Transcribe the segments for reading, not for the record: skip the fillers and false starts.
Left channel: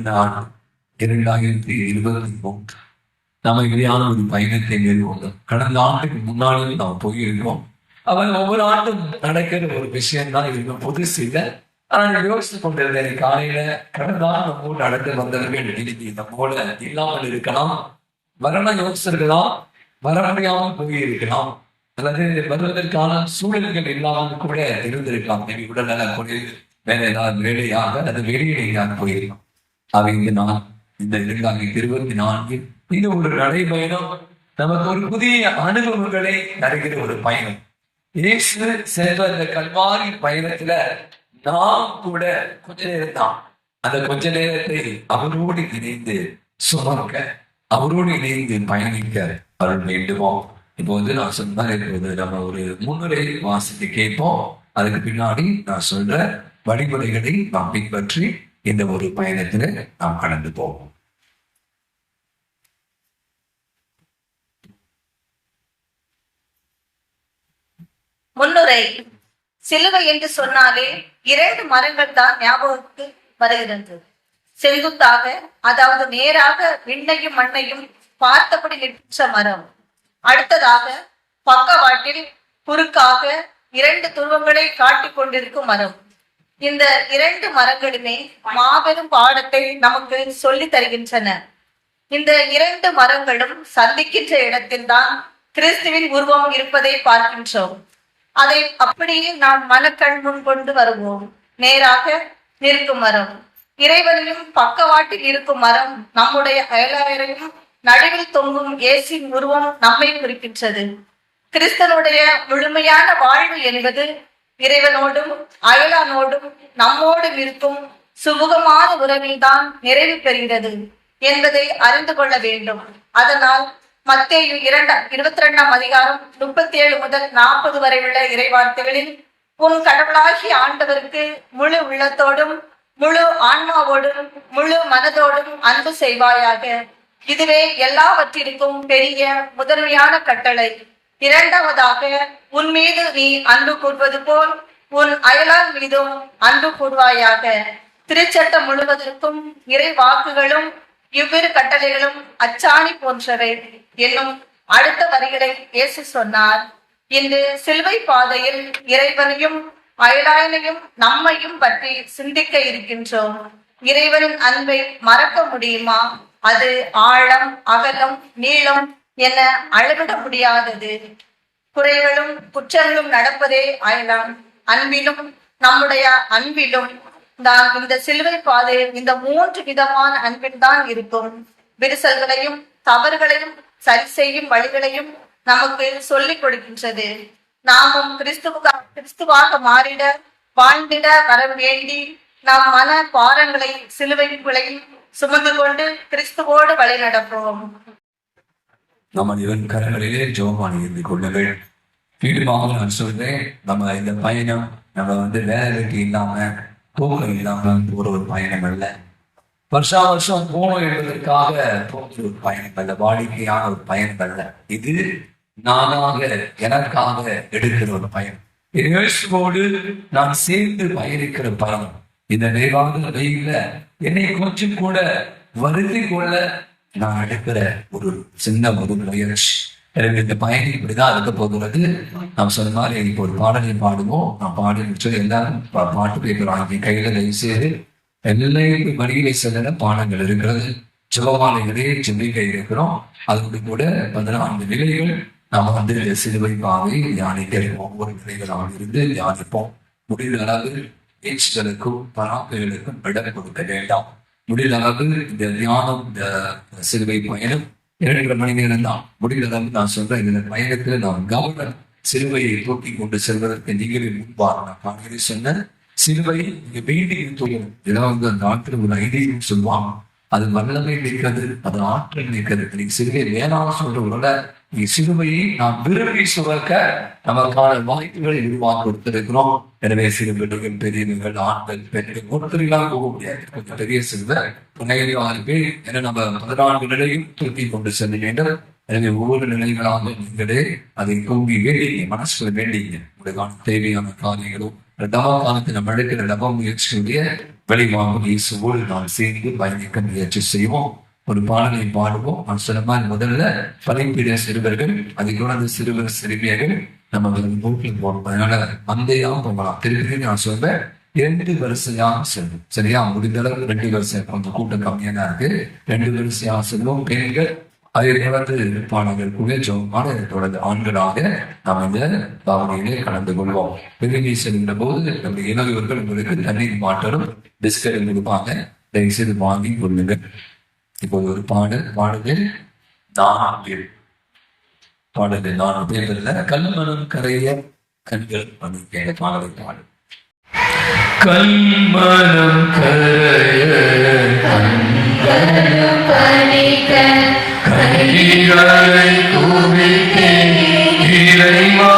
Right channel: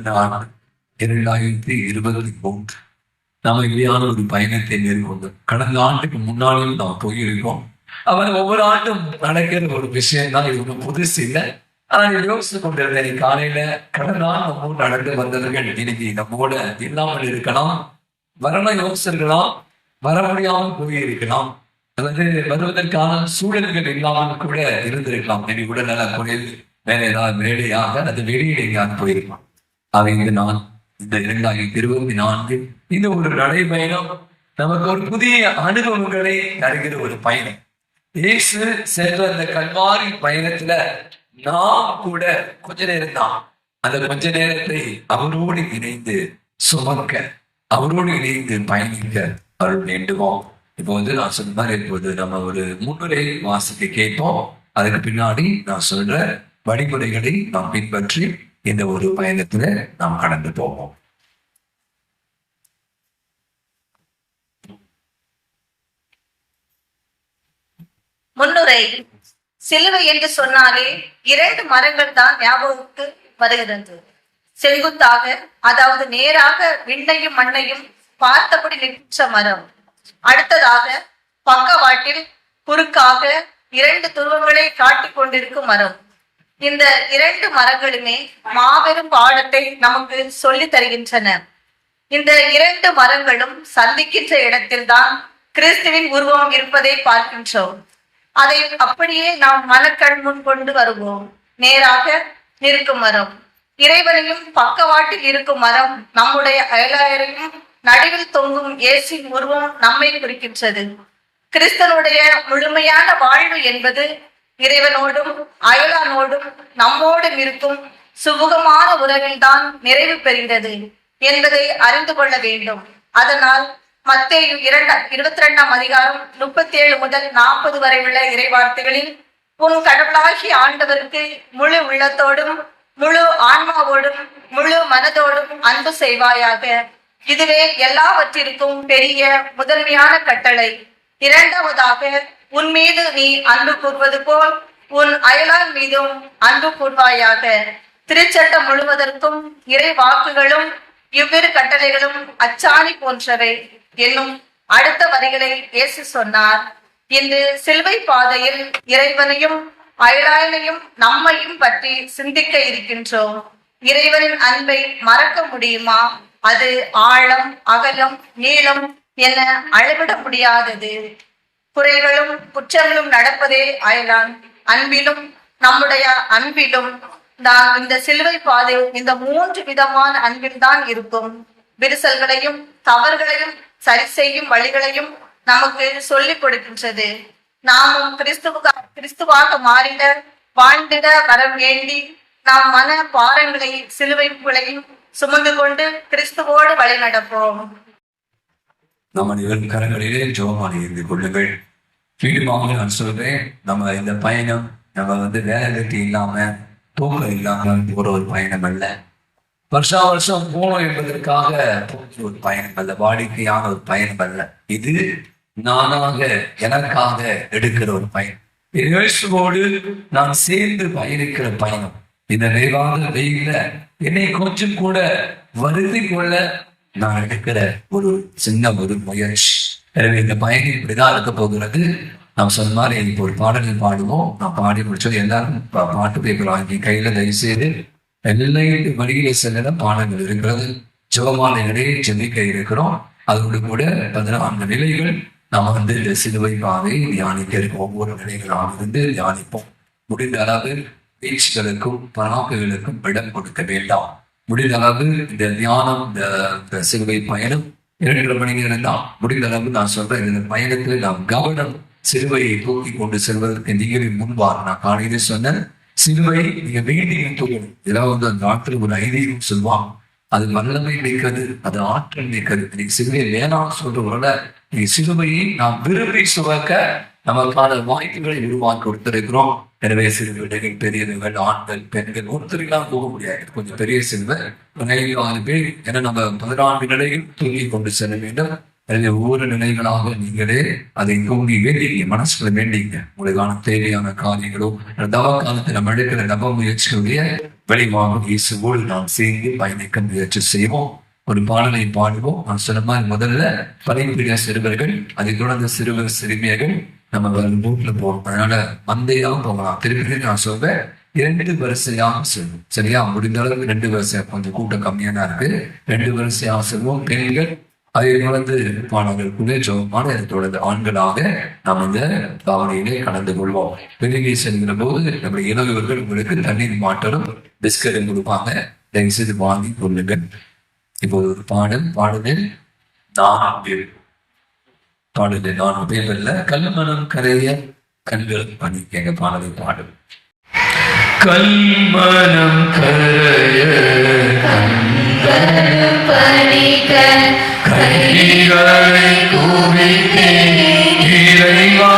கடந்த ஆண்டு 2023 நாம இப்படியான ஒரு பயணத்தை மேற்கொண்டோம். கடந்த ஆண்டுக்கு முன்னாடியும் நாம் போயிருக்கோம். அவன் ஒவ்வொரு ஆண்டும் நடக்கிற ஒரு விஷயம் தான், இது புதுசு இல்லை. ஆனால் யோசிச்சு கொண்டிருந்தேன் காலையில, கடந்த ஆண்டு நம்மோடு நடந்து வந்தவர்கள் இன்னைக்கு நம்மோட இல்லாமல் இருக்கலாம், வரணும் யோசிச்சிருக்கலாம், வர முடியாமல் போயிருக்கலாம், அல்லது வருவதற்கான சூழல்கள் இல்லாமல் கூட இருந்திருக்கலாம். இன்னைக்கு உடல்நல குறைவு, வேற ஏதாவது வேலையாக அல்லது வெளியே எங்கேயாவது போயிருக்கலாம். அவை நான் இந்த 2024 இந்த ஒரு நடைபயணம் நமக்கு ஒரு புதிய அனுபவங்களை தருகிற ஒரு பயணம். இயேசு சென்ற இந்த கல்வாரி பயணத்துல நாம் கூட கொஞ்ச நேரம் தான், அந்த கொஞ்ச நேரத்தை அவரோடு இணைந்து சுமக்க, அவரோடு இணைந்து பயணிக்க அருள் வேண்டுமோம். இப்போ நான் சொன்ன இப்போது நம்ம ஒரு முன்னுரை வாசிக்க கேட்போம். அதுக்கு பின்னாடி நான் சொல்ற வழிமுறைகளை நாம் பின்பற்றி இந்த ஒரு பயணத்துல நாம் கடந்து போவோம். முன்னுரை. சிலுவை என்று சொன்னாலே 2 மரங்கள் தான் ஞாபகத்துக்கு வருகிறது. செங்குத்தாக, அதாவது நேராக விண்ணையும் மண்ணையும் பார்த்தபடி நிற்கின்ற மரம். அடுத்ததாக பக்கவாட்டில் குறுக்காக 2 துருவங்களை காட்டிக் கொண்டிருக்கும் மரம். இந்த 2 மரங்களுமே மாபெரும் பாடத்தை நமக்கு சொல்லி தருகின்றன. இந்த 2 மரங்களும் சந்திக்கின்ற இடத்தில்தான் கிறிஸ்துவின் உருவம் இருப்பதை பார்க்கின்றோம். அதை அப்படியே நாம் மனக்கண் முன் கொண்டு வருவோம். நேராக நிற்கும் மரம் இறைவனையும், பக்கவாட்டில் இருக்கும் மரம் நம்முடைய அயலாயரையும், நடுவில் தொங்கும் இயேசுவின் உருவம் நம்மை குறிக்கின்றது. கிறிஸ்தனுடைய முழுமையான வாழ்வு என்பது இறைவனோடும் அயலானோடும் நம்மோடும் இருக்கும் சுமூகமான உறவில்தான் நிறைவு பெறுகிறது என்பதை அறிந்து கொள்ள வேண்டும். அதனால் மத்தேயு 22ஆம் அதிகாரம் 37 முதல் 40 வரை உள்ள இறைவார்த்தைகளில், உன் கடவுளாகிய ஆண்டவருக்கு முழு உள்ளத்தோடும் முழு ஆன்மாவோடும் முழு மனதோடும் அன்பு செய்வாயாக. இதுவே எல்லாவற்றிற்கும் பெரிய முதன்மையான கட்டளை. இரண்டாவதாக, உன் மீது நீ அன்பு கூர்வது போல் உன் அயலான் மீதும் அன்பு கூர்வாயாக. திருச்சட்டம் முழுவதற்கும் இறை வாக்குகளும் இவ்விரு கட்டளைகளும் அச்சாணி போன்றவை என்னும் அடுத்த வரிகளை இயேசு சொன்னார். இன்று சிலுவை பாதையில் இறைவனையும் அயலாயனையும் நம்மையும் பற்றி சிந்திக்க இருக்கின்றோம். இறைவனின் அன்பை மறக்க முடியுமா? அது ஆழம், அகலம், நீளம் என அளவிட முடியாதது. குறைகளும் குற்றங்களும் நடப்பதே அயலான். அன்பிலும் நம்முடைய அன்பிலும் தான் இந்த சிலுவை பாதை இந்த 3 விதமான அன்பில் தான் இருக்கும். விரிசல்களையும் தவறுகளையும் சரி செய்யும் வழிகளையும் நமக்கு சொல்லிக் கொடுக்கின்றது. நாமும் கிறிஸ்துவாக மாறிட, வாழ்ந்திட வரம் வேண்டி நாம் மன பாரங்களை சிலுவைகளையும் சுமந்து கொண்டு கிறிஸ்துவோடு வழி நடப்போம். நம்ம கரங்களிலே ஜெபமாலை இருந்து கொள்ளுங்கள். மீண்டுமாக நான் சொல்றேன், நம்ம இந்த பயணம் நம்ம வேலை வெட்டி இல்லாம, தூக்கம் இல்லாம போற ஒரு பயணம் அல்ல. வருஷம் போகணும் என்பதற்காக போகிற ஒரு பயணம் அல்ல, வாடிக்கையான ஒரு பயணம் அல்ல. இது நானாக, எனக்காக எடுக்கிற ஒரு பயணம். இயேசுவோடு நான் சேர்ந்து பயணிக்கிற பயணம். இந்த நிறைவான வெயில என்னை கொஞ்சம் கூட வருத்தி கொள்ள நான் எடுக்கிற ஒரு சின்ன ஒரு முயற்சி. எனவே இந்த பயணம் இப்படிதான் இருக்க போகிறது. நாம் சொன்ன மாதிரி இப்போ ஒரு பாடலை பாடுவோம். நான் பாடி முடிச்சது எல்லாரும் பாட்டு பேப்பர் வாங்கி கையில தயவு செய்து எல்லா வழியிலே செல்ல பாடங்கள் இருக்கிறது. ஜெபமாலைகளே செல்லிக்க இருக்கிறோம். அதோடு கூட 14 நிலைகள் நாம் இந்த சிலுவை பாதை தியானிக்க இருக்கோம். ஒவ்வொரு நிலைகளாக இருந்து தியானிப்போம். முடிந்த அளவு பேச்சுகளுக்கும் பராக்குகளுக்கும் இடம் கொடுக்க வேண்டாம். முடிந்த அளவு இந்த தியானம், இந்த சிலுவை பயணம் 2 மணி நேரம் தான். முடிந்த அளவு நான் சொல்றேன், இந்த பயணத்துல நாம் கவனம் சிலுவையை தூக்கி கொண்டு செல்வதற்கு நீங்களே முன்பார். நான் காலையிலே சொன்னேன், சிலுவை நீங்க வேண்டியும் தூக்கணும். ஏதாவது அந்த நாட்டில் ஒரு ஐதீகம் சொல்லுவாங்க, அது வல்லமை மிக்கது, அது ஆற்றல் மிக்கது. நீங்க சிலுவை வேணாம் சொல்றவங்கள நீ சிலுவையை நாம் விரும்பி சுமக்க நமக்கான வாய்ப்புகளை உருவாக்கி கொடுத்திருக்கிறோம். எனவே சிறு பிள்ளைகள், பெரியவர்கள், ஆண்கள், பெண்கள் ஒருத்தரெல்லாம் போக முடியாது. கொஞ்சம் பெரிய சிலுவை 6 பேர் என நம்ம 14 நிலையும் தூக்கி கொண்டு செல்ல வேண்டும். எனவே ஒவ்வொரு நிலைகளாக நீங்களே அதை தூங்கி வேண்டிங்க, மனசுல வேண்டிங்க. உங்களுக்கான தேவையான காரியங்களும் தவ காலத்தில் நம்ம எடுக்கிற நப முயற்சியுடைய வெளிவாங்கும் இயேசுவோடு நாம் சேர்ந்து பயணிக்க முயற்சி செய்வோம். ஒரு பாடலை பாடுவோம். நான் சொன்ன மாதிரி முதல்ல பலிபீட சிறுவர்கள், அதை தொடர்ந்து சிறுவர் சிறுமியர்கள் நம்ம ரூட்ல போறோம். அதனால மந்தையா போகலாம். திருப்பி நான் சொல்றேன், 2 வரிசையாக செல்வோம். சரியா? முடிந்த அளவுக்கு 2 வரிசையா, கொஞ்சம் கூட்டம் கம்மியா தான் இருக்கு. 2 வரிசையாக செல்வோம். பெண்கள், அதை தொடர்ந்து பாடங்கள் கூட ஜோமான, அதை தொடர்ந்து ஆண்களாக நாம் இந்த பாவனையிலே கலந்து கொள்வோம். வெளியே செல்கிற போது நம்முடைய இளவர்கள் உங்களுக்கு தண்ணீர் மாட்டலும் பிஸ்கட் கொடுப்பாங்க. தயவுசெய்து வாங்கி கொள்ளுங்கள். இப்போது ஒரு பாடலில் 4 பேர்ல கல்மனம் கரைய கண்கள் பணி எங்க பாடலை பாடும். கல்மனம் கரைய கண்கள் பணிக்க கைகளை தூவிக்கே இறைவா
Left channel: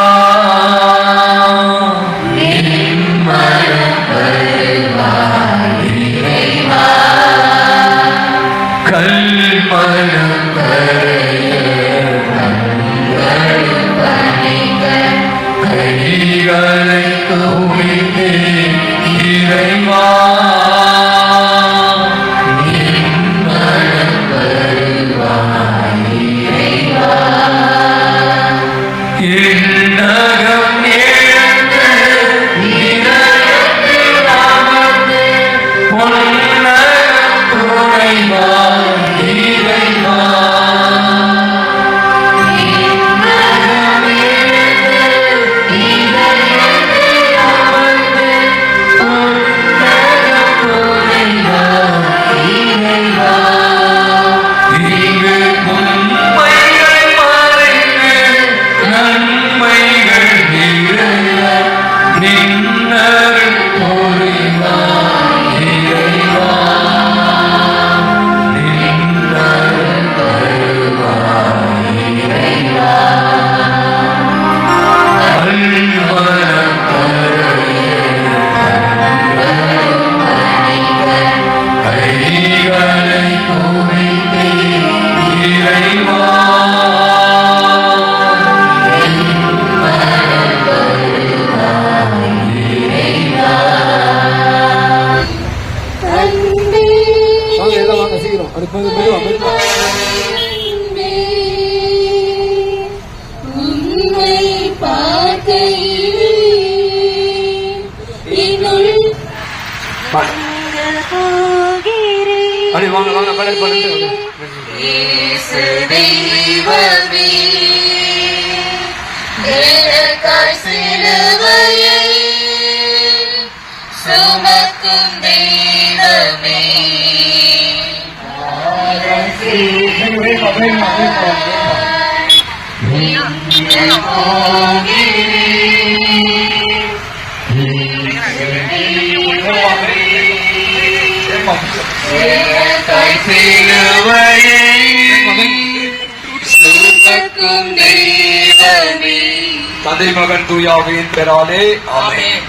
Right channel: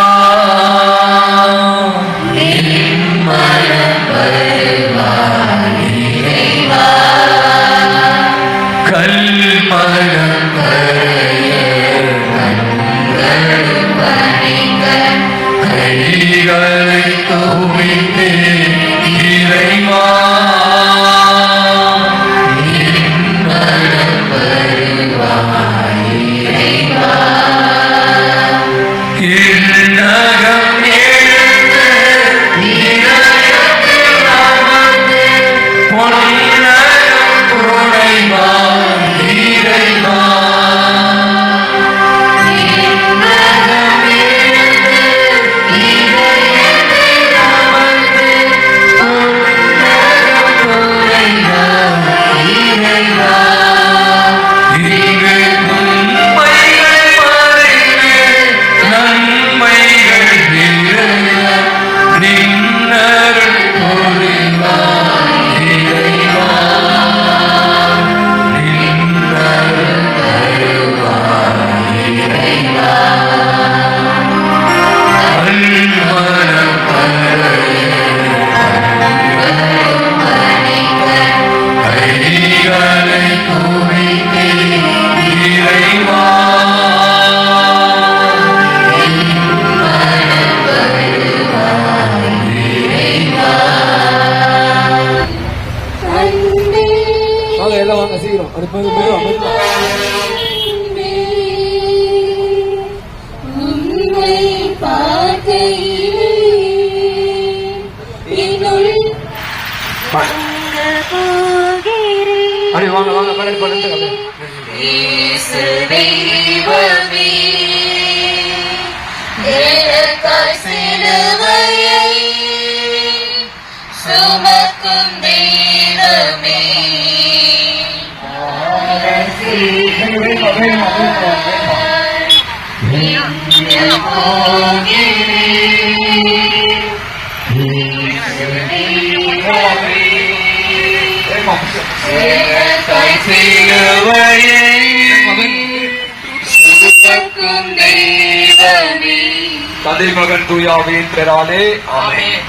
தந்தை மகன் தூயாவின் பெறாலே ஆமென்.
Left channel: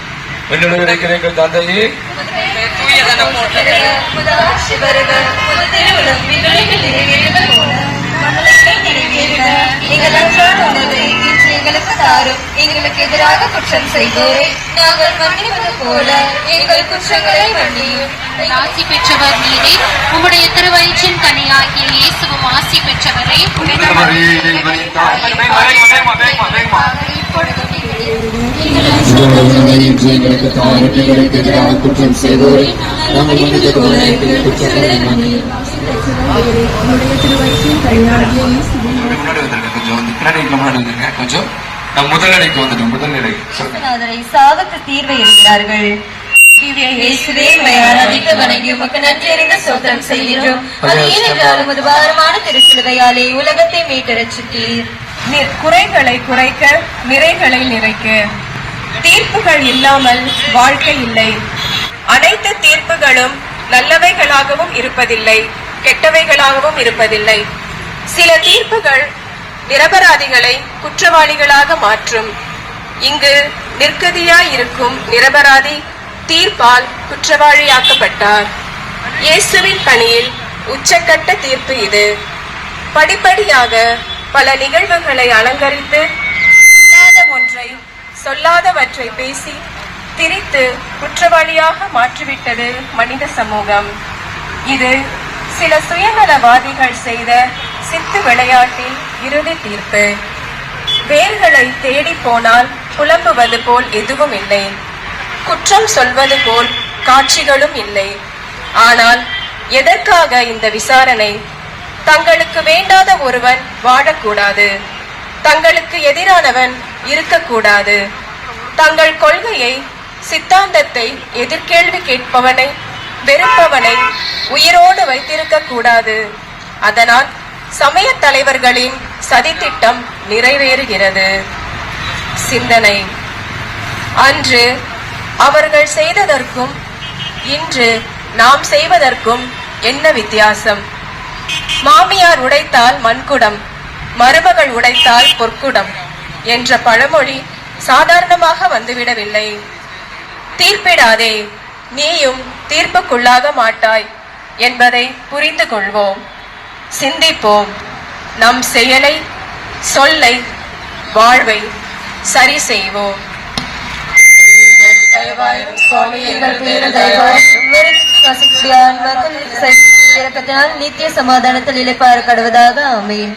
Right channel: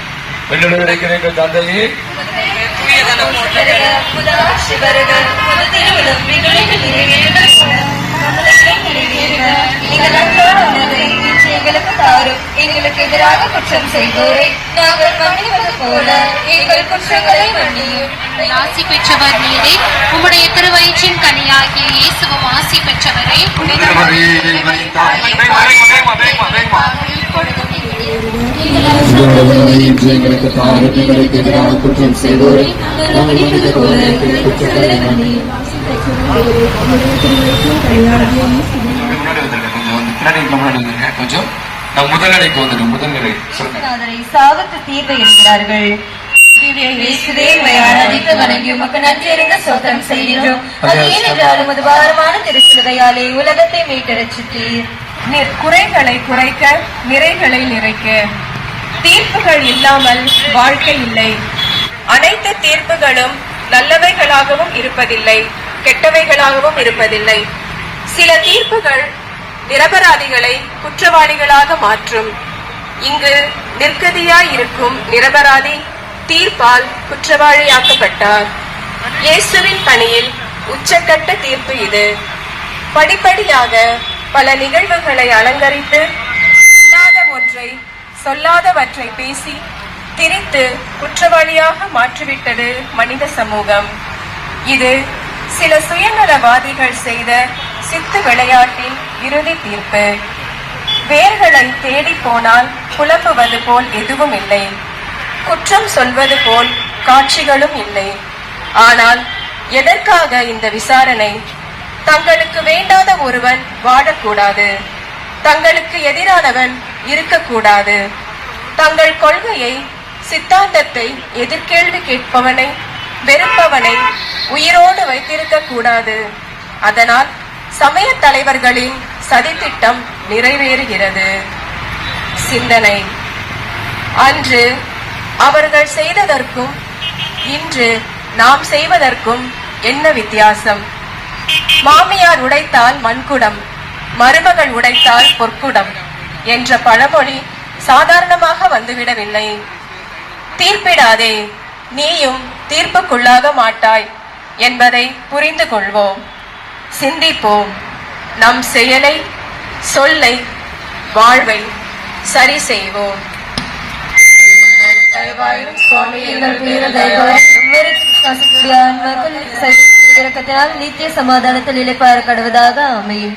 என்னுடைய கிடைக்கும் தந்தையே எங்களுக்கு எதிராக குற்றம் செய்தோரை நாங்கள் மன்னிப்பது போல எங்கள் குற்றங்களை மன்னியும். ஆசி பெற்றவர் நீரே, உம்முடைய திருவயிற்றின் கனியாகிய இயேசுவும் ஆசி பெற்றவரே. எங்களுக்கு தாரும் எங்களுக்கு எதிராக குற்றம் செய்தோரை நாங்கள் மன்னிப்பது போல எங்கள் குற்றங்களை மன்னியும். சாகத்து தீர்வை இருக்கிறார்கள். சோத்திரம் செய்கின்றோம். அது ஏனென்றாலும் அது பாரமான திருச்சிலுவையாலே உலகத்தை மீட்டரட்சித்தீர். குறைகளை குறைக்க நிறைகளை நிறைக்க தீர்ப்புகள் இல்லாமல் வாழ்க்கை இல்லை. அனைத்து தீர்ப்புகளும் நல்லவைகளாகவும் இருப்பதில்லை, கெட்டவைகளாகவும் இருப்பதில்லை. சில தீர்ப்புகள் நிரபராதிகளை குற்றவாளிகளாக மாற்றும். இங்கு நிர்கதியாய் இருக்கும் நிரபராதி தீர்ப்பால் குற்றவாளியாக்கப்பட்டார். இயேசுவின் பணியில் உச்சக்கட்ட தீர்ப்பு இது. படிப்படியாக பல நிகழ்வுகளை அலங்கரித்து இல்லாத ஒன்றை சொல்லாதவற்றை பேசி திரித்து குற்றவாளியாக மாற்றிவிட்டது மனித சமூகம். இது சில சுயநலவாதிகள் செய்த சித்து விளையாட்டின் இறுதி தீர்ப்பு. வேர்களை தேடி போனால் புலம்புவது போல் எதுவும் இல்லை, குற்றம் சொல்வது போல் காட்சிகளும் இல்லை. ஆனால் எதற்காக இந்த விசாரணை? தங்களுக்கு வேண்டாத ஒருவன் வாழக்கூடாது, தங்களுக்கு எதிரானவன் இருக்கக்கூடாது, தங்கள் கொள்கையை சித்தாந்தத்தை எதிர்கேள்வி கேட்பவனை வெறுப்பவனை உயிரோடு வைத்திருக்க கூடாது. அதனால் சமய தலைவர்களின் சதித்திட்டம் நிறைவேறுகிறது. சிந்தனை: அன்று அவர்கள் செய்ததற்கும் இன்று நாம் செய்வதற்கும் என்ன வித்தியாசம்? மாமியார் உடைத்தால் மண்குடம், மருமகள் உடைத்தால் பொற்குடம் என்ற பழமொழி சாதாரணமாக வந்துவிடவில்லை. தீர்ப்பிடாதே, நீயும் தீர்ப்புக்குள்ளாக மாட்டாய் என்பதை புரிந்து கொள்வோம். சிந்திப்போம். நம் செயலை, சொல்லை, வாழ்வை சரி செய்வோம். நித்திய சமாதானத்தில் இழைப்பார கடவுதாக. ஆமென்.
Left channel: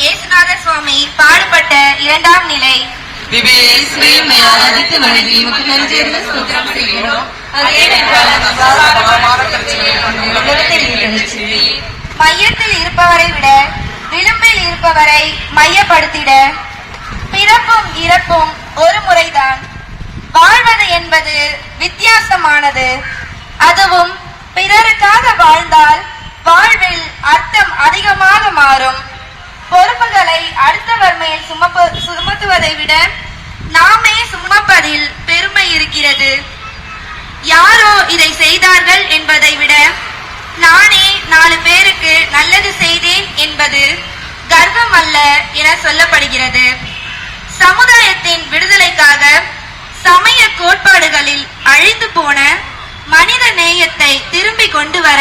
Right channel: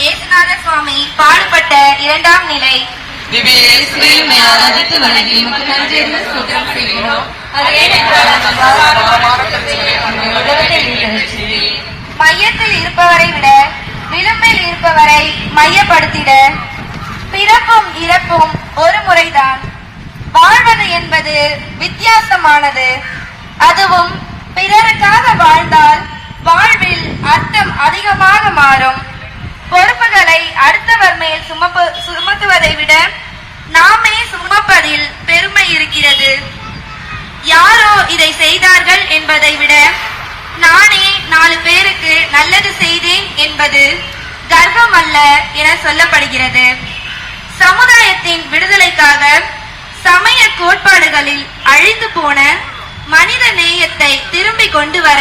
இயேசுநாத சுவாமி பாடுபட்ட இரண்டாம் நிலை. மையத்தில் இருப்பவரை விட விளிம்பில் இருப்பவரை மையப்படுத்திட, பிறப்பும் இறப்பும் ஒரு முறைதான். வாழ்வது என்பது வித்தியாசமானது. அதுவும் பிறருக்காக வாழ்ந்தால் வாழ்வில் அர்த்தம் அதிகமாக மாறும். பொறுப்புகளை அடுத்தவர் மேல் சுமத்துவதை விட நாமே சுமப்பதில் பெருமை இருக்கிறது. யாரோ இதை செய்தார்கள் என்பதை விட நானே 4 பேருக்கு நல்லது செய்தேன் என்பது கர்வம் அல்ல என சொல்லப்படுகிறது. சமுதாயத்தின் விடுதலைக்காக சமய கோட்பாடுகளில் அழிந்து போன மனித நேயத்தை திரும்பி கொண்டு வர,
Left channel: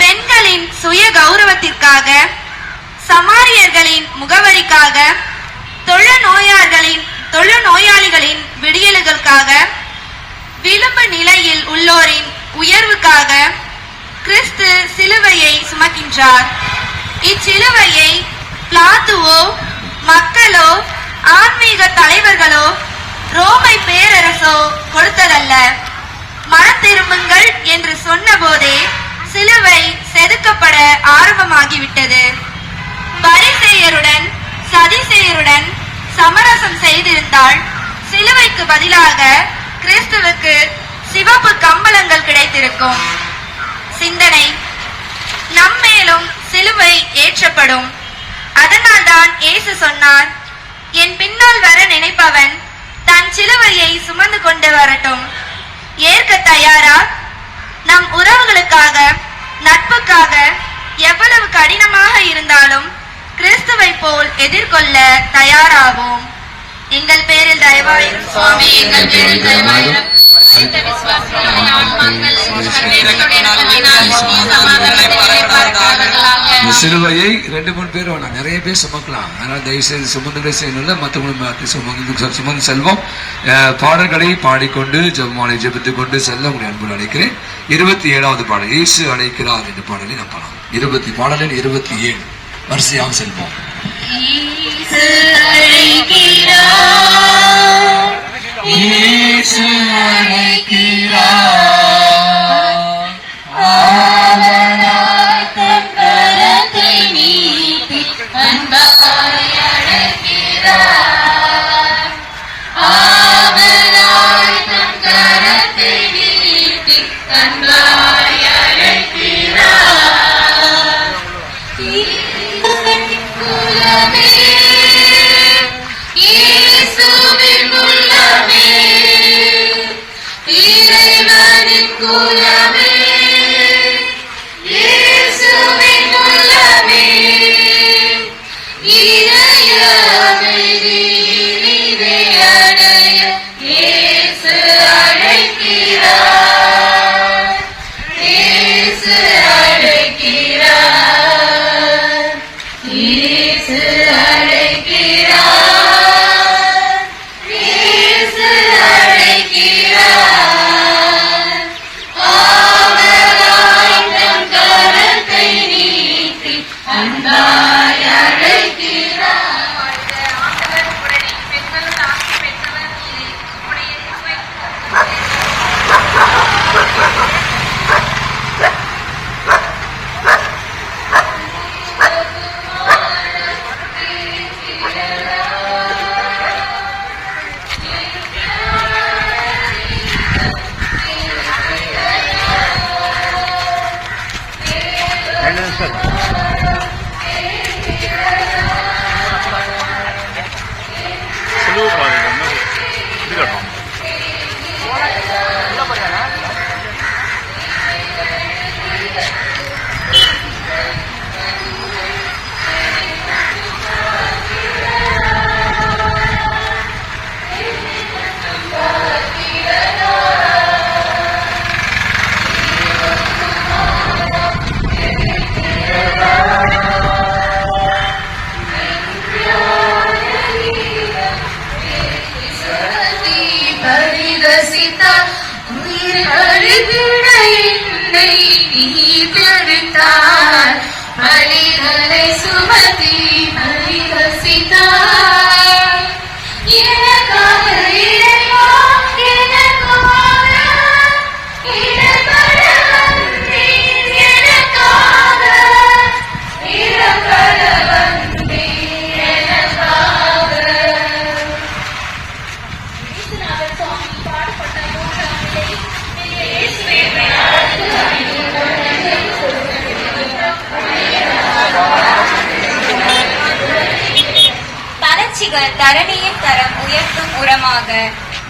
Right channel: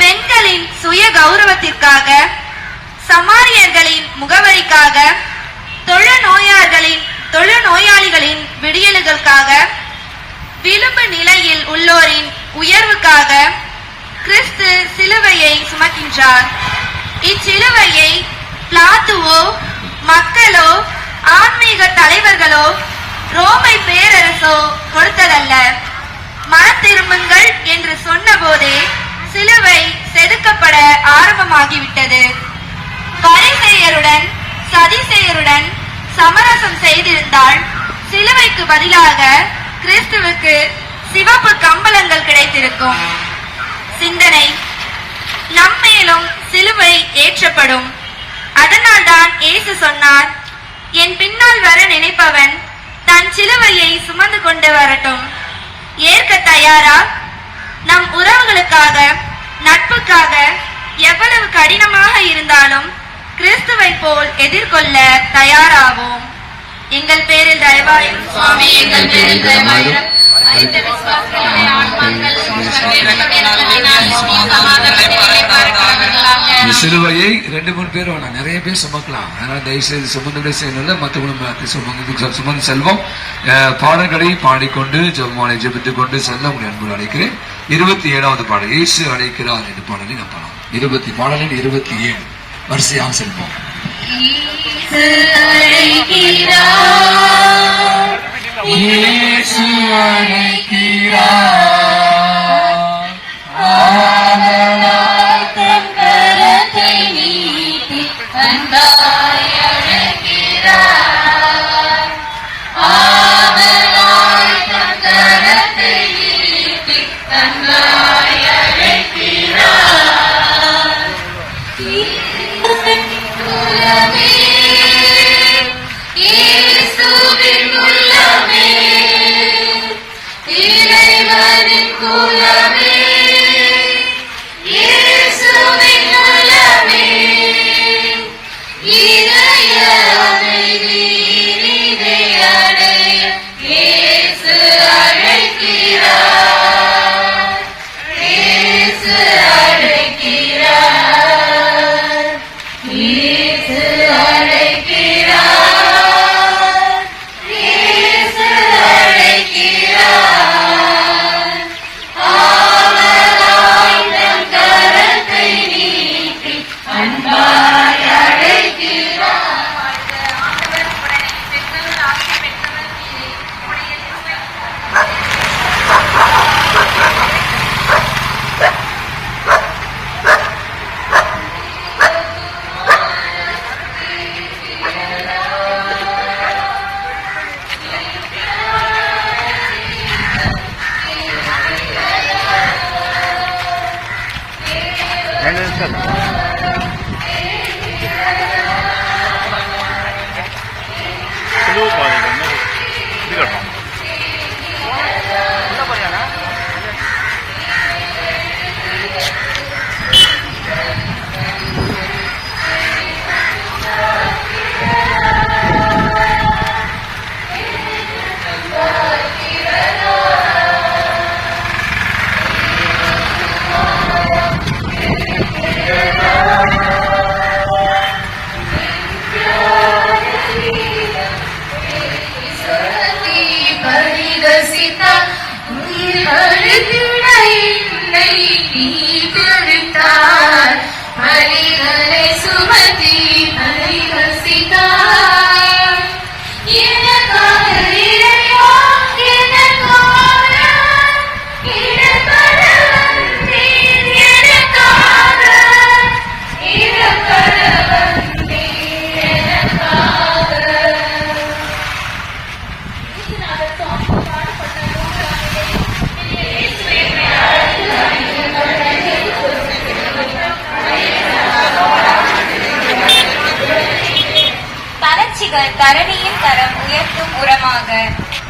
பெண்களின் சுய கௌரவத்திற்காக, சமாரியர்களின் முகவரிக்காக, தொழுநோயாளிகளின் விடியலுக்காக, விளிம்பு நிலையில் உள்ளோரின் உயர்வுக்காக கிறிஸ்து சிலுவையை சுமக்கின்றார். இச்சிலுவையை பிளாத்துவோ, மக்களோ, ஆன்மீக தலைவர்களோ, ரோமை பேரரசோ கொடுத்ததல்ல. மனத்திரும்புங்கள் என்று சொன்ன போதே சிலுவை செதுக்கப்பட ஆரம்பமாகிவிட்டது. பரிசேயருடன் சதிசேயருடன் சமரசம் செய்திருந்தால் சிலுவைக்கு பதிலாக கிறிஸ்துவுக்கு சிவப்பு கம்பளங்கள் கிடைத்திருக்கும். சிந்தனை: நம்மேலும் சிலுவை ஏற்றப்படும். அதனால்தான் இயேசு சொன்னார், என் பின்னால் வர நினைப்பவன் தன் சிலுவையை சுமந்து கொண்டு வரட்டும். ஏற்க தயாரா? நம் உறவுகளுக்காக, நட்புக்காக எவ்வளவு கடினமாக இருந்தாலும் கிறிஸ்துவை போல் எதிர்கொள்ள தயாராவோம். எங்கள் பேரில் தயவாயிரும் சுவாமி, எங்கள் பேரில் தயவாயிரும். சிலுவையை 2-3 பேர் வேணாம், நிறைய பேர் சுமக்கலாம். அதனால தயவு செய்து சுமந்து செய்யல, மற்றவங்க சுமந்து செல்வோம். பாடல்களை பாடிக்கொண்டு ஜெபமாலை ஜெபித்துக் கொண்டு செல்ல உங்களை அன்பு அழைக்கிறேன். 27வது பாடல் இயேசு அழைக்கிறார் என்ற பாடலை நாம் பாடலாம். 20 பாடலில் 27 வரிசையாக செல்வோம். இயேசு அழைக்கிறார், கரத்தை நீட்டி அன்பாய் அழைக்கிறார், ஆதலாய் கரத்தை நீட்டி அன்பாய் அழைக்கிறார். இயேசுவின் உள்ளமே, இறைவனின் குலமே, இயேசுவின் உள்ளமே, இறைய அமைதி அடைய இயேசு அழைக்கிறார், இயேசு அழைக்கிறார், இயேசு அழைக்கிறார். தோல்விகள் தரணியின் தரம் உயர்த்தும் உரமாக.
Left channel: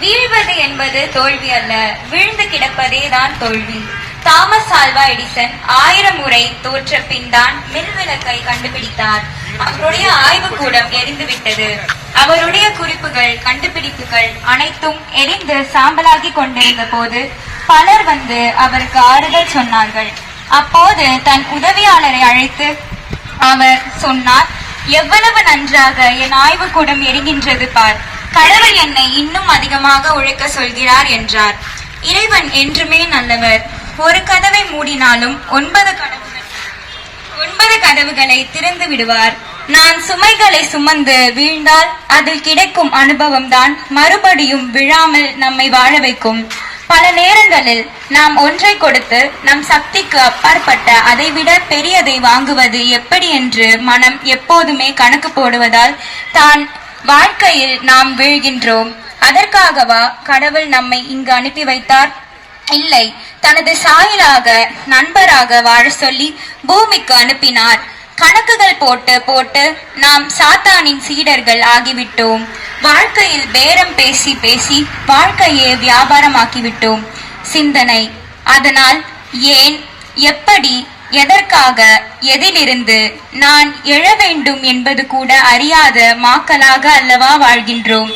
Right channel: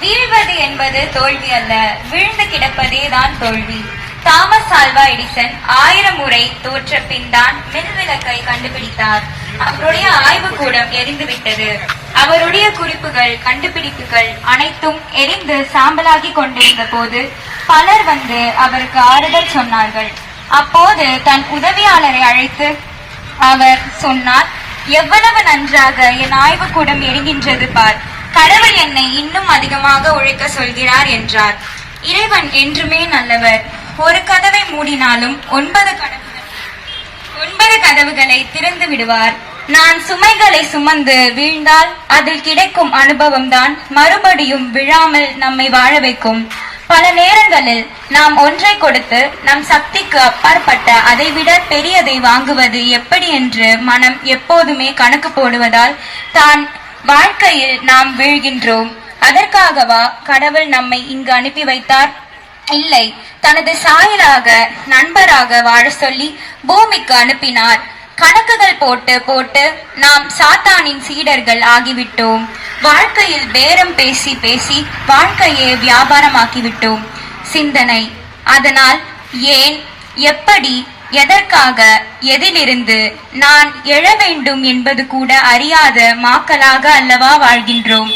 வீழ்வது என்பது தோல்வி அல்ல, வீழ்ந்து கிடப்பதே தான் தோல்வி. தாமஸ் ஆல்வா எடிசன் 1000 முறை தோற்ற பின் தான் மின்விளக்கை கண்டுபிடித்தார். அவருடைய ஆய்வுக்கூடம் எரிந்துவிட்டது. அவருடைய குறிப்புகள், கண்டுபிடிப்புகள் அனைத்தும் எரிந்து சாம்பலாகி கொண்டிருந்த போது பலர் வந்து அவருக்கு ஆறுதல் சொன்னார்கள். அப்போது தன் உதவியாளரை அழைத்து அவர் சொன்னார், எவ்வளவு நன்றாக என் ஆய்வுக்கூடம் எரிகின்றது பார். கடவுள் என்னை இன்னும் அதிகமாக உழைக்க சொல்கிறார் என்றார். இறைவன் என்றுமே நல்லவர். ஒரு கதவை மூடினாலும் 9 கதவுகளை திறந்து விடுவார். நான் சுமைகளை சுமந்து வீழ்ந்தால் அதில் கிடைக்கும் அனுபவம் தான் மறுபடியும் விழாமல் நம்மை வாழ வைக்கும். பல நேரங்களில் நாம் ஒன்றை கொடுத்து நம் சக்திக்கு அப்பாற்பட்ட அதைவிட பெரியதை வாங்குவது எப்படி என்று மனம் எப்போதுமே கணக்கு போடுவதால் தான் வாழ்க்கையில் நாம் வீழ்கின்றோம். அதற்காகவா கடவுள் நம்மை இங்கு அனுப்பி வைத்தார்? இல்லை, தனது சாயலாக நண்பராக வாழ சொல்லி பூமிக்கு அனுப்பினார். கணக்குகள் போட்டு போட்டு நாம் சாத்தானின் சீடர்கள் ஆகிவிட்டோம். வாழ்க்கையில் பேரம் பேசி பேசி வாழ்க்கையை வியாபாரமாக்கிவிட்டோம். சிந்தனை. அதனால் ஏன், எப்படி, எதற்காக, எதிலிருந்து நான் எழ வேண்டும் என்பது கூட அறியாத மாக்களாக அல்லவா வாழ்கின்றோம்.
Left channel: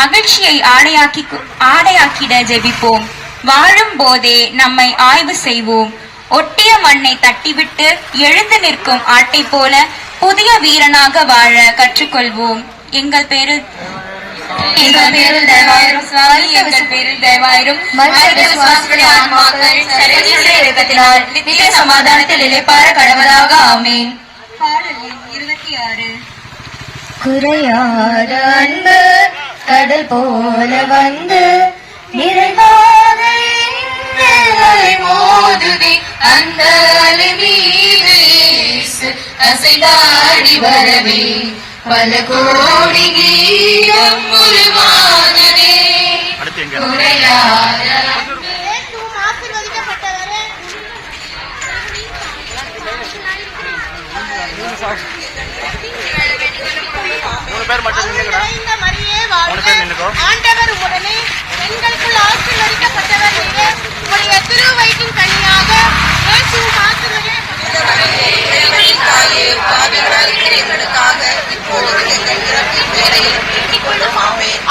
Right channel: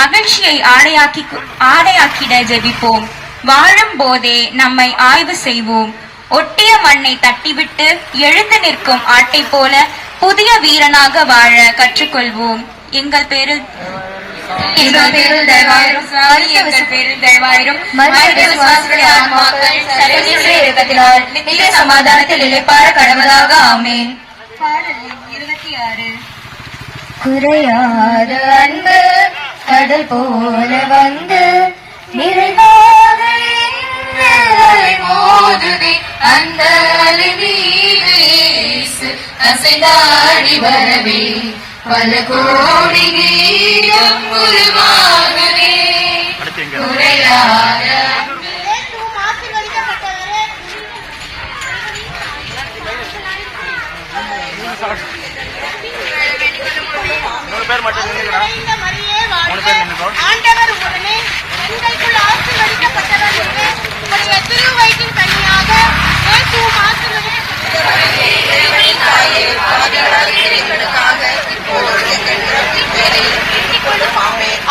மகிழ்ச்சியை ஆடையாக்கிட ஜெபிப்போம். வாழும் போதே நம்மை ஆய்வு செய்வோம். ஒட்டிய மண்ணை தட்டிவிட்டு எழுந்து நிற்கும் ஆட்டை போல புதிய வீரனாக வாழ கற்றுக்கொள்வோம். எங்கள் பேரில் தயவாயிரும் சுவாமி, எங்கள் பேரில் தயவாயிரும். நித்திய சமாதானத்தில் இளைப்பாற கடவுளாக ஆமென். பாடல் 26. குறையாத அன்பு கடல் போல வந்து நிறைவாக மோதுதி அந்த அசைந்தாடி வரவே பல கோடி நீரம் உருவாகவே. ஆண்டவர் உடனே உங்களுக்குள் ஆசீர்வதிக்கப்பட்டவர் என்று உங்களுடைய திருவயிற்றின் கனியாக இயேசுவும்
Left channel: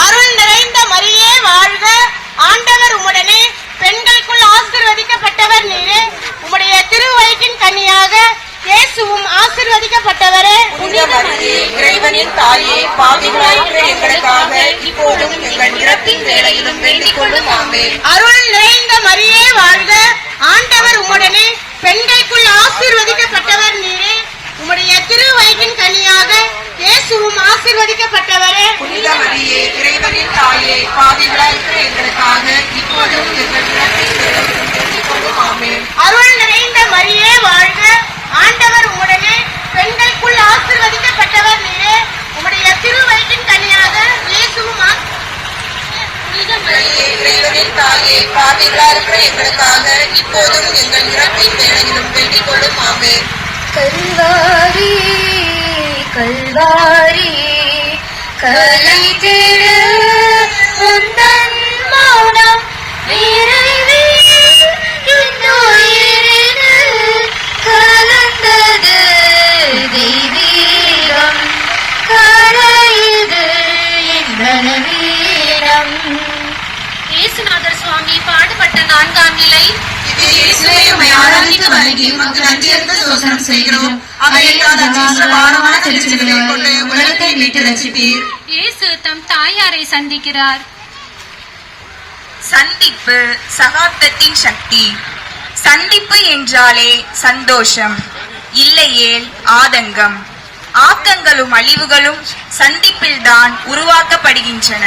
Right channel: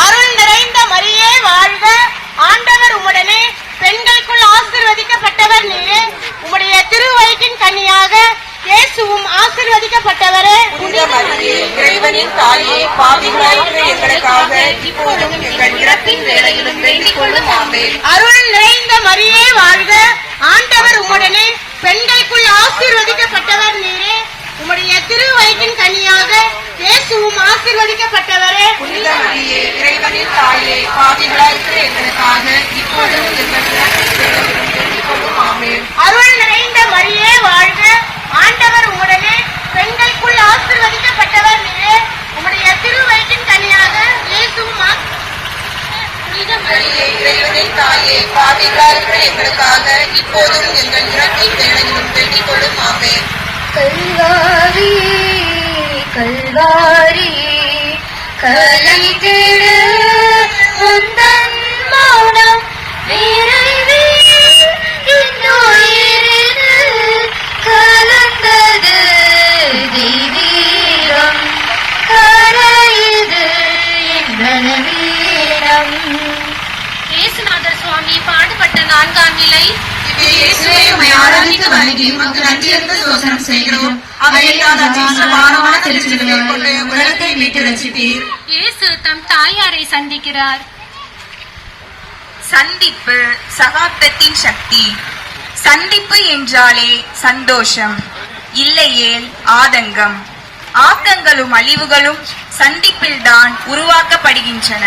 அருள் நிறைந்த மரியே வாழ்க. ஆண்டவர் உடனே பெண்களுக்குள் ஆசீர்வதிக்கப்பட்டவர் நீரே, உங்களுடைய திருவயிற்றின் கனியாக இயேசுவும் ஆசீர்வதிக்கப்பட்டவரே. இறைவனின் தாயே, அருள் நிறைந்த மரியே வாழ்க. ஆண்டவர் உடனே பெண்களுக்குள் ஆசீர்வதிக்கப்பட்டவர் நீரே, உம்முடைய திருவயிற்றின் கனியாக இயேசுவும் ஆசீர்வதிக்கப்பட்டவரே. இறைவனின் தாயே, அருள் நிறைந்த மரியே வாழ்க. ஆண்டவர் உடனே பெண்களுக்குள் ஆசீர்வதிக்கப்பட்டவர் நீரே, உம்முடைய திருவயிற்றின் கனியாக இயேசுவும் கல்வாரி கல்வாரி கலந்து சுந்தரம் கலந்தது வீரம் கரையுது வீரம். இயேசுநாதர் சுவாமி பாடுபட்ட 4ஆம் நிலை. இயேசு தம் தாயாரை சந்திக்கிறார். சந்திப்பு சகாப்தத்தின் சக்தி. சந்திப்பு என்றாலே சந்தோஷம், இல்லையேல் ஆதங்கம். ஆக்கங்களும் அழிவுகளும் சந்திப்பில்தான் உருவாக்கப்படுகின்றன.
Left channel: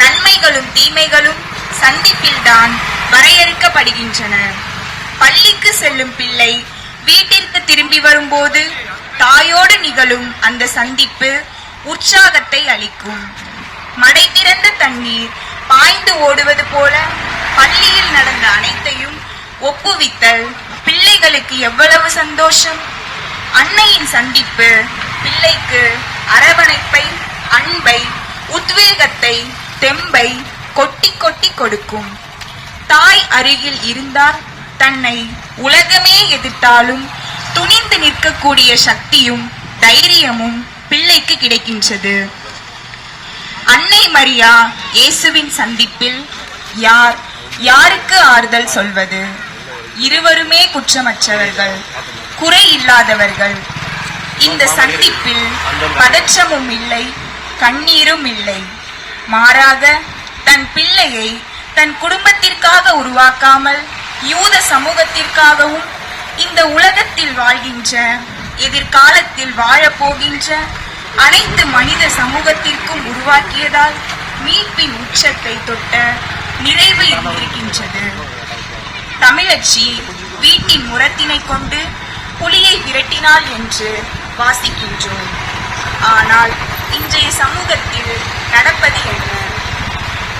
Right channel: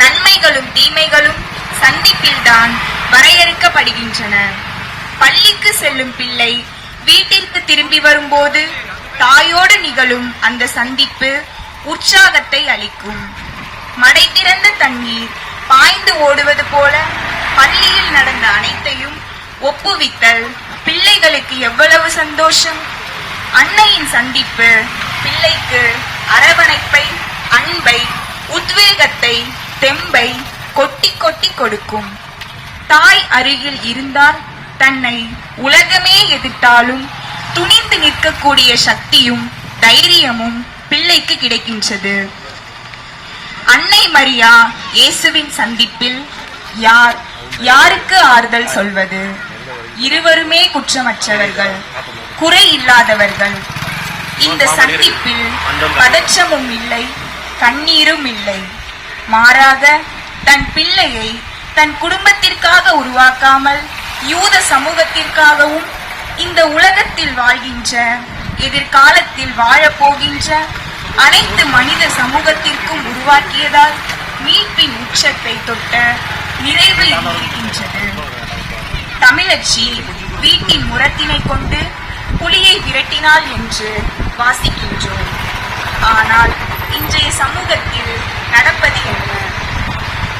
நன்மைகளும் தீமைகளும் சந்திப்பில்தான் வரையறுக்கப்படுகின்றன. பள்ளிக்கு செல்லும் பிள்ளை வீட்டிற்கு திரும்பி வரும்போது தாயோடு நிகழும் அந்த சந்திப்பு உற்சாகத்தை அளிக்கும். மடை திறந்த தண்ணீர் பாய்ந்து ஓடுவது போல பள்ளியில் நடந்த அனைத்தையும் ஒப்புவித்தல் பிள்ளைகளுக்கு எவ்வளவு சந்தோஷம். அன்னையின் சந்திப்பு பிள்ளைக்கு அரவணைப்பை, அன்பை அன்பை, உத்வேகத்தை, தெம்பை கொட்டி கொட்டி கொடுக்கும். தாய் அருகில் இருந்தால் தன்னை உலகமே எதிர்த்தாலும் துணிந்து நிற்கக்கூடிய சக்தியும் தைரியமும் பிள்ளைக்கு கிடைக்கின்றது. அன்னை மரியா இயேசுவின் சந்திப்பில் யாருக்கு ஆறுதல் சொல்வது? இருவருமே குற்றமற்றவர்கள், குறை இல்லாதவர்கள். இந்த சந்திப்பில் பதற்றமும் இல்லை, கண்ணீரும் இல்லை. மாறாக தன் பிள்ளையை தன் குடும்பத்திற்காக உருவாக்காமல் யூத சமூகத்திற்காகவும் இந்த உலகத்தில் வாழ்கின்ற, எதிர்காலத்தில் வாழப்போகின்ற அனைத்து மனித சமூகத்திற்கும் உருவாக்கியதால் மீட்பின் உச்சத்தை தொட்ட நிறைவு இருக்கின்றது. தமிழச்சி வீட்டின் முரத்தினை கொண்டு புலியை விரட்டினாள் என்று வாசிக்கின்றோம். ஆனால் இன்றைய சமூகத்தில் நடப்பது என்ன?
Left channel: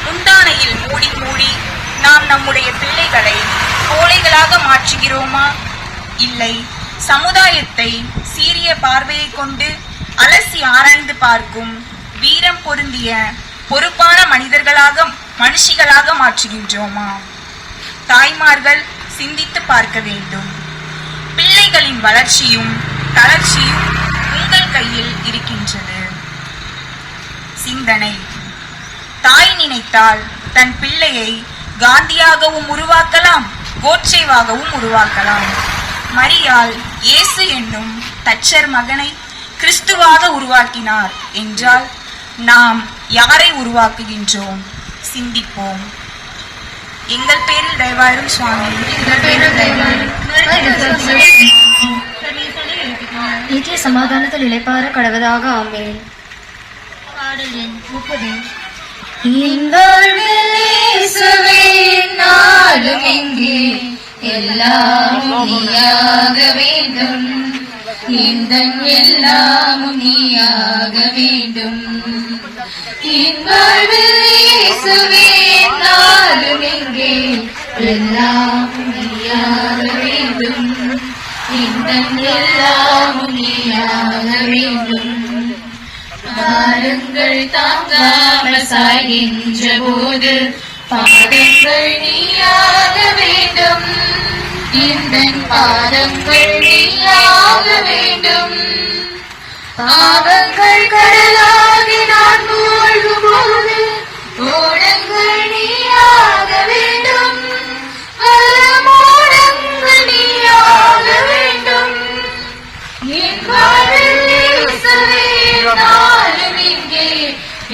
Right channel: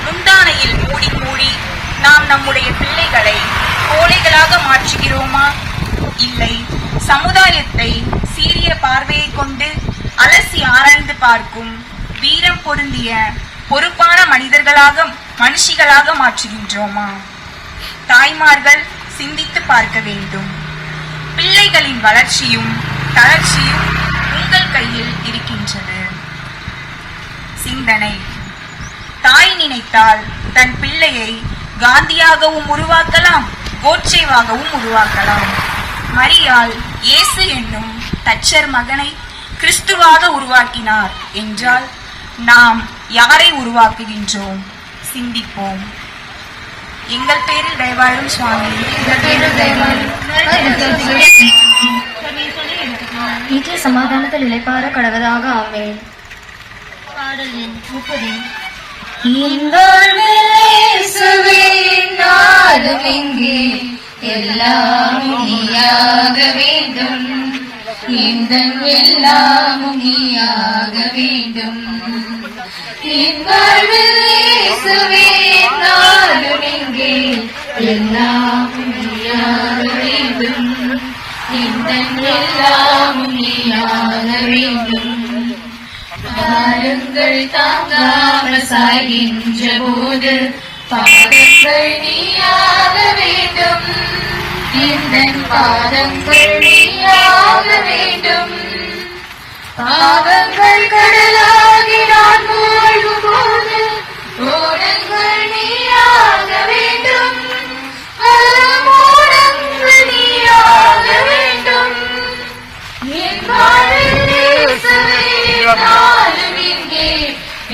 முந்தானையில் மூடி மூடி நாம் நம்முடைய பிள்ளைகளை கோழைகளாக மாற்றுகிறோமா? இல்லை, சமுதாயத்தை சீரிய பார்வையை கொண்டு அலசி ஆராய்ந்து பார்க்கும் வீரம் பொருந்திய பொறுப்பான மனுஷிகளாக மாற்றுகின்றோமா? தாய்மார்கள் சிந்தித்து பார்க்க வேண்டும். பிள்ளைகளின் வளர்ச்சியும் தளர்ச்சியும் உங்கள் கையில் இருக்கின்றது. சிந்தனை: தாய் நினைத்தால் தன் பிள்ளையை காந்தியாகவும் உருவாக்கலாம், கோட்சேவாகவும் உருவாக்கலாம். மரியாள் இயேசு என்னும் தச்சர் மகனை கிறிஸ்துவாக உருவாக்கினார் என்றால் நாம் யாரை உருவாக்குகின்றோம்? சிந்திப்போம். எங்கள் பேரில் தயவாழும் சுவாமி. நித்திய சமாதானத்தில் இளைப்பாற கடவுதாக ஆவேன். பாடல் எண் 30. எல்லாம் நீயாக வேண்டும், இந்த எல்லாம் நீயாக வேண்டும். எல்லாம் நீயாக வேண்டும், இந்த எல்லாம் நீயாக வேண்டும். பாருங்கள் தாங்காக சாய்கின்ற போது பாதங்கள் நீயாக வேண்டும், இந்த பாதங்கள் நீயாக வேண்டும். பாதங்கள் கடையாகி நான் மூழ்கும் போது ஓடங்கள் நீயாக வேண்டும், ஓடங்கள் நீயாக வேண்டும். என் வாழ்வில் இயேசுவே நாளும் இங்கே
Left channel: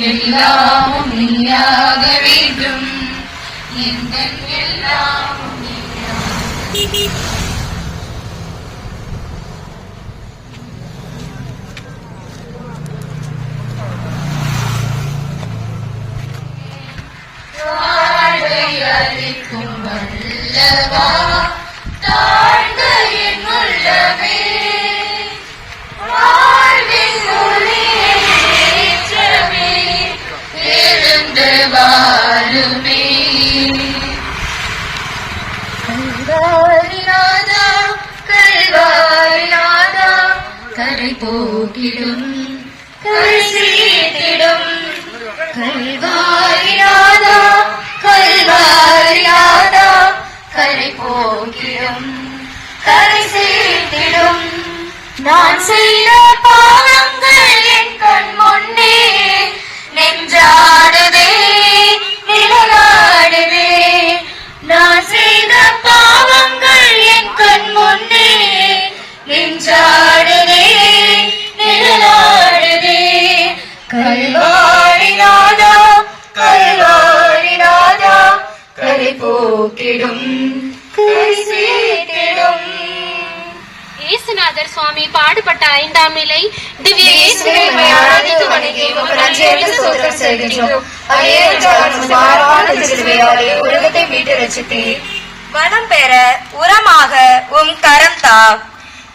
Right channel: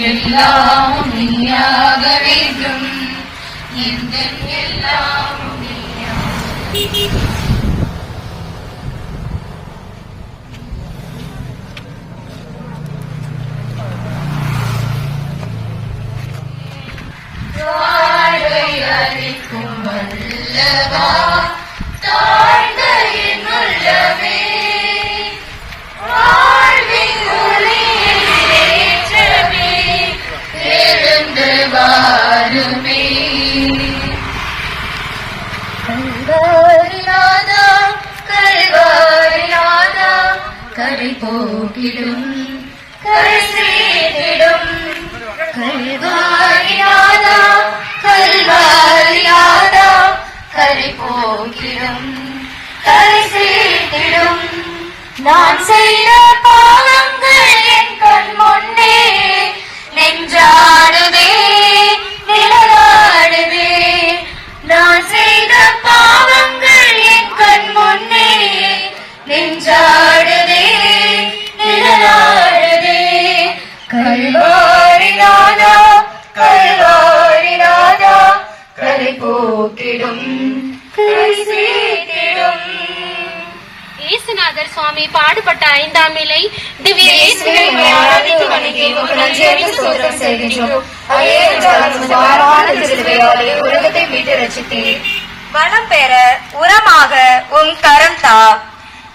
எல்லாம் நீயாக வேண்டும், இந்த எல்லாம் வாழ்வை அளிக்கும் வல்லவா, தாழ்ந்த என் உள்ளமே, வாழ்வின் ஒளியேற்றமே, எழுந்து வாருமே. கல்வாரிநாதா, கல்வாரிநாதா, கரை போக்கிடும், கரை சேர்த்திடும். கல்வாரிநாதா, கல்வாரிநாதா, கரை போக்கிடும், கரை சேர்த்திடும். நான் செய்த பாவங்கள் என் கண் முன்னே நெஞ்சாடுதே, நிலவாடுதே. நான் செய்த பாவங்கள் என் கண் முன்னே நெஞ்சாடுதே, நிலவாடுதே. கல்வாரிநாதா, கல்வாரிநாதா, கரை போக்கிடும், கரை சேர்த்திடும். இயேசுநாதர் சுவாமி பாடுபட்ட 5ஆம் நிலை திவ்ய இயேசுவை ஆராதித்து வணங்கி உமக்கு நன்றியறிந்து ஸ்தோத்திரம் செய்கின்றோம். உலகத்தை மீட்டு ரட்சித்தீர். வளம் பெற உரமாக உன் கரம் தா.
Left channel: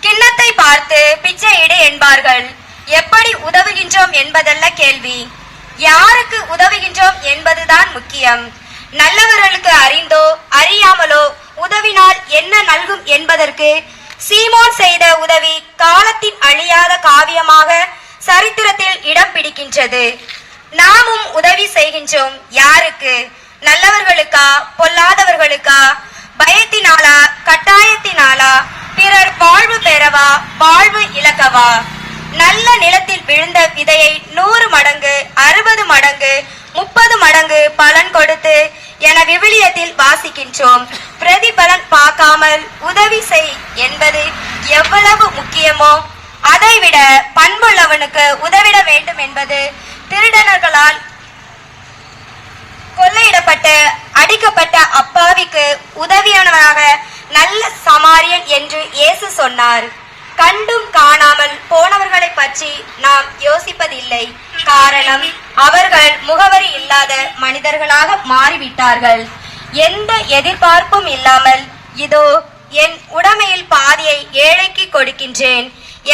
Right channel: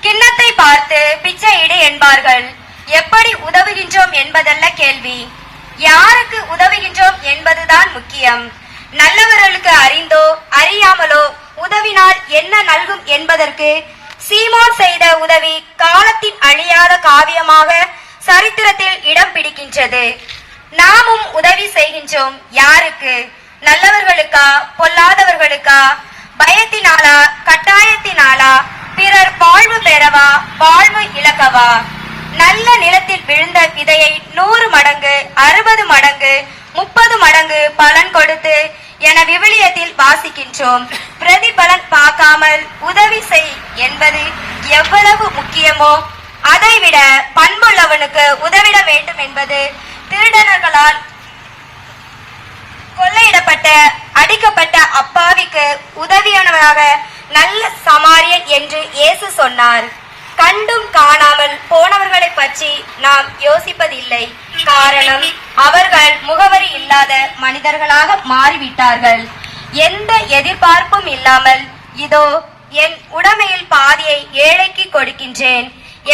கிண்ணத்தை பார்த்து பிச்சையிடு என்பார்கள். எப்படி உதவுகின்றோம் என்பதல்ல கேள்வி, யாருக்கு உதவுகின்றோம் என்பதுதான் முக்கியம். நல்லவர்களுக்கு அறிந்தோ அறியாமலோ உதவினால் என்ன நல்கும் என்பதற்கு சீமோன் செய்த உதவி காலத்தின் அழியாத காவியமாக சரித்திரத்தில் இடம் பிடிக்கின்றது. நாமும் உதவி செய்கின்றோம். யாருக்கு? நல்லவர்களுக்கா, பொல்லாதவர்களுக்கா, பயத்தினாலா, கட்டாயத்தினாலா, பிறர் வாழ்வு பெறவா, வாழ்வு இழக்கவா? நல்ல நிலத்தில் விழுந்த விதையை 100 மடங்கு, 60 மடங்கு, 30 மடங்கு பலன் கொடுத்து என விவிலியத்தில் வாசிக்கின்றோம். பிரதிபலன் பார்க்காமல் உதவி செய் என்பது எவ்வளவு முக்கியமோ அதைவிட பண்புள்ளவனுக்கு உதவிட வேண்டும் என்பது திருடர்களால் கொள்ளையிடப்பட்ட அடிக்கப்பட்ட அப்பாவிக்கு உதவியவனாக நல்ல சமாரியன் என்று இயேசு சொன்னார். கண்டும் காணாமல் போனவர்களை பற்றி நாம் யோசிப்பதில்லை. காரணம், அவர்கள் முகவரி இல்லாத மனிதர்களாக மாறிவிட்டார்கள். எந்த எதிர்பார்ப்பும் இல்லாமல் இதோ என் உடைமையில் பாதியை ஏழைக்கு கொடுக்கின்றேன்,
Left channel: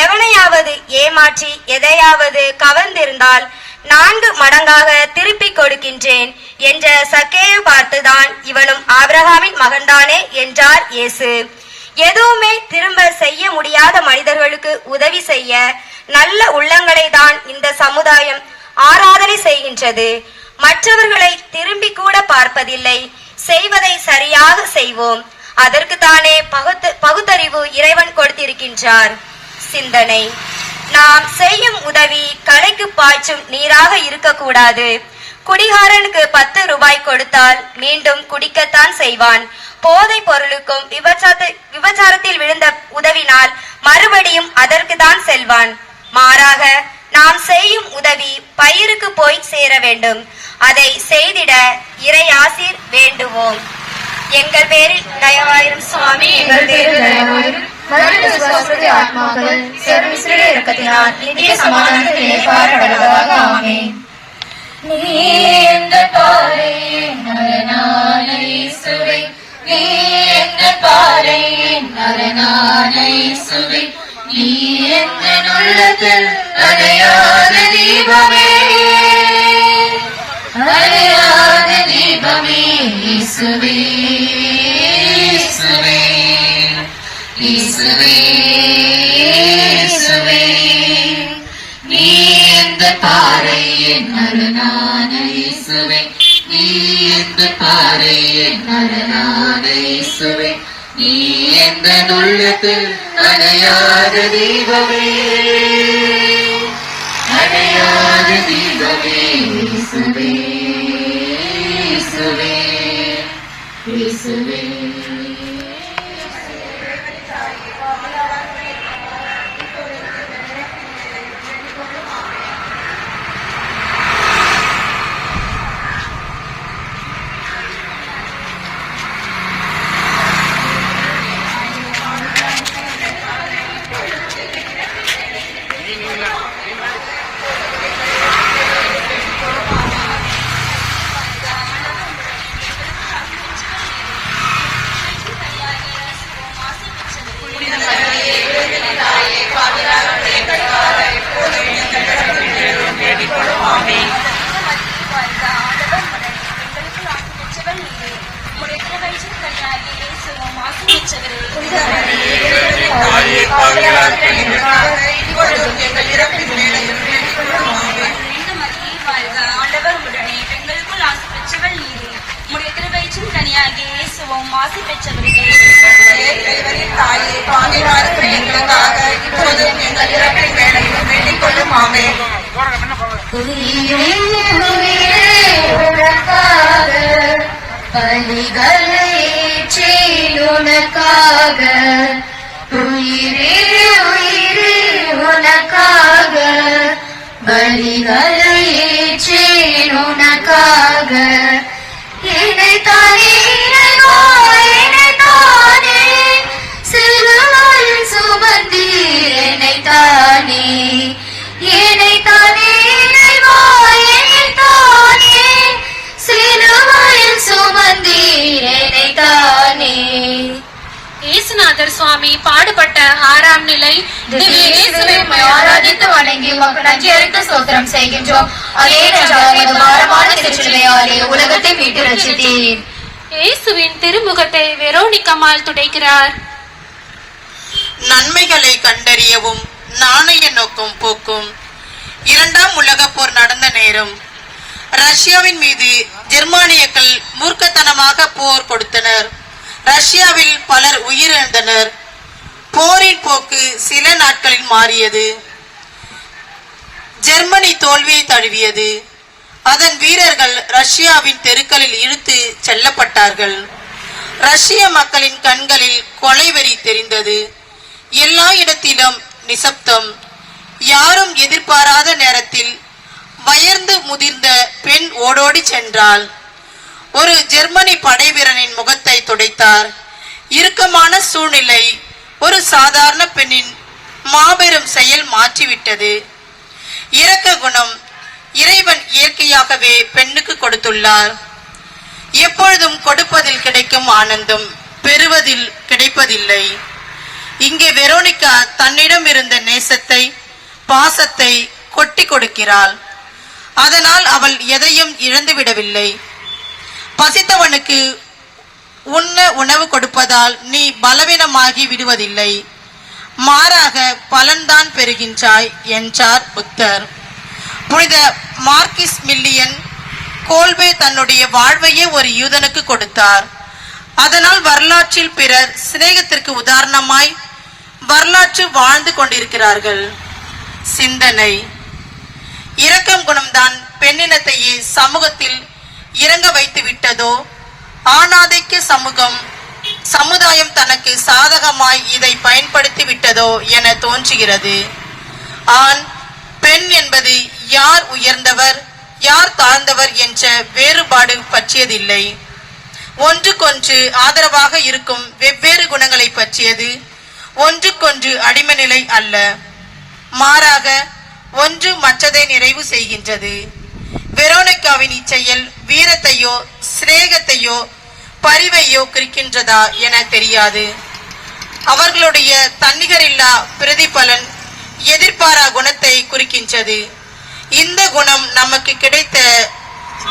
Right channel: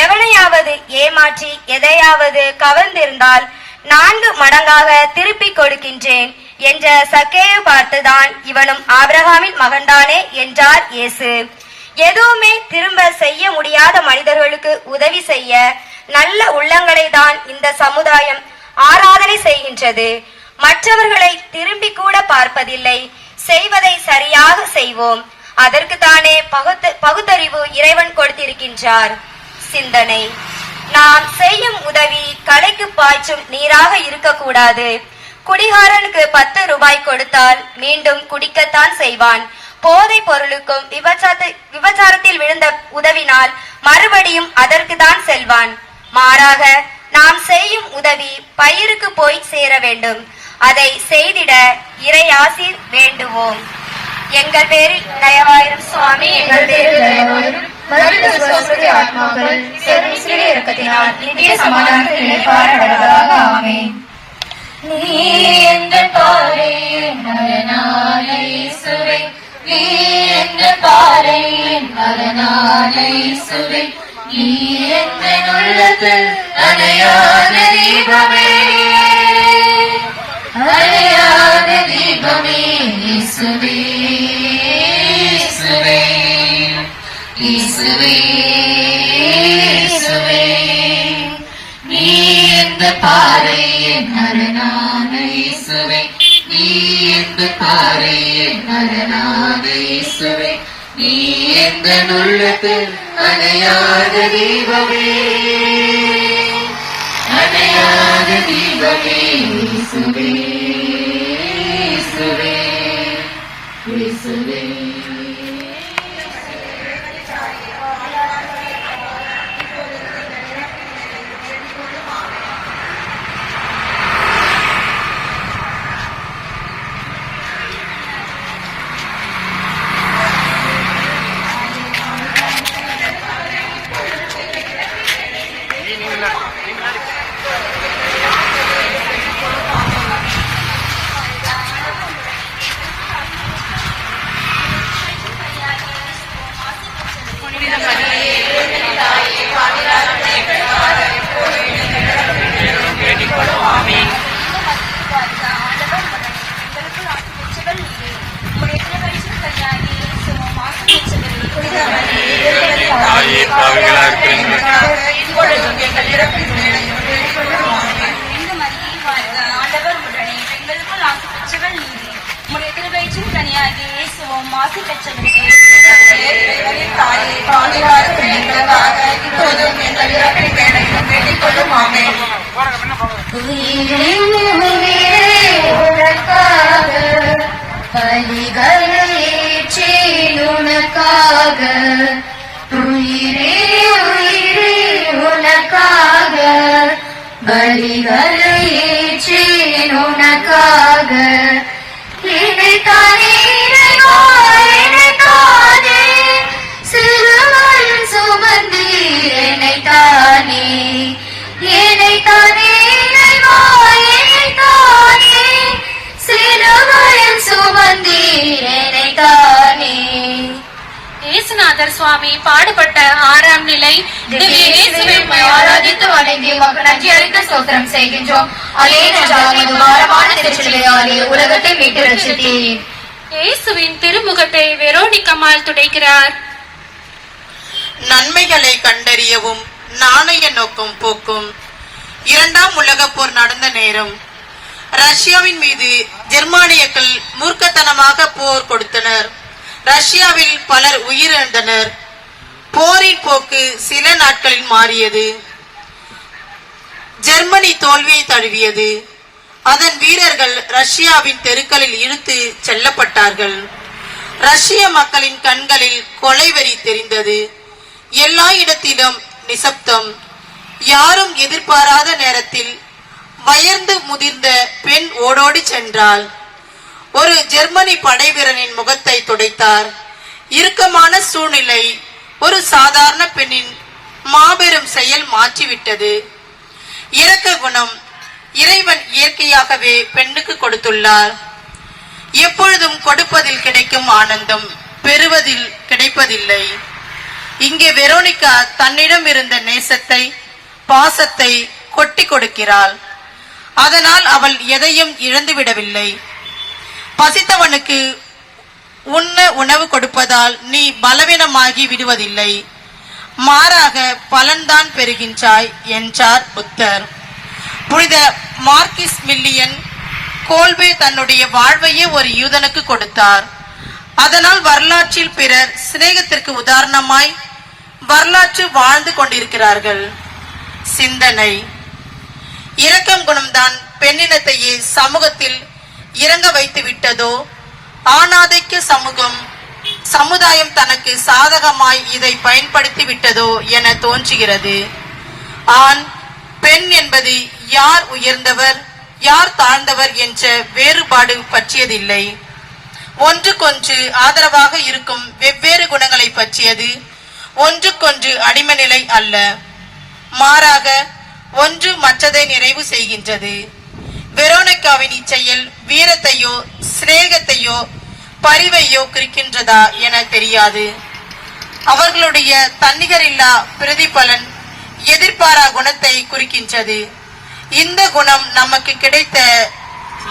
எவனையாவது ஏமாற்றி எதையாவது கவர்ந்திருந்தால் 4 மடங்காக திருப்பி கொடுக்கின்றேன் என்ற சக்கேயு பார்த்துதான் இவனும் ஆபிரகாமின் மகன்தானே என்றார் இயேசு. எதுவுமே திரும்ப செய்ய முடியாத மனிதர்களுக்கு உதவி செய்ய நல்ல உள்ளங்களை தான் இந்த சமுதாயம் ஆராதனை செய்கின்றது. மற்றவர்களை திரும்பி கூட பார்ப்பதில்லை. செய்வதை சரியாக செய்வோம். அதற்கு தானே பகுத்தறிவு இறைவன் கொடுத்திருக்கின்றார். சிந்தனை: நாம் செய்யும் உதவி கலைக்கு பாய்ச்சும் நீராக இருக்கக்கூடாது. குடிகாரனுக்கு 10 ரூபாய் கொடுத்தால் மீண்டும் குடிக்கத்தான் செய்வான். போதை பொருளுக்கும் விபச்சாரத்தில் விழுந்த உதவினால் மறுபடியும் அதற்கு தான் செல்வான். மாறாக நாம் செய்யும் உதவி பயிருக்கு போய் சேர வேண்டும். அதை செய்திட இறை ஆசீர் வேண்டுவோம். எங்கள் பேரில் தயவாயிரும் சுவாமி, எங்கள் பேரில் தயவாயிரும். ஆத்மாக்கள் சர்வீஸ்வர இரக்கத்தினால் நித்திய சமாதானத்தில் ஏற்படுவதாக. ஆமென். நீ என்ற பாறை மரணாலை சுவை, நீ என்ற பாறை மரணாலை சுவை, நீ என்ற உள்ளத்தில் அணையாத தீபமே, அணையாத தீபமே இயேசுவே, இயேசுவே, இயேசுவே, இயேசுவே. நீ எந்த பாறை மரணான இயேசுவே, நீ எந்த பாறை மரணான இயேசுவே, நீ எந்த உள்ளத்தில் அணையாத தீபமே, அணையாத தீபமே இயேசுவே, இயேசுவே, இயேசுவே. உனக்காக உயிரே உயிரே உனக்காக பலிகளை ஏற்றேன் உனக்காக இதைத்தானே இறைவா இதைத்தானே சிலுவையில் சுமந்தீர் என்னைத்தானே இதைத்தானே இறைவா இதைத்தானே சிலுவையில் சுமந்தீர் என்னைத்தானே. இயேசுநாதர் சுவாமி பாடுபட்ட 6ஆம் நிலை இயேசுவை ஆராதித்து வணங்கி உமக்கு நன்றி அறிந்து ஸ்தோத்திரம் செய்கின்றோம். அதேனென்றால் இந்த பாரமான சிலுவையாலே உலகத்தை மீட்டு ரட்சித்தீர். இயேசுவின் திருமுகத்தை வெரோனிக்கம்மாள் துடைக்கிறார். நன்மைகளை கண்டறியவும் நாணய நோக்கம் போக்கும். 2ஆம் உலகப் போர் நடந்த நேரம் ரஷ்யாவின் மீது ஜெர்மானியர்கள் மூர்க்கத்தனமாக போர் கொடுத்தனர். ரஷ்யாவில் பலர் உயிரிழந்தனர். போரின் போக்கு சில நாட்களில் மாறியது. ஜெர்மனி தோல்வியை தழுவியது. அதன் வீரர்கள் ரஷ்யாவின் தெருக்களில் இழுத்து செல்லப்பட்டார்கள். ரஷ்ய மக்களின் கண்களில் கொலைவெறி தெரிந்தது. எல்லா இடத்திலும் நிசப்தம். யாரும் எதிர்பாராத நேரத்தில் வயர்ந்து முதிர்ந்த பெண் ஓடோடி சென்றாள். ஒரு ஜெர்மனி படைவீரனின் முகத்தை துடைத்தார். இறுக்கமான சூழ்நிலை ஒரு சாதாரண பெண்ணின் மாபெரும் செயல் மாற்றிவிட்டது. இரக்க குணம் இறைவன் இயற்கையாகவே பெண்ணுக்கு கொடுத்துள்ளார். எப்பொழுதும் கொடுப்பதில் கிடைக்கும் ஆனந்தம் பெறுவதில் கிடைப்பதில்லை. இங்கே வெரோனிகா தன்னிடம் இருந்த நேசத்தை, பாசத்தை கொட்டி கொடுக்கிறாள். அதனால் அவள் எதையும் இழந்துவிடவில்லை. பசித்தவனுக்கு உண்ண உணவு கொடுப்பதால் நீ பலவீனமாகி விடுவதில்லை, மாறாக பலன்தான் பெறுகின்றாய் என்றார் புத்தர். புனித மார்க்கிஸ் மில்லியன் கோல்வே தன்னுடைய வாழ்வையே ஒரு யூதனுக்கு கொடுத்தார். அதனால் வரலாற்றில் பிறர் சிநேகத்திற்கு உதாரணமாய் வரலாற்று வாழ்ந்து கொண்டிருக்கிறார்கள். சிந்தனை: இரக்கம் குணம்தான் பெண்ணினத்தையே சமூகத்தில் இறங்க வைத்து விட்டதோ? ஆணாதிக்க சமுதாயம் தனக்கு சாதகமாய் இதை பயன்படுத்தி விட்டதோ என தோன்றுகிறது. ஆண் பெண் என்பது யார் உயர்ந்தவர் யார் தாழ்ந்தவர் என்ற வேறுபாடு பற்றியதில்லை. ஒன்றுக்கொன்று ஆதரவாக இருக்கும் வெவ்வேறு குணங்களை பற்றியது. ஒன்றுக்கொன்று அடிமை நிலை அல்ல, மாறாக ஒன்று மற்றதை நிறைவு செய்கின்றது. வெரோனிகாவின் இச்செயல் வீரத்தையோ சிநேகத்தையோ பரிவையோ குறிக்கின்றதா என தெரியாது. அவர்களுடைய தன்னிகரில்லா பிரதிபலன் எதிர்பாரா குணத்தை குறிக்கின்றது. இந்த குணம் நமக்கு கிடைத்த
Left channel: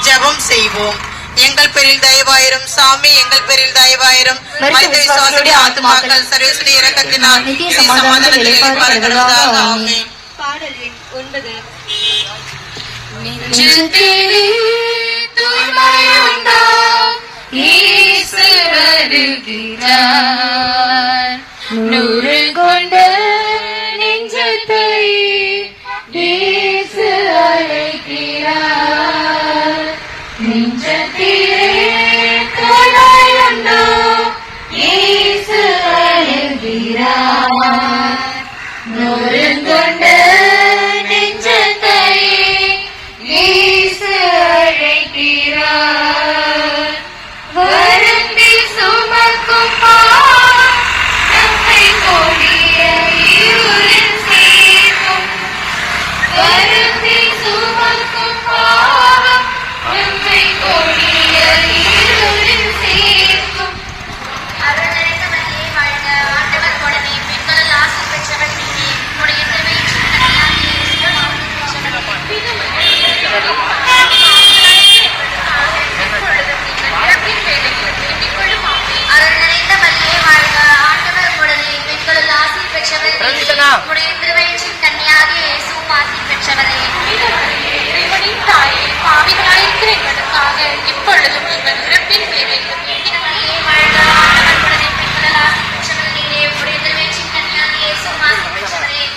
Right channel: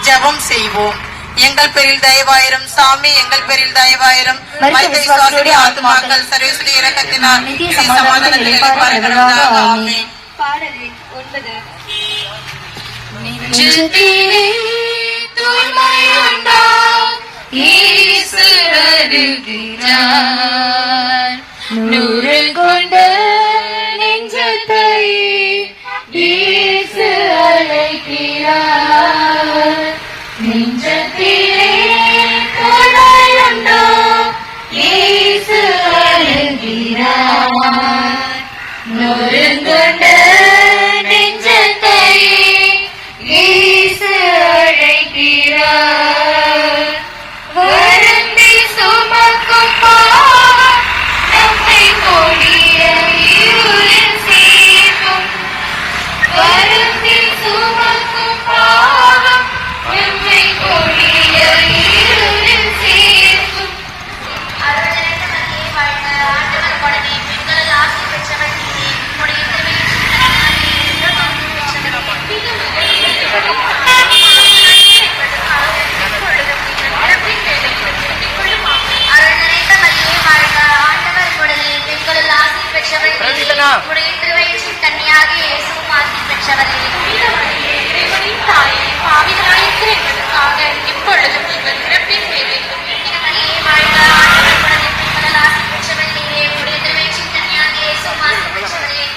ஜெபம் செய்வோம். எங்கள் பேரில் தயவாயிரும் சாமி, எங்கள் பேரில் தயவாயிரும். ஆத்மாக்கள் சர்வேஸ்வரி இரக்கத்தினால் சமாதானத்தில் இளைப்பாறுகிறதாக. ஆமென். பாடலின் 9. நெஞ்சத்திலே தூய்மையுண்டாய் இயேசு வருகிறார். நூறு கொண்ட நெஞ்சத்தை இயேசு அழைக்கிறார். நெஞ்சத்திலே தூய்மையுண்டாய் இயேசு வருகிறார். நூறு கொண்ட நெஞ்சத்தை இயேசு அழைக்கிறார். வருந்தி சுமக்கும் பாவம் நம்மை கொடிய இருளில் சேர்க்கும். வருந்தி சுமக்கும் பாவம் நம்மை கொடிய இருளில் சேர்க்கும்.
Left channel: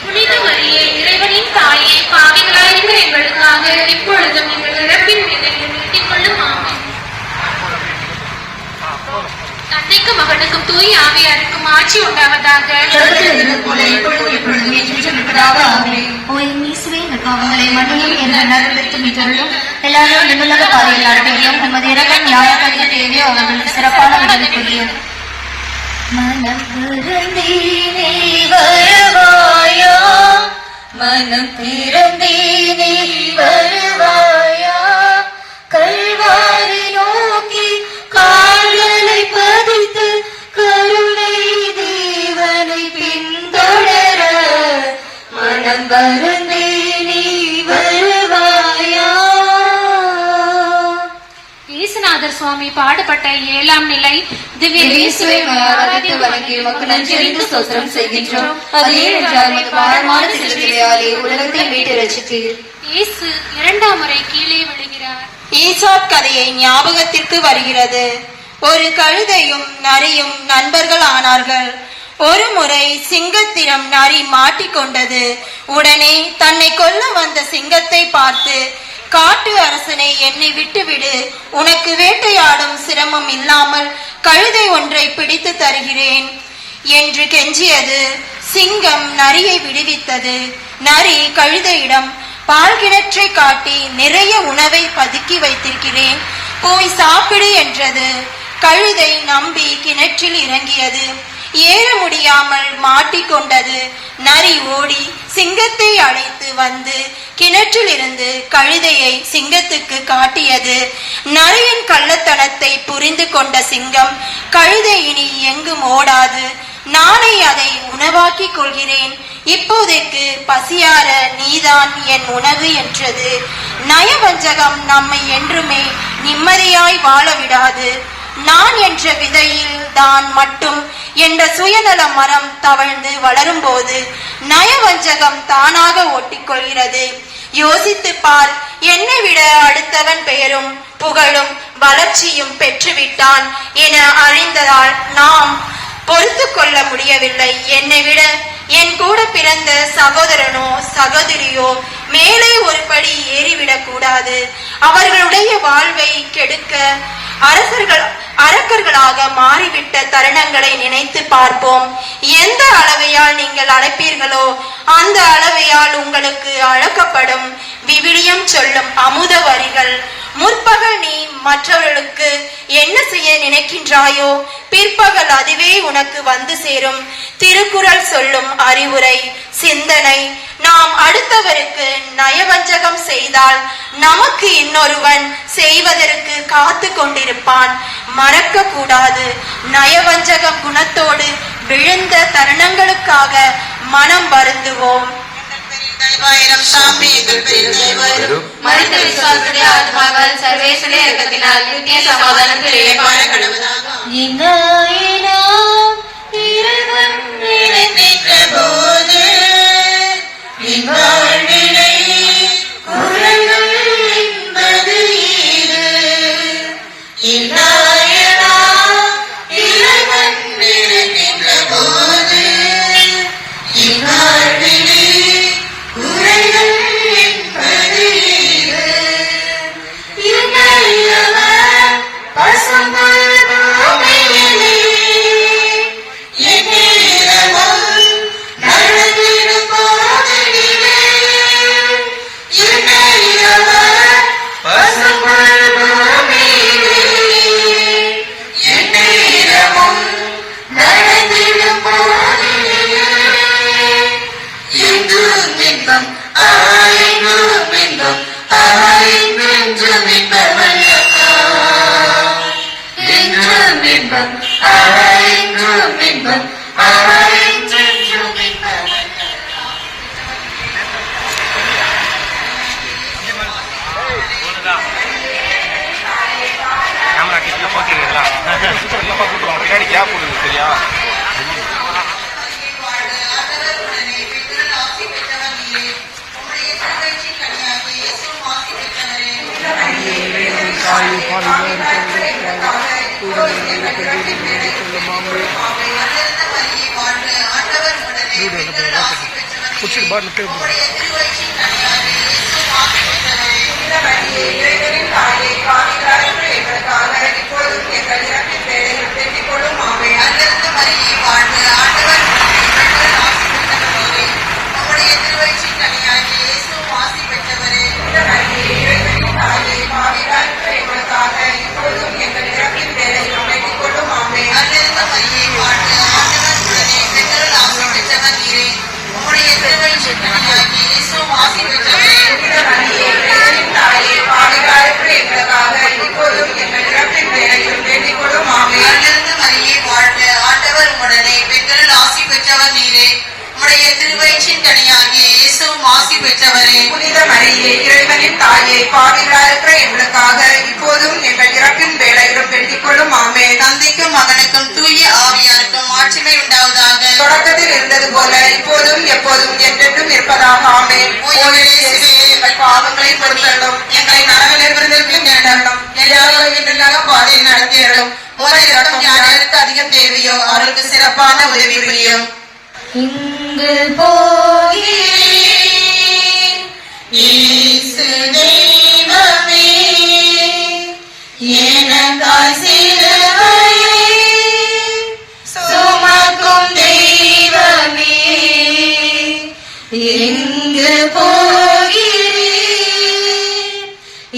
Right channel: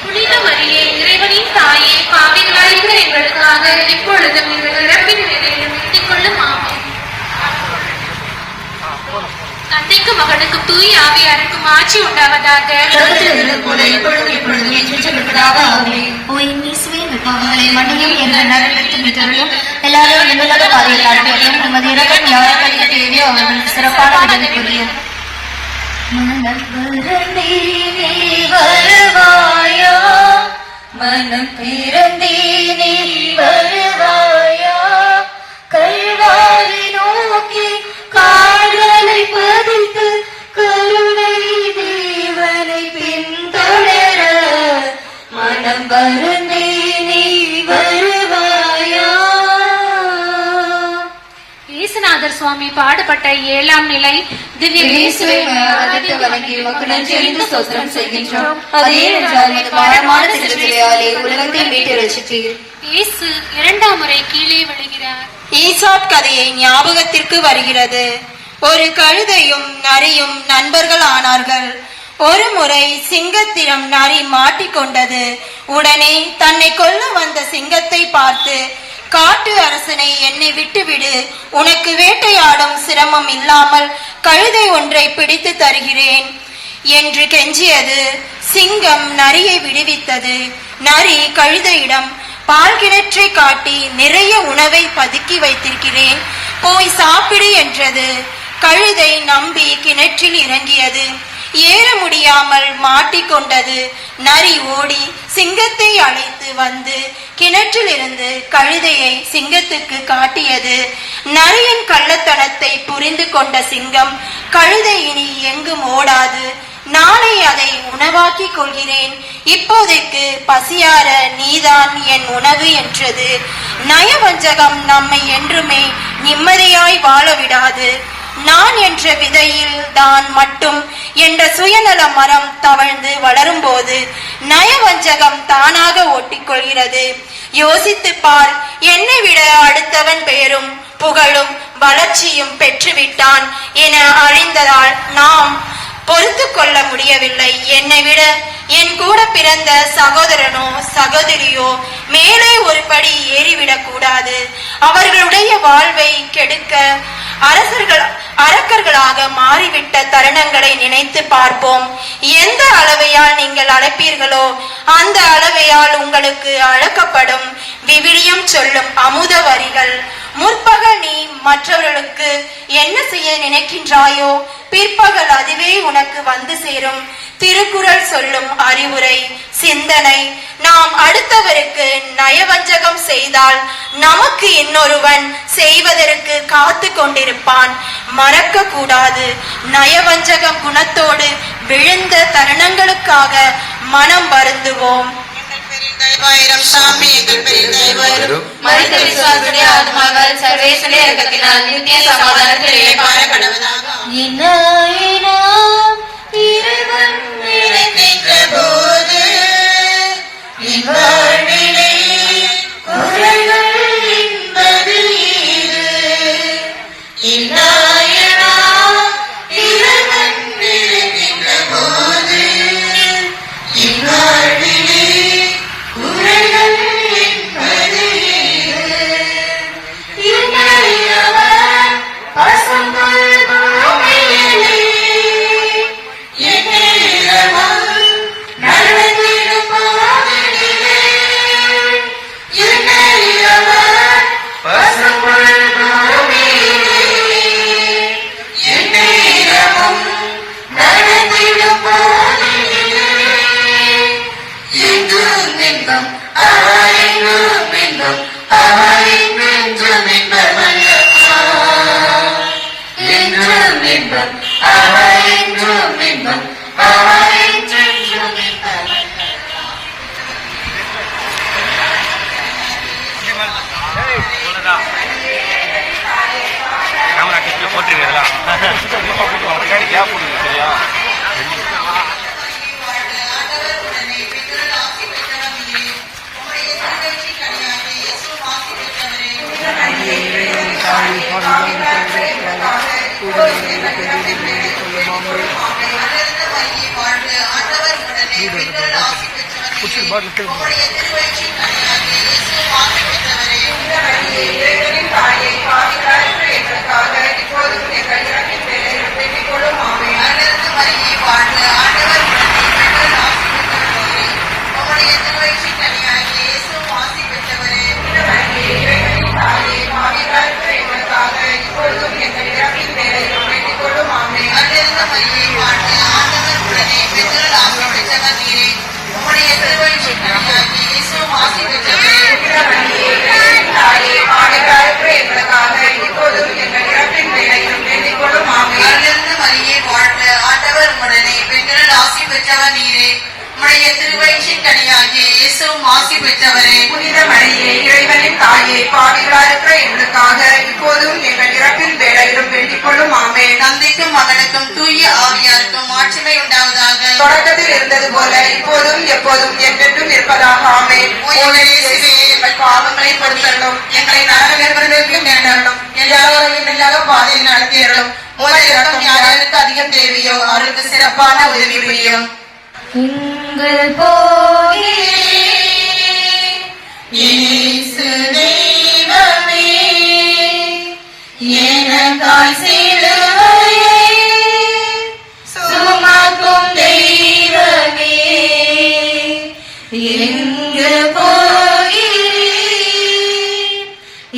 புனித மரியே, இறைவனின் தாயே, பாவிகளாயிருக்கிற எங்களுக்காக இப்பொழுதும் எங்கள் இறப்பின் வேளையிலும் வேண்டிக் கொள்ளும். ஆமென். தந்தைக்கு மகனுக்கு தூய ஆவியாருக்கு மாட்சி உண்டாவதாக. மனம் திறந்தே வருவாயா, கல்வாரி நோக்கி கால்களை பதித்து கருணை தேவனை பின்தொடர மனம் வருந்தே நீ வருவாயா. இயேசுநாதர் அரங்கநாதர் சுவாமி பாடுபட்ட 7ஆம் நிலை திவ்ய இயேசுவை ஆராதித்து வணங்கி உமக்கு நன்றியறிந்து ஸ்தோத்திரம் செய்கின்றோம். அதே என்றால் உமது பாரமான திருச்சிலுவையாலே உலகத்தை மீட்டு ரட்சித்தீர். இயேசு 2ஆம் முறை கீழே விழுகிறார். ஈசாப் கதையை ஞாபகத்திற்கு வருகிறது. ஒரு கழுதையும் நரியும் நண்பர்கள் ஆனார்கள். ஒரு முறை சிங்கத்திடம் நரி மாட்டிக்கொண்டது. உடனே தன்னை கொல்ல வந்த சிங்கத்தை பார்த்து, காட்டு அரசனை என்னை விட்டுவிடு, உனக்கு வேட்டையாடும் சிரமம் இல்லாமல் கழுதை ஒன்றை பிடித்து தருகிறேன் என்று கெஞ்சியது. சிங்கம் நரியை விடுவித்தது. நரி கழுதையிடம், பால் கிணற்றை காட்டி நிறைய உணவை பதுக்கி வைத்திருக்கிறேன், போய் சாப்பிடு என்றது. கழுதை நம்பி கிணற்றில் இறங்கியது. ஏற முடியாமல் மாட்டிக்கொண்டது. நரி ஓடி சிங்கத்தை அழைத்து வந்து கிணற்றில் இருந்து கழுதையை சிங்கத்துக்கு காட்டியது. நரியின் கள்ளத்தனத்தை புரிந்து கொண்ட சிங்கம், கழுதை இனி எங்கும் ஓடாது, நாளை அதை உணவாக்கிக் கொள்கிறேன், இப்போதைக்கு பசியார நீதான் என் உணவு என்றது. நயவஞ்சகம் நம்மை என்றுமே நிம்மதியாய் வாழ விடாது. நான் என்ற விதையில் தான் மட்டும் என்ற சுயநல மரம் தவழ்ந்து வளரும் போது நயவஞ்சகம் தானாக ஒட்டிக்கொள்கிறது. யோசித்து பார், என்னை விட அடுத்தவன் பெயரும் புகழும் வளர்ச்சியும் பெற்றுவிட்டான் என அழிந்ததால் நாம் பொறுத்து கொள்ள முடியவில்லை. என்னை விட என் கூட பிறந்த சகோதரனோ சகோதரியோ மேலே ஒரு படி ஏறிவிடக் கூடாது. அவர்களுடைய வாழ்வை கெடுக்க அரக்கர்களாக மாறிவிட்ட தருணங்களை நினைத்து பார்ப்போம். எந்த அளவையால் நீங்கள் அழைப்பீர்களோ அந்த அளவையால் உங்களுக்கு அழைக்கப்படும். விவிலியம் சொல்லும் அமுத வரிகள். முற்பகல் நீ மற்றவர்களுக்கு என்ன செய்ய நினைக்கின்றாயோ பிற்பகல் அதுவே உனக்கு வந்து சேரும். திருக்குறள் சொல்லும் அறிவுரை, சிந்தனை. நாம் அடுத்தவருக்கு நயவஞ்சகம் செய்தால் நமக்கு இன்னொருவன் செய்வதற்கு காத்து கொண்டிருப்பான். மறக்க கூடாது. நயவஞ்சகம் குணத்தோடு விழுந்த தருணங்களுக்காக மனம் வருந்துவோம். மரித்த விசுவாசத்துடைய ஆத்மாக்கள் சர்வேஸ்வரனுடைய இரக்கத்தினால் நித்திய சமாதானத்திலே வாழ கடவுளாக. இறைவன் நினைக்கின்ற போது வாழ்விலே குறைகள் என்பது ஏது? இன்னாயனா இறைவன் நினைக்கின்ற போது இந்நாள்விலே குறைகள் என்பது ஏது? இன்றையவர் பசும்புல் பூமியிலே எந்நேரமும் நடந்திடும் போதிலே. இன்றையவர் பசும்புல் பூமியிலே எந்நேரமும் நடந்திடும் போதிலே. என்றும் இன்பம் என்றும் இன்பம் என்றும் இன்பமல்லவா? என்றும் இன்பம் என்றும் இன்பம் என்றும் இன்பமல்லவா? உம்முடைய திருவழியின் தாயே, பாவிகளாய் இருக்கிற எங்களுக்காக இப்போதும் எங்கள் இறப்பின் வேளையிலும் வேண்டிக் கொள்ளும். ஆமென். தந்தைக்கும் மகனுக்கும் தூய ஆவியாருக்கும் மாட்சிமை உண்டாவதாக. தொடக்கத்தில் இருந்தது போல இப்போதும் எப்போதும் என்றென்றும் இருப்பதாக. ஆமென். ஓ இயேசுவே, எங்கள் பாவங்களை பொறுத்தருளும், எங்களை நரகிலிருந்து மீட்டருளும், எல்லாரோரும் பாதையில் நடத்தியருளும். ஒரு இறக்கம் யாருக்கு அதிகம் தேவையோ அவருக்கு சிறப்பான உதவி புரியும். இங்கு போகிறேன் இயேசு தெய்வமே, எனக்காய் சிலுவையை சுமக்கும் தெய்வமே, எங்கு போகிறேன்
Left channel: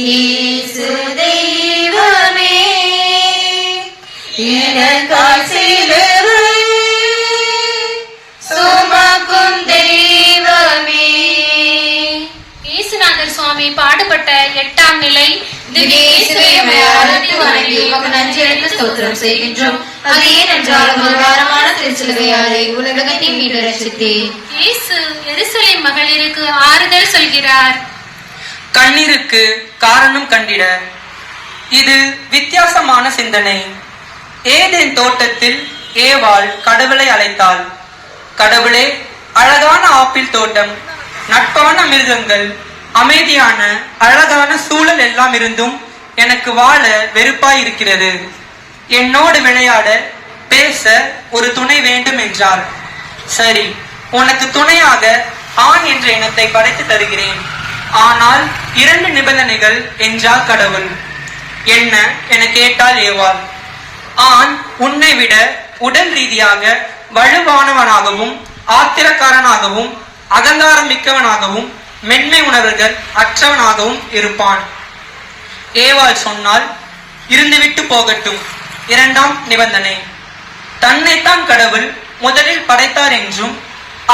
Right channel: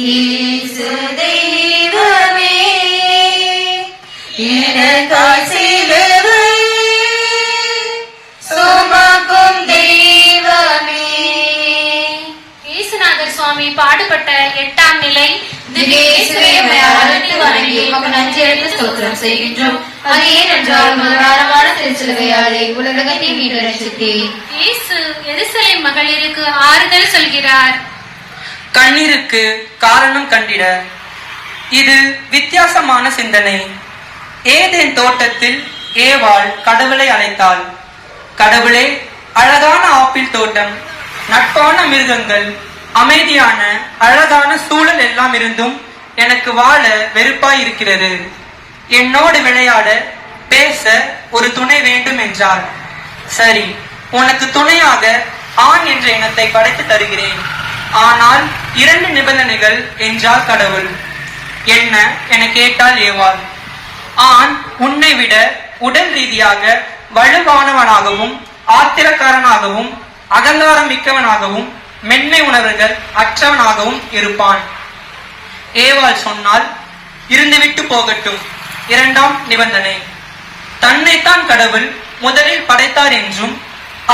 இயேசு தெய்வமே, எனக்காய் சிலுவையை சுமக்கும் தெய்வமே. இயேசுநாதர் சுவாமி பாடுபட்ட 8ஆம் நிலை. நன்றி அளித்து ஸ்தோத்திரம் செய்கின்றோம். அதே நன்றால் மனதாரமான திருச்சிலுவையாலே உலகத்தை மீது ரசித்தேன். இயேசு எருசலேம் மகளிருக்கு ஆறுதல் சொல்கிறார். கண்ணீருக்கு காரணம் கண்டிட. இது வித்தியாசமான சிந்தனை. ஏதேன் தோட்டத்தில் ஏவாள் கடவுளை அழைத்தாள். கடவுளே, அழகான ஆப்பிள் தோட்டம், நட்பான மிருகங்கள், அமைதியான அழகான சூழல் எல்லாம் இருந்தும் எனக்கு வாழ வெறுப்பாய் இருக்கிறது. என்னோடு விளையாட, பேச ஒரு துணை வேண்டும் என்றாள். சரி, உனக்கு துணையாக ஆண் என்ற எண்ணத்தை படைத்து தருகிறேன். ஆனால் 2 நிபந்தனைகள் என்றார் கடவுள். என்ன என கேட்டால் ஏவாள். ஆண் உன்னை விட உடல் ரீதியாக வலுவானவனாகவும் ஆத்திரக்காரனாகவும் அகங்காரம் மிக்கவனாகவும் மென்மை உணர்வுகள் அற்றவனாகவும் இருப்பான். ஏவாள் சொன்னால் இருந்துவிட்டு போகட்டும். 2ஆம் நிபந்தனை, தன்னைத்தான் கடவுள் முதலில் படைத்தார் என்றும்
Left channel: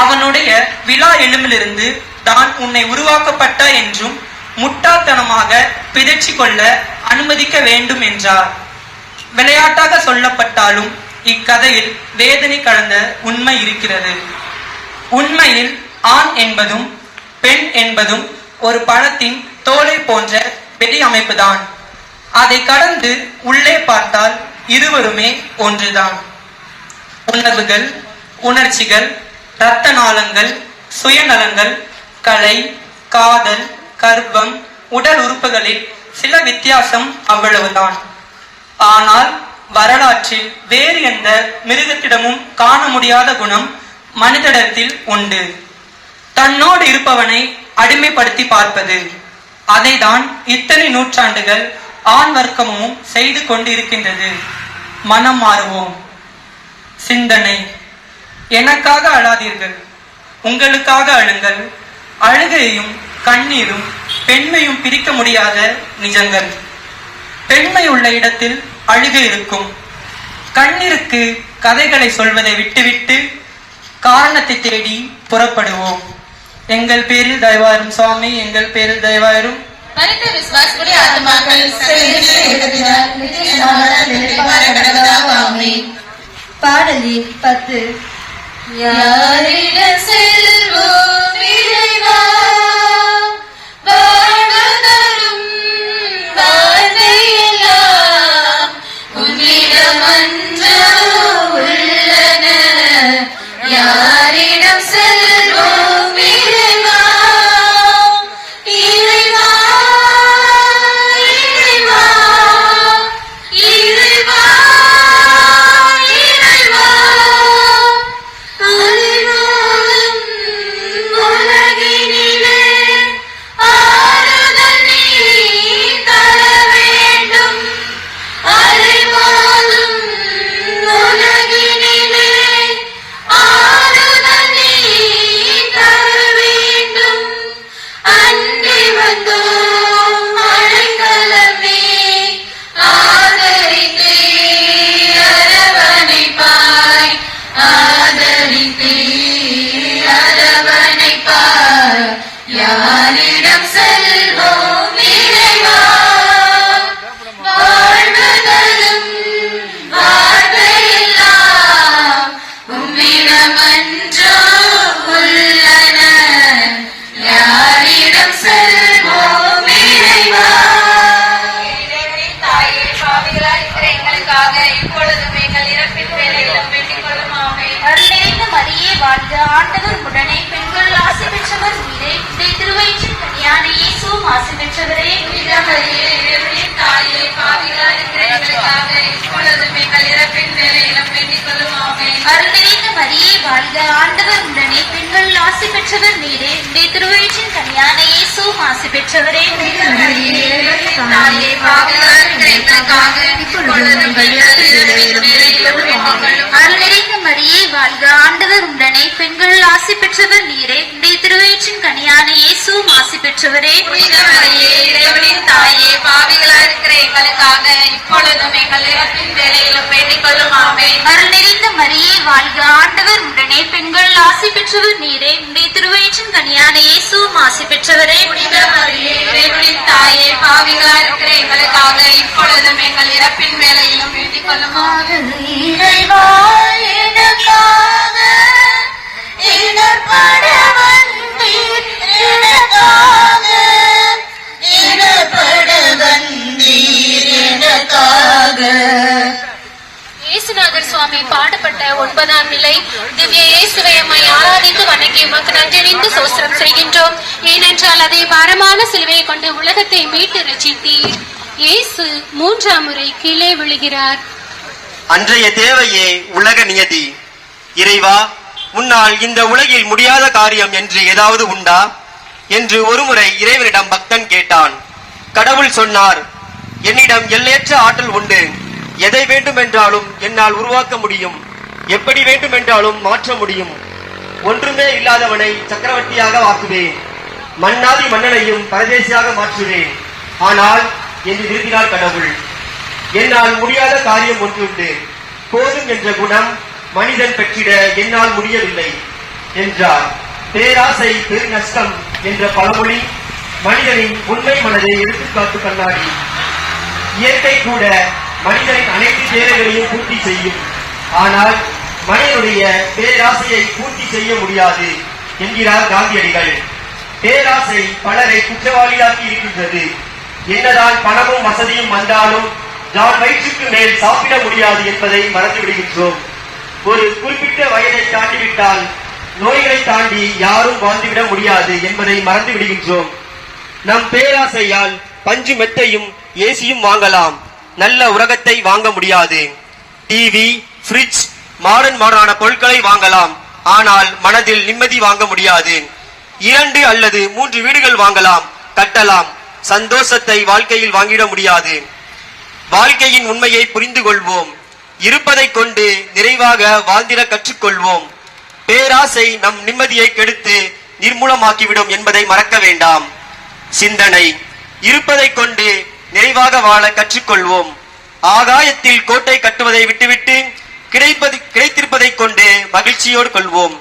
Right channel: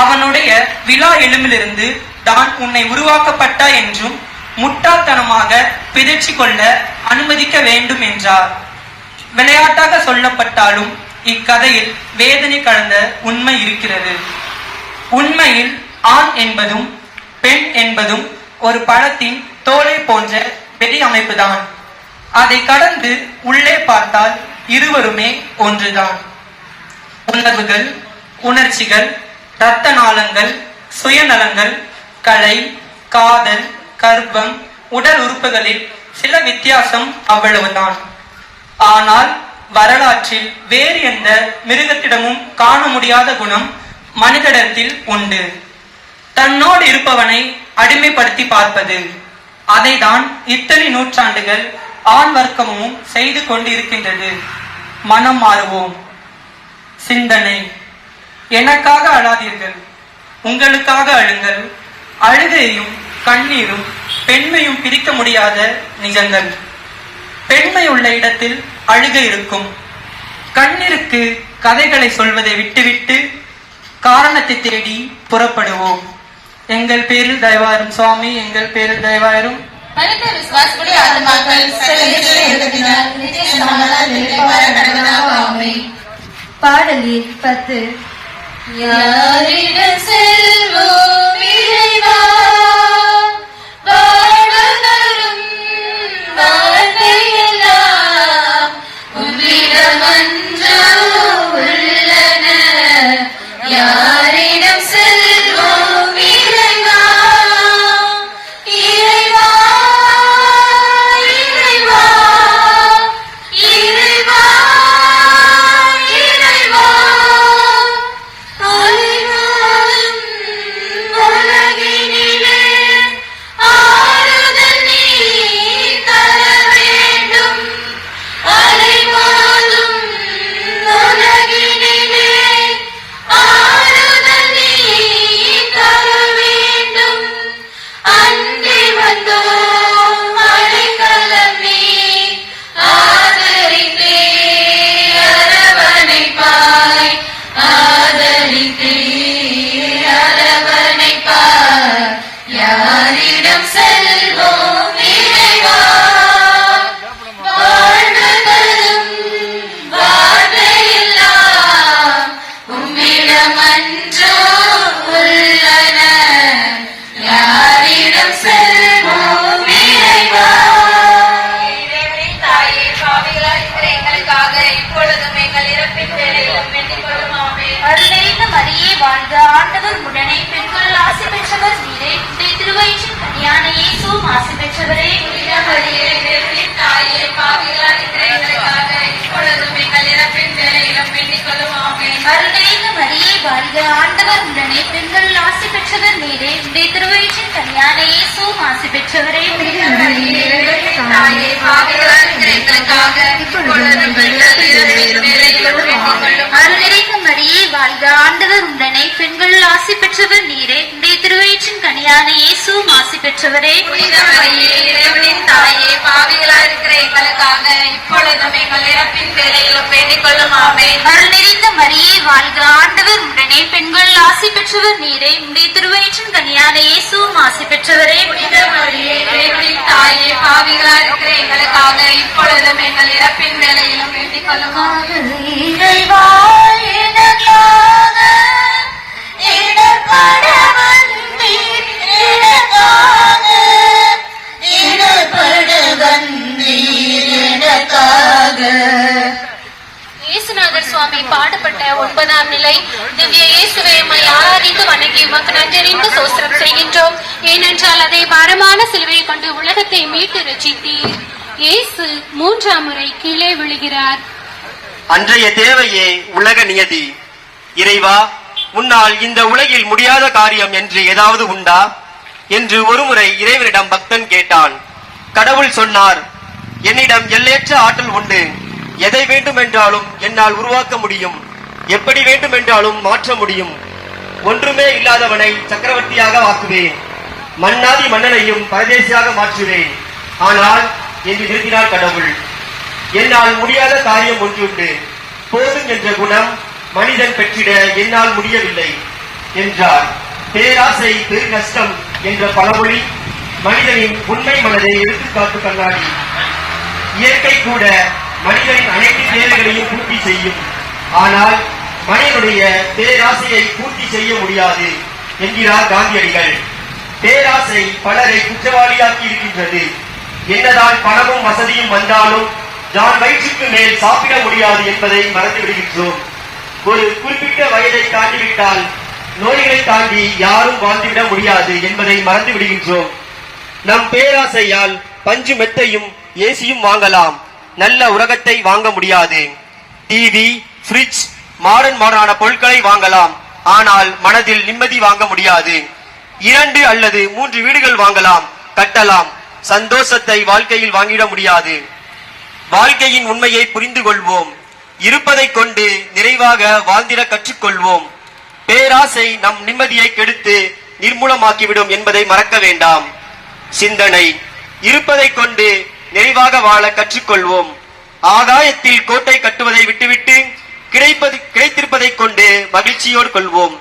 அவனுடைய விழா எலும்பிலிருந்து தான் உன்னை உருவாக்கப்பட்ட என்றும் முட்டாள்தனமாக பிதற்றி கொள்ள அனுமதிக்க வேண்டும் என்றார். விளையாட்டாக சொல்லப்பட்டாலும் இக்கதையில் வேதனை கலந்த உண்மை இருக்கிறது. உண்மையில் ஆண் என்பதும் பெண் என்பதும் ஒரு பழத்தின் தோலை போன்ற வெளி அமைப்புதான். அதை கடந்து உள்ளே பார்த்தால் இருவருமே ஒன்றுதான். உணர்வுகள், உணர்ச்சிகள், இரத்த நாளங்கள், சுயநலங்கள், கலை, காதல், கர்ப்பம், உடல் உறுப்புகளில் சில வித்தியாசம் அவ்வளவுதான். ஆனால் வரலாற்றில் வேறு எந்த மிருகத்திடமும் காண முடியாத குணம் மனிதனிடத்தில் உண்டு. தன்னோடு இருப்பவனை அடிமைப்படுத்தி பார்ப்பது. அதைதான் இத்தனை நூற்றாண்டுகள் ஆண் வர்க்கமும் செய்து கொண்டிருக்கின்றது. மனம் மாறுவோம். சிந்தனை, எனக்காக அழாதீர்கள், உங்களுக்காக அழுங்கள். அழுகையும் கண்ணீரும் பெண்மையும் பிரிக்க முடியாத நிஜங்கள். பெண்மை உள்ள இடத்தில் அழுகை இருக்கும். கண்ணீருக்கு கதைகளை சொல்வதை விட்டுவிட்டு காரணத்தை தேடி புறப்படுவோம். எங்கள் பேரில் தயவாயிரும் சுவாமி, எங்கள் பேரில் தயவாயிரும். மனித விசுவாசப்படி ஆத்மாக்கள் பாடலில் 10. யாரிடம் செல்வோம் இறைவா, வானவரும் வார்த்தையெல்லாம் உன்னிடம் அன்று உள்ளன. யாரிடம் செல்வோம் இறைவா, இறைவா, இறைவா, இறைவா, இறைவா, அலைவாழும் கனியான இயேசுவும் ஆசி பெற்றவரே. தாயே பாவிகளாய் இருக்கிற எங்களுக்காக இப்பொழுதும் எங்கள் இறப்பின் வேளையிலும் வேண்டிக் கொள்ளும் ஆமென். அருள்நிறைந்த மரியே வாழ்க, ஆண்டவர் உடனே பெண்கள் ஆசி பெற்றவர் நீரே. உடைய திருவயிற்றின் கனியான இயேசுவும் ஆசி பெற்றவரே. தாயே பாவிகளாய் இருக்கிற எங்களுக்காக இப்பொழுதும் எங்கள் இறப்பின் வேளையிலும் வேண்டிக் கொள்ளும் ஆமென். அருள்நிறைந்த மரியே வாழ்க, ஆண்டவர் உடனே பெண்கள் ஆசி பெற்றவர் நீரே. உடைய திருவயிற்றின் கனியான இயேசுவும் ஆசி பெற்றவரே. இறைவனின் தாயே பாவிகளாய் இருக்கிற எங்களுக்காக இப்பொழுதும் எங்கள் இறப்பின் வேளையிலும் வேண்டிக் கொள்ளும் ஆமென். அருள்நிறைந்த மரியே வாழ்க, ஆண்டவர் உடனே பெண்கள் ஆசி பெற்றவர் நீரே. உடைய திருவயிற்றின் கனியான இயேசுவும் ஆசி பெற்றவரே. இறைவனின் தாயே பாவிகளாய் இருக்கிற எங்களுக்காக இப்பொழுதும் எங்கள் இறப்பின் வேளையிலும் வேண்டிக் கொள்ளும் ஆமென். இயேசுநாதர் சுவாமி பாடுபட்ட 9ஆம் நிலை. திவ்ய இயேசுவை உம்மை ஆராதித்து வணங்கி உமக்கு நன்றறிந்து சோஸ்திரம் செய்கின்றோம். ஏனென்றால் அதை பாரமான சிலுவையை கொண்டு உலகத்தை மீட்டு ரட்சித்தீர். இயேசு 3ஆம் முறை கீழே விழுகிறார். அன்றைய தேவையே உலக நியதி. இறைவா, உன்னால் இந்த உலகில் முடியாத காரியம் என்று ஏதாவது உண்டா என்று ஒருமுறை இறைவனிடம் பக்தன் கேட்டான். கடவுள் சொன்னார், என்னிடம் எல்லையற்ற ஆற்றல் உண்டு. எதை வேண்டுமென்றாலும் என்னால் உருவாக்க முடியும். எப்படி வேண்டுமென்றாலும் மாற்ற முடியும். ஒன்றுமே இல்லாதவனை சக்கரவர்த்தியாக ஆக்குவேன். மன்னாதி மன்னனையும் பரதேசியாக மாற்றுவேன். ஆனால் என்று விரும்பினார் கடவுள். என்னால் முடியாத காரியம் ஒன்றுண்டு. போதும் என்ற குணம் மனிதன் பெற்றிட என்னால் முடியவில்லை என்றார். பேராசை பெரு நஷ்டம் என்ற பழமொழி மனிதனின் உண்மை மனதை எடுத்துக்காட்டு கண்ணாடி. இயற்கை கூட மனிதனின் அனைத்து தேவைகளையும் பூர்த்தி செய்யும். ஆனால் மனிதனுடைய பேராசையை பூர்த்தி செய்ய முடியாது என்கிறார் காந்தியடிகள். பேராசை பலரை குற்றவாளியாக்கி இருக்கின்றது. என்னதான் பணமும் வசதியும் வந்தாலும் நான் வயிற்றுக்கு மேல் சாப்பிட முடியாது என்பதை மறந்து விடுகின்றோம். ஒரு குறிப்பிட்ட வயதை தாண்டிவிட்டால் நோய்களை தாண்டி யாரும் வாழ்ந்துவிட முடியாது என்பதை மறந்து விடுகின்றோம். நம் பேராசையால் பஞ்சு மெத்தையும் ஏசியும் வாங்கலாம், நல்ல உலகத்தை வாங்க முடியாது. டிவி, ஃப்ரிட்ஜ், மாடர்னான பொருட்களை வாங்கலாம், ஆனால் மனதில் நிம்மதி வாங்க முடியாது. 2 அல்லது 3 வீடுகள் வாங்கலாம், கட்டலாம், சந்தோஷத்தை வாழ்க்கையில் வாங்கிட முடியாது. வாழ்க்கையின் உண்மையை புரிந்து கொள்வோம். இருப்பதை கொண்டு நிறைவாக வாழ்ந்திட கற்றுக்கொள்வோம். பேராசை நம் நிம்மதியை கெடுத்து நிர்மூலமாக்கிவிடும் என்பதை மறக்க வேண்டாம். சிந்தனை: இருப்பதை கொண்டு நிறைவாக வாழ கற்றுக்கொள்வோம். ஆகாயத்தில் கோட்டை கட்டுவதை விட்டுவிட்டு கிடைத்திருப்பதை கொண்டு மகிழ்ச்சியோடு கொள்வோம்.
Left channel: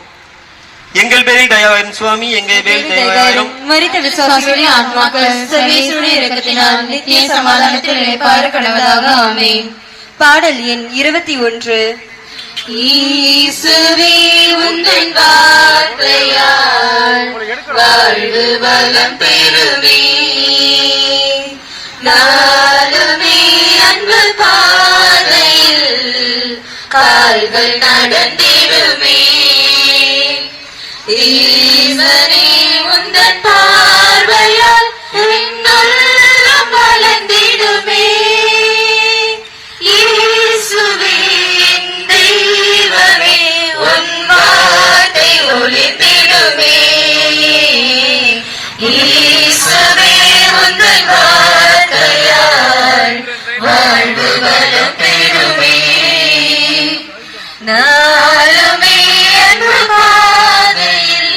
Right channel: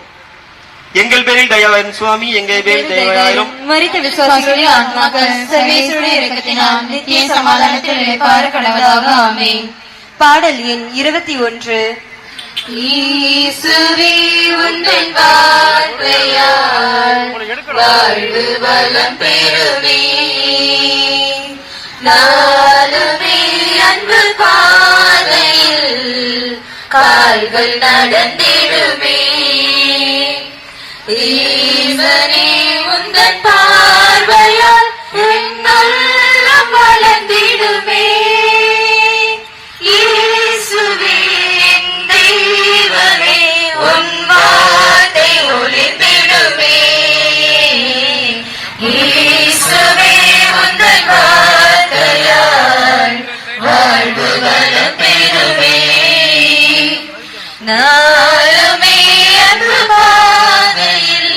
எங்கள் பேரில் தயவாயிரும் சுவாமி, எங்கள் பேரில் தயவாயிரும். மரித்த விசுவாசிகளுடைய ஆன்மாக்கள் சர்வேஸ்வருடைய இரக்கத்தினால் நித்திய சமாதானத்தில் இளைப்பாற கடவுளாக ஆமென். பாடல் எண் 21. ஈசுவே உந்தன் வார்த்தையால் வாழ்வு வளம் பெறுமே, நாளுமே அன்பு பாதையில் கால்கள் நடந்திடுமே. ஈசனே உந்தன் பார்வையால் எண்ணெல்லாம் வளர்ந்திடுமே. இயேசுவே என் தெய்வமே, உன் வார்த்தை ஒளிர்ந்திடுமே. இயேசுவே உந்தன் வார்த்தையால் வாழ்வு வளம் பெறுமே, நாளுமே அன்பு பாதையில்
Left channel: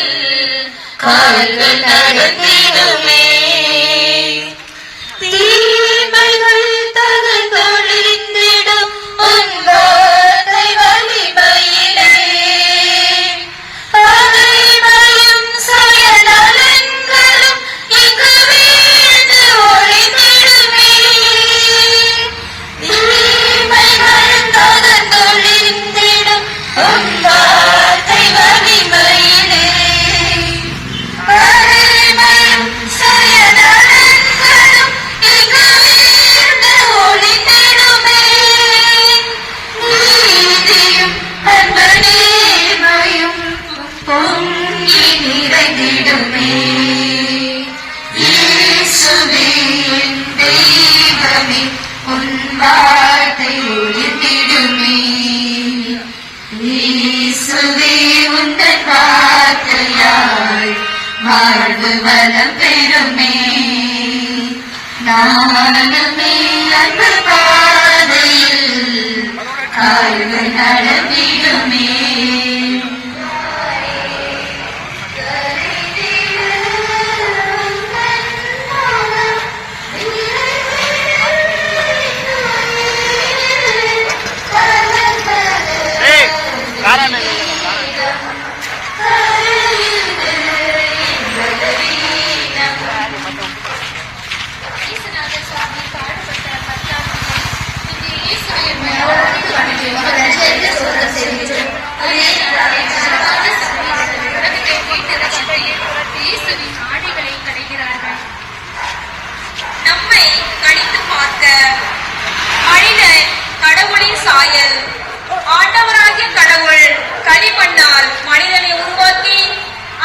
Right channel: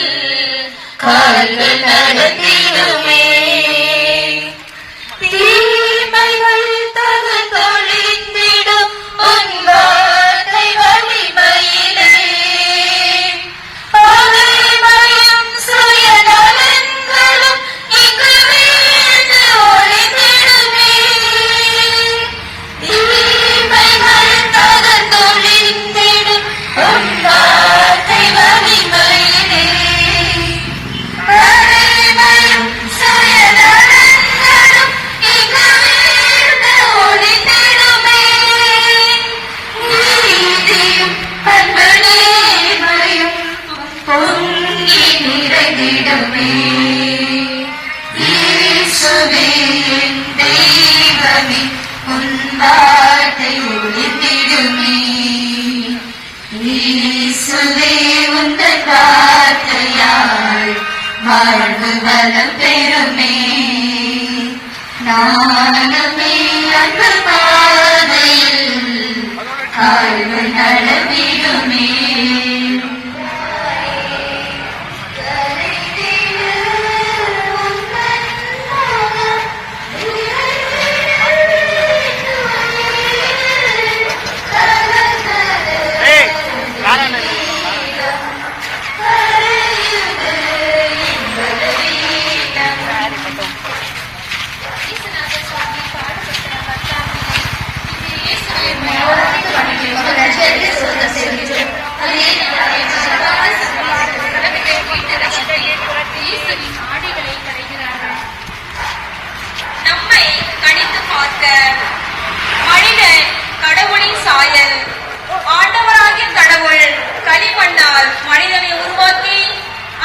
நலம் பெறுமே நாளுமே அன்பு பாதையில் அழகு நடத்திடுமே நம்மை கணித்து பார்க்க மனிதன் கடவுளின் சாயல். ஆண்டவராகிய கடவுள் களிமண்ணால் மனிதனை உருவாக்கி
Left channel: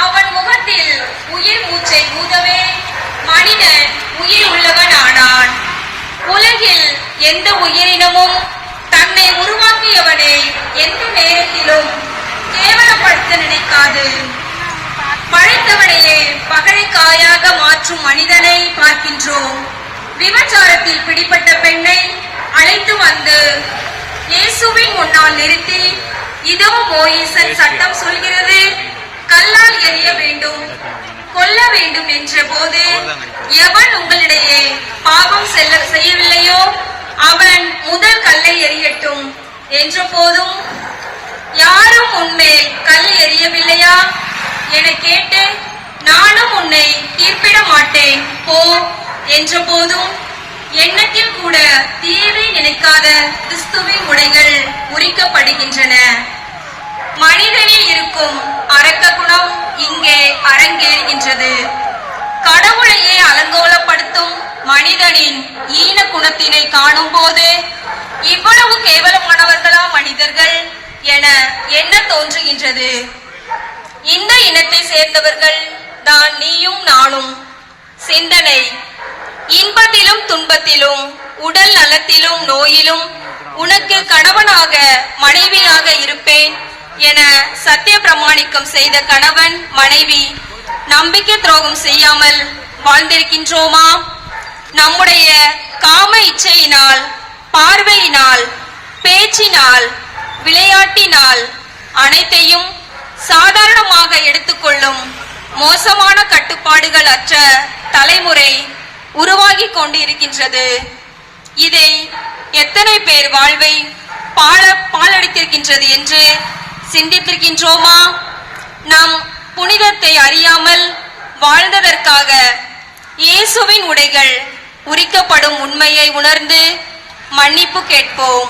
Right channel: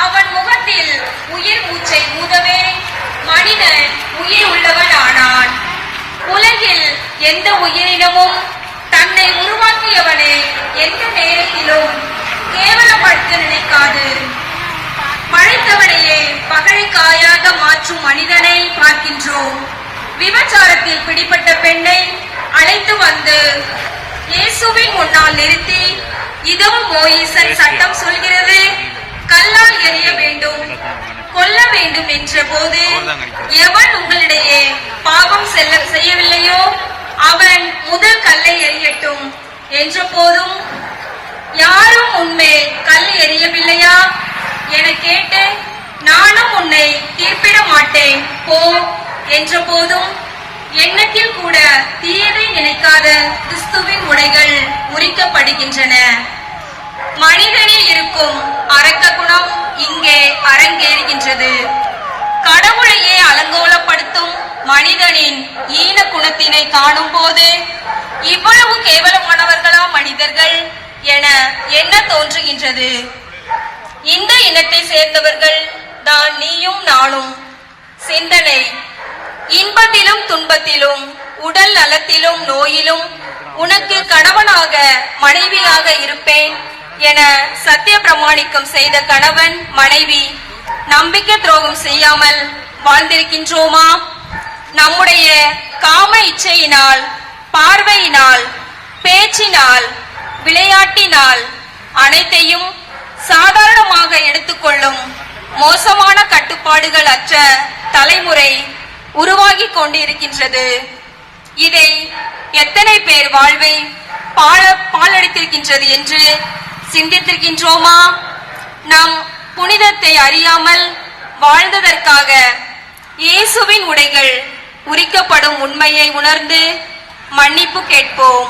அவன் முகத்தில் உயிர் மூச்சை ஊதவே மனிதன் உயிர் உள்ளவன் ஆனான். உலகில் எந்த உயிரினமும் தன்னை உருவாக்கியவனை எந்த நேரத்திலும் கேவலப்படுத்த நினைக்காது. பழைத்தவனையே பகழைக்காயாக மாற்றும் மனிதனை பார்க்கின்றோம். விபச்சாரத்தில் பிடிப்பட்ட பெண்ணை அழைத்து வந்து இயேசுவின் முன்னால் நிறுத்தி, இதோ மோயிசன் சட்டம் சொல்கிறது, கல்லால் எறிய வேண்டும், கொல்ல வேண்டும் என்ற போது, எவன் உங்களிடையே பாவம் செய்யவில்லையோ அவன் முதல் கல்லை எறியட்டும் என்ற போதும், யாரும் உன்மேல் கல் எறியவில்லையா என கேட்டு, நானும் உன்னை தீர்ப்பிட மாட்டேன் போ என்ற போதும், எண்ணத்தில் கூட தீயதை நினைக்காத கிறிஸ்துவின் உடைகள் உரிக்கப்படுகின்றன. மனிதனில் இருக்கும் அரக்க குணம் இங்கே அரங்கேறுகின்றது. கடவுளையே அலங்கோலப்படுத்தும் மனிதனின் ஈன குணத்தினை காணும் போது, இவ்வளவு கேவலமானவர்களா மனிதர்கள் என எண்ண தோன்றுகின்றது. இந்த இனத்தை சேர்ந்தவர்கள் தான் நீயும் நானும். சிந்தனை: இன்பத்திலும் துன்பத்திலும் உடல் நலத்திலும் நோயிலும் உனக்கு கணவனாக மனைவியாக இருப்பேன் என சத்திய பிரமாணிக்கம் செய்த கணவன் மனைவி நம்பிக்கை துரோகம் செய்யாமல் வாழ்ந்திருக்கின்றோமா? நம்முடைய காம இச்சையினால், பார்வையினால், பேச்சினால், விளையாட்டினால் அனைத்தையும் சாதாரணமாக எடுத்துக்கொள்ளும் மோசமான கட்டுப்பாடுகள் அற்ற தலைமுறை உருவாகி கொண்டிருக்கின்றது. இதை எத்தனை பேர் வாழ்வை பாழடித்திருக்கின்றது என்று சிந்தித்திருக்கின்றோமா? நம் புனிதத்தை அறியாமல் வாழ்ந்ததற்காக இயேசுவின் உடைகள் உரிக்கப்படும் உண்மையை உணர்ந்து மன்னிப்பு கேட்போம்.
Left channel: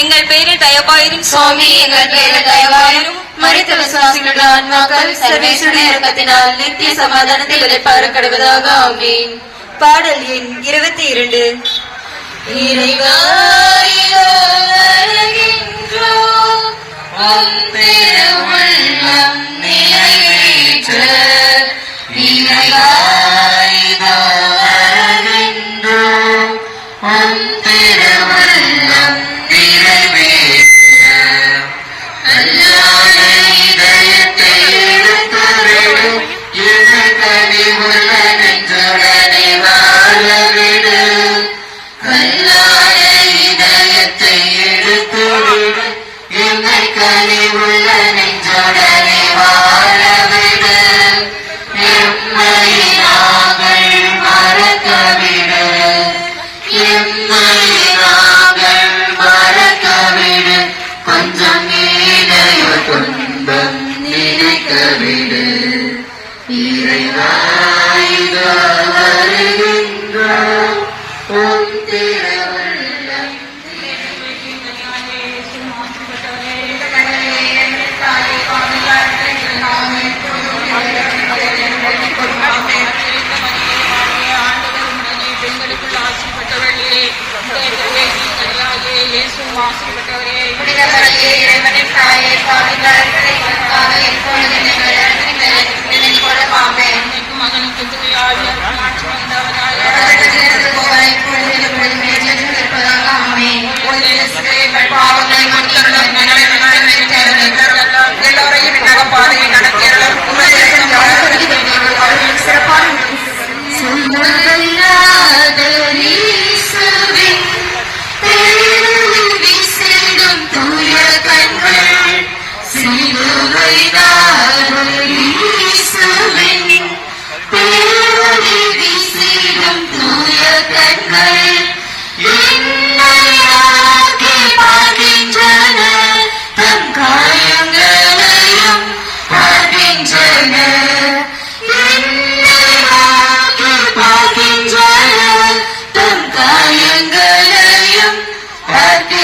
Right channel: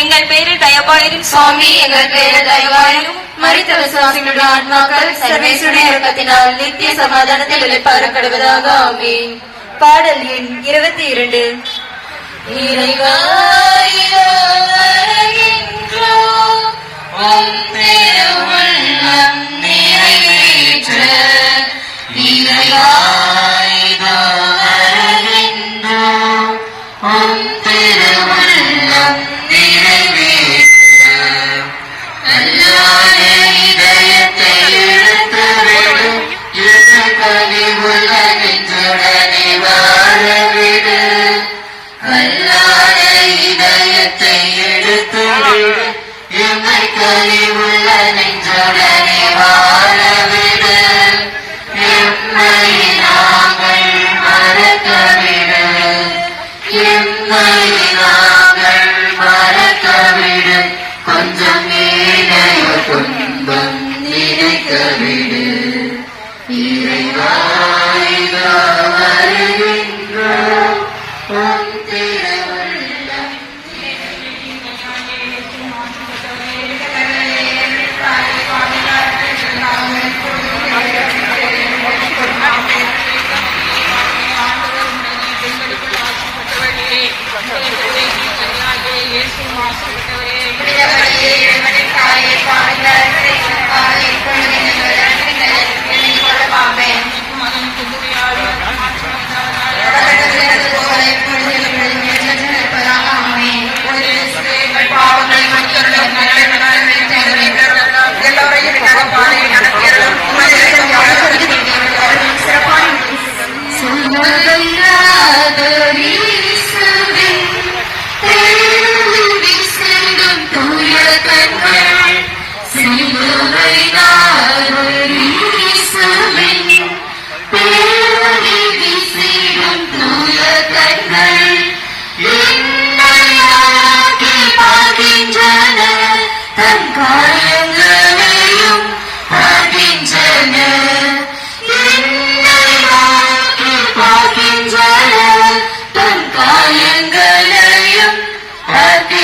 எங்கள் பேரு தயவாயிரும் சுவாமி, எங்கள் பேரு தயவாயிரும். மரித்த விசுவாசிகளுடைய ஆன்மாக்கள் சர்வேஸ்வருடைய இரக்கத்தினால் நித்திய சமாதானத்தில் இளைப்பாறப்படுவதாக. ஆமென். பாடல் எண் 22. இறைவா, இதோ வருகின்றோம், உம் திருவுள்ளம் நிறைவேற்ற. இறைவா, இதோ வருகின்றோம், உம் திருவுள்ளம் நிறைவேற்ற. அல்லாத இதயத்தை எடுத்துவிடும், என்னை கனிவுள்ள நெஞ்சுடனே வாழவிடு. அல்லாத இதயத்தை எடுத்துவிடும், என்னை கனிவுள்ள நெஞ்சுடனே வாழவிடு. என்னை நாங்கள் மறக்கவிடு, என்னை நாங்கள் மறக்கவிடு. கொஞ்சம் மேலைய துன்பம் நினைக்கவிடு. இறைவா, இதோ வருகின்றோம், உம் திருவுள்ளம் இறைவனின் தாயே, பாவிகளாகிய எங்களுக்காக இப்பொழுது எல்லோரையும்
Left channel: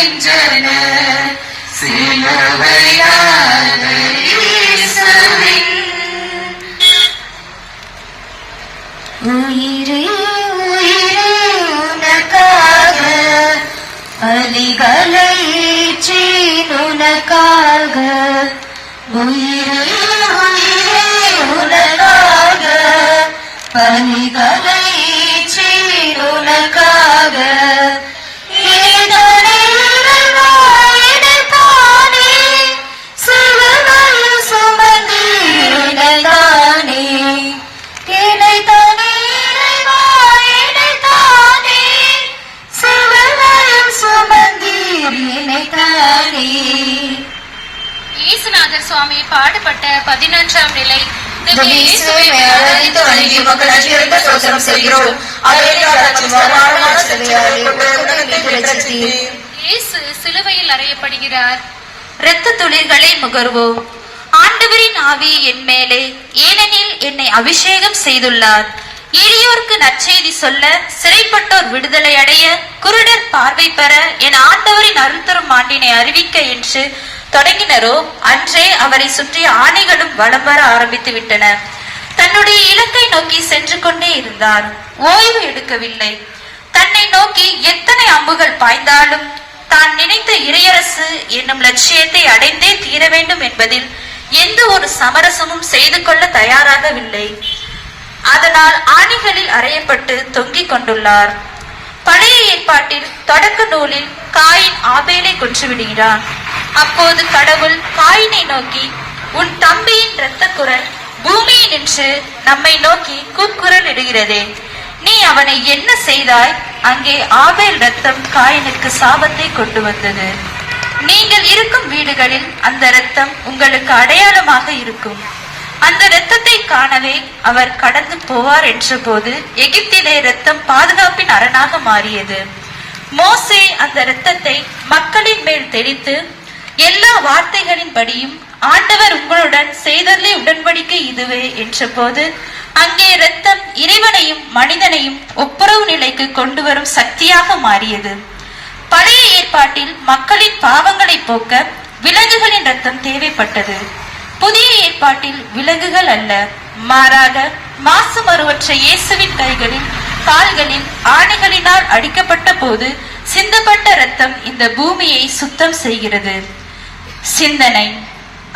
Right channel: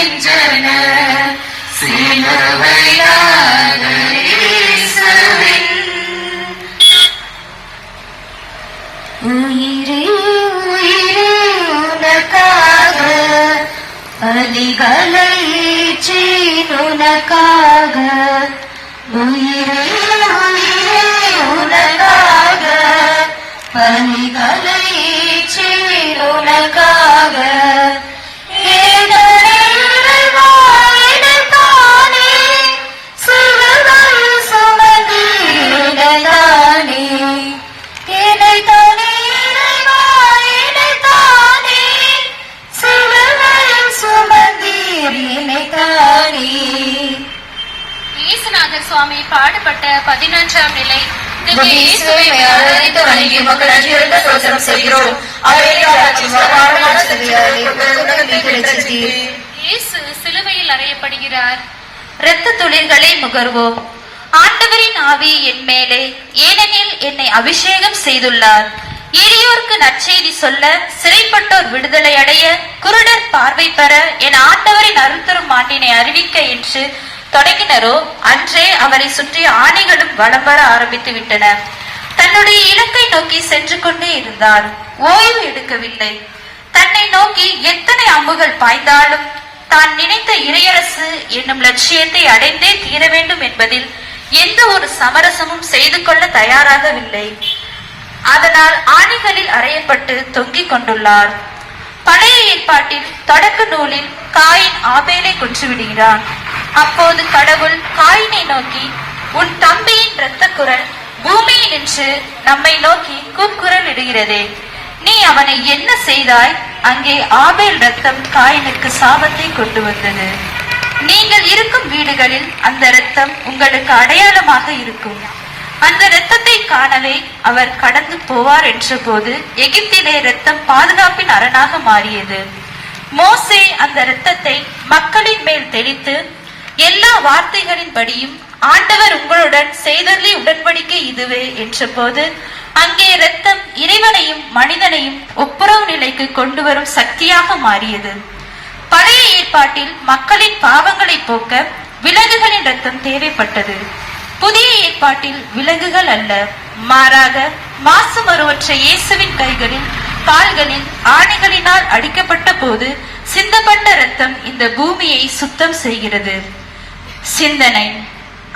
பாடுகின்றன சிலுவையான இயேசுவின் உயிரே உயிரே உனக்காக பலிகளை ஏற்றி உனக்காக உயிரே உயிரே உனக்காக பலிகளை ஏற்றி உனக்காக இயேசுநாதர் சுவாமி பாடுபட்ட 11ஆம் நிலை இயேசுவை ஆராதித்து வணங்கி மக்கள் அடியெடுத்து சோசனம் செய்கிறோம். இயேசு சிலுவையில் அறையப்படுகிறார். இரத்த துளிர்களை முகர்வோம். ஆண்டவரின் ஆவி என் மேலே, ஏனெனில் என்னை அபிஷேகம் செய்துள்ளார். எளியோருக்கு நற்செய்தி சொல்ல, சிறைப்பட்டோர் விடுதலை அடைய, குருடர் பார்வை பெற, என் ஆண்டவரின் அருள் தரும் ஆண்டினை அறிவிக்க என்று தொடங்கினரோ அன்றே அவரை சுற்றி ஆணைகளும் வலம் வர ஆரம்பித்து விட்டன. தன்னுடைய இலக்கை நோக்கி சென்று கொண்டே இருந்தார். ஓய்வு எடுக்கவில்லை. தன்னை நோக்கி எத்தனை அம்புகள் பாய்ந்தாலும் தான் நினைத்த இறையரசு என்னும் லட்சியத்தை அடைந்தே தீர வேண்டும் என்பதில் எந்த ஒரு சமரசமும் செய்து கொள்ள தயாராகவில்லை. அதனால் ஆணிகளில் அறையப்பட்டு தொங்கிக் கொண்டுள்ளார். பழைய ஏற்பாட்டில் தொடக்க நூலில் காயின் ஆபேலை கொன்றுவிடுகிறான். அப்போது கடவுள் காயினை நோக்கி, உன் தம்பியின் இரத்த குரல் பூமியில் நின்று நம்மை நோக்கி கூக்குரல் இடுகிறதே, நீ அவனை என்ன செய்தாய்? அங்கே ஆபேல் இரத்தம் காயினுக்கு சாபத்தை கொண்டு வந்தது. நீங்கள் இருக்கும் வீடுகளில் அந்த இரத்தம் உங்களுக்கு அடையாளமாக இருக்கும். அந்த இரத்தத்தை காணவே அவர் கடந்து போவார் என்ற போது எகிப்திலே இரத்தம் பாதுகாப்பின் அரணாக மாறியது. மோசே அந்த இரத்தத்தை மக்களின் மேல் தெளித்து, எல்லா வார்த்தைகளின்படியும் ஆண்டவர் உங்களுடன் செய்தலே உடன்படிக்கை இதுவே என்ற போது அங்கே இரத்தம் இறைவனையும் மனிதனையும் ஒப்புரவு நிலைக்கு கொண்டு வரும் சக்தியாக மாறியது. பழைய ஏற்பாட்டில் மக்களின் பாவங்களை போக்க விலங்குகளின் இரத்தம் தேவைப்பட்டது. புதிய ஏற்பாட்டில் விலங்குகள் அல்ல, மாறாக மாசு மறுவற்ற இயேசுவின் கைகளில் கால்களில் ஆணைகளினால் அடிக்கப்பட்ட போது சிந்தப்பட்ட இரத்தம் இந்த பூமியை சுத்தம் செய்கிறது. சிந்தனை.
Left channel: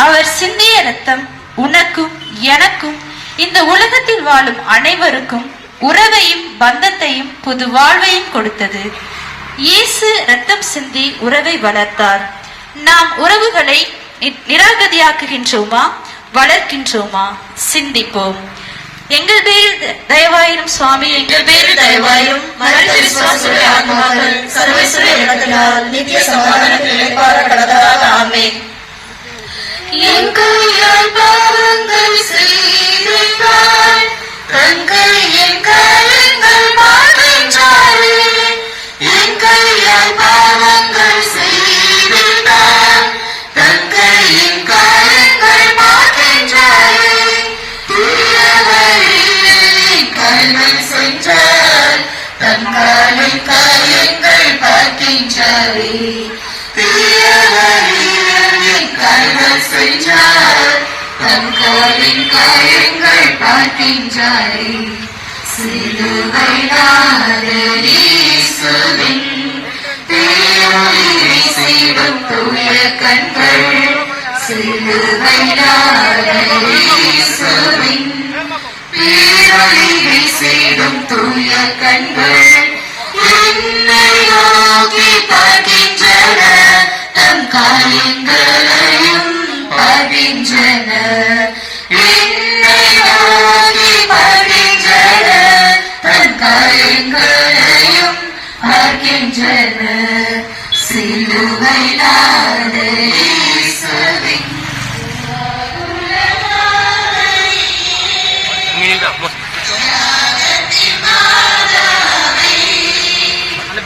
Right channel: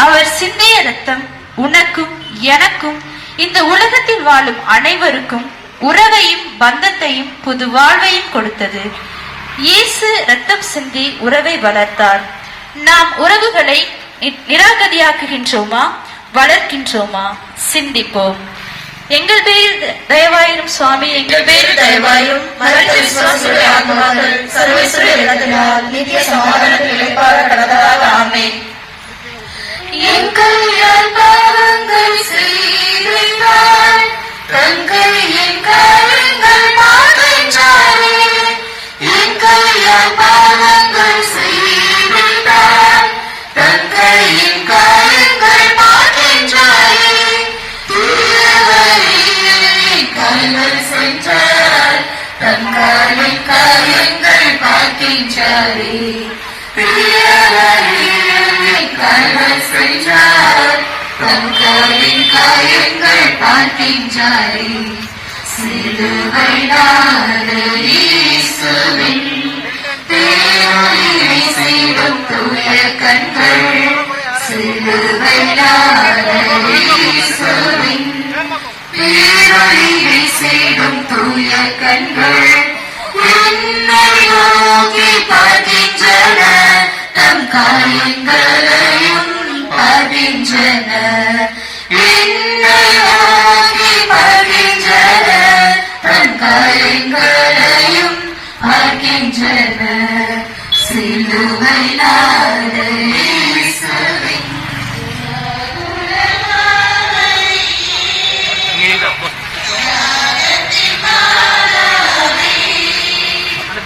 அவர் சிந்திய இரத்தம் உனக்கும் எனக்கும் இந்த உலகத்தில் வாழும் அனைவருக்கும் உறவையும் பந்தத்தையும் புது வாழ்வையும் கொடுத்தது. இயேசு இரத்தம் சிந்தி உறவை வளர்த்தார். நாம் உறவுகளை நிராகதியாக்குகின்றோமா, வளர்க்கின்றோமா? சிந்திப்போம். எங்கள் பேரில் தயவாயிரும் சுவாமி, எங்கள் பேரில் தயவாயிரும். நித்திய சமாதானத்தில் ஆமென். எங்கள் பாவங்கள் செய்தார், தங்கள் என் காரியங்கள் மாற்றாரே. எங்கள் பாவங்கள் செய்தார், தங்கள் என் காரியங்கள் மாற்றாரே. கல்வன் சென்றார், தங்களின் காரியங்கள் பார்க்கின்றாரே. கல்வன் சென்றார், தங்களின் காரியங்கள் பார்க்கின்றாரே. சிலுவையானது இயேசுவின் பேரொளியை செய்டும் தூய கண்கள். சிலுவையானது இயேசுவின் பேரொளியை செய்டும் தூய கண்கள். என்னை நோக்கி பார்க்கின்றன, தம் காரியங்களையும் பார்க்கின்றன. என்னை நோக்கி பார்க்கின்றன, தம் காரியங்களையும் பார்க்கின்றன. சிலுவையானது இயேசுவின்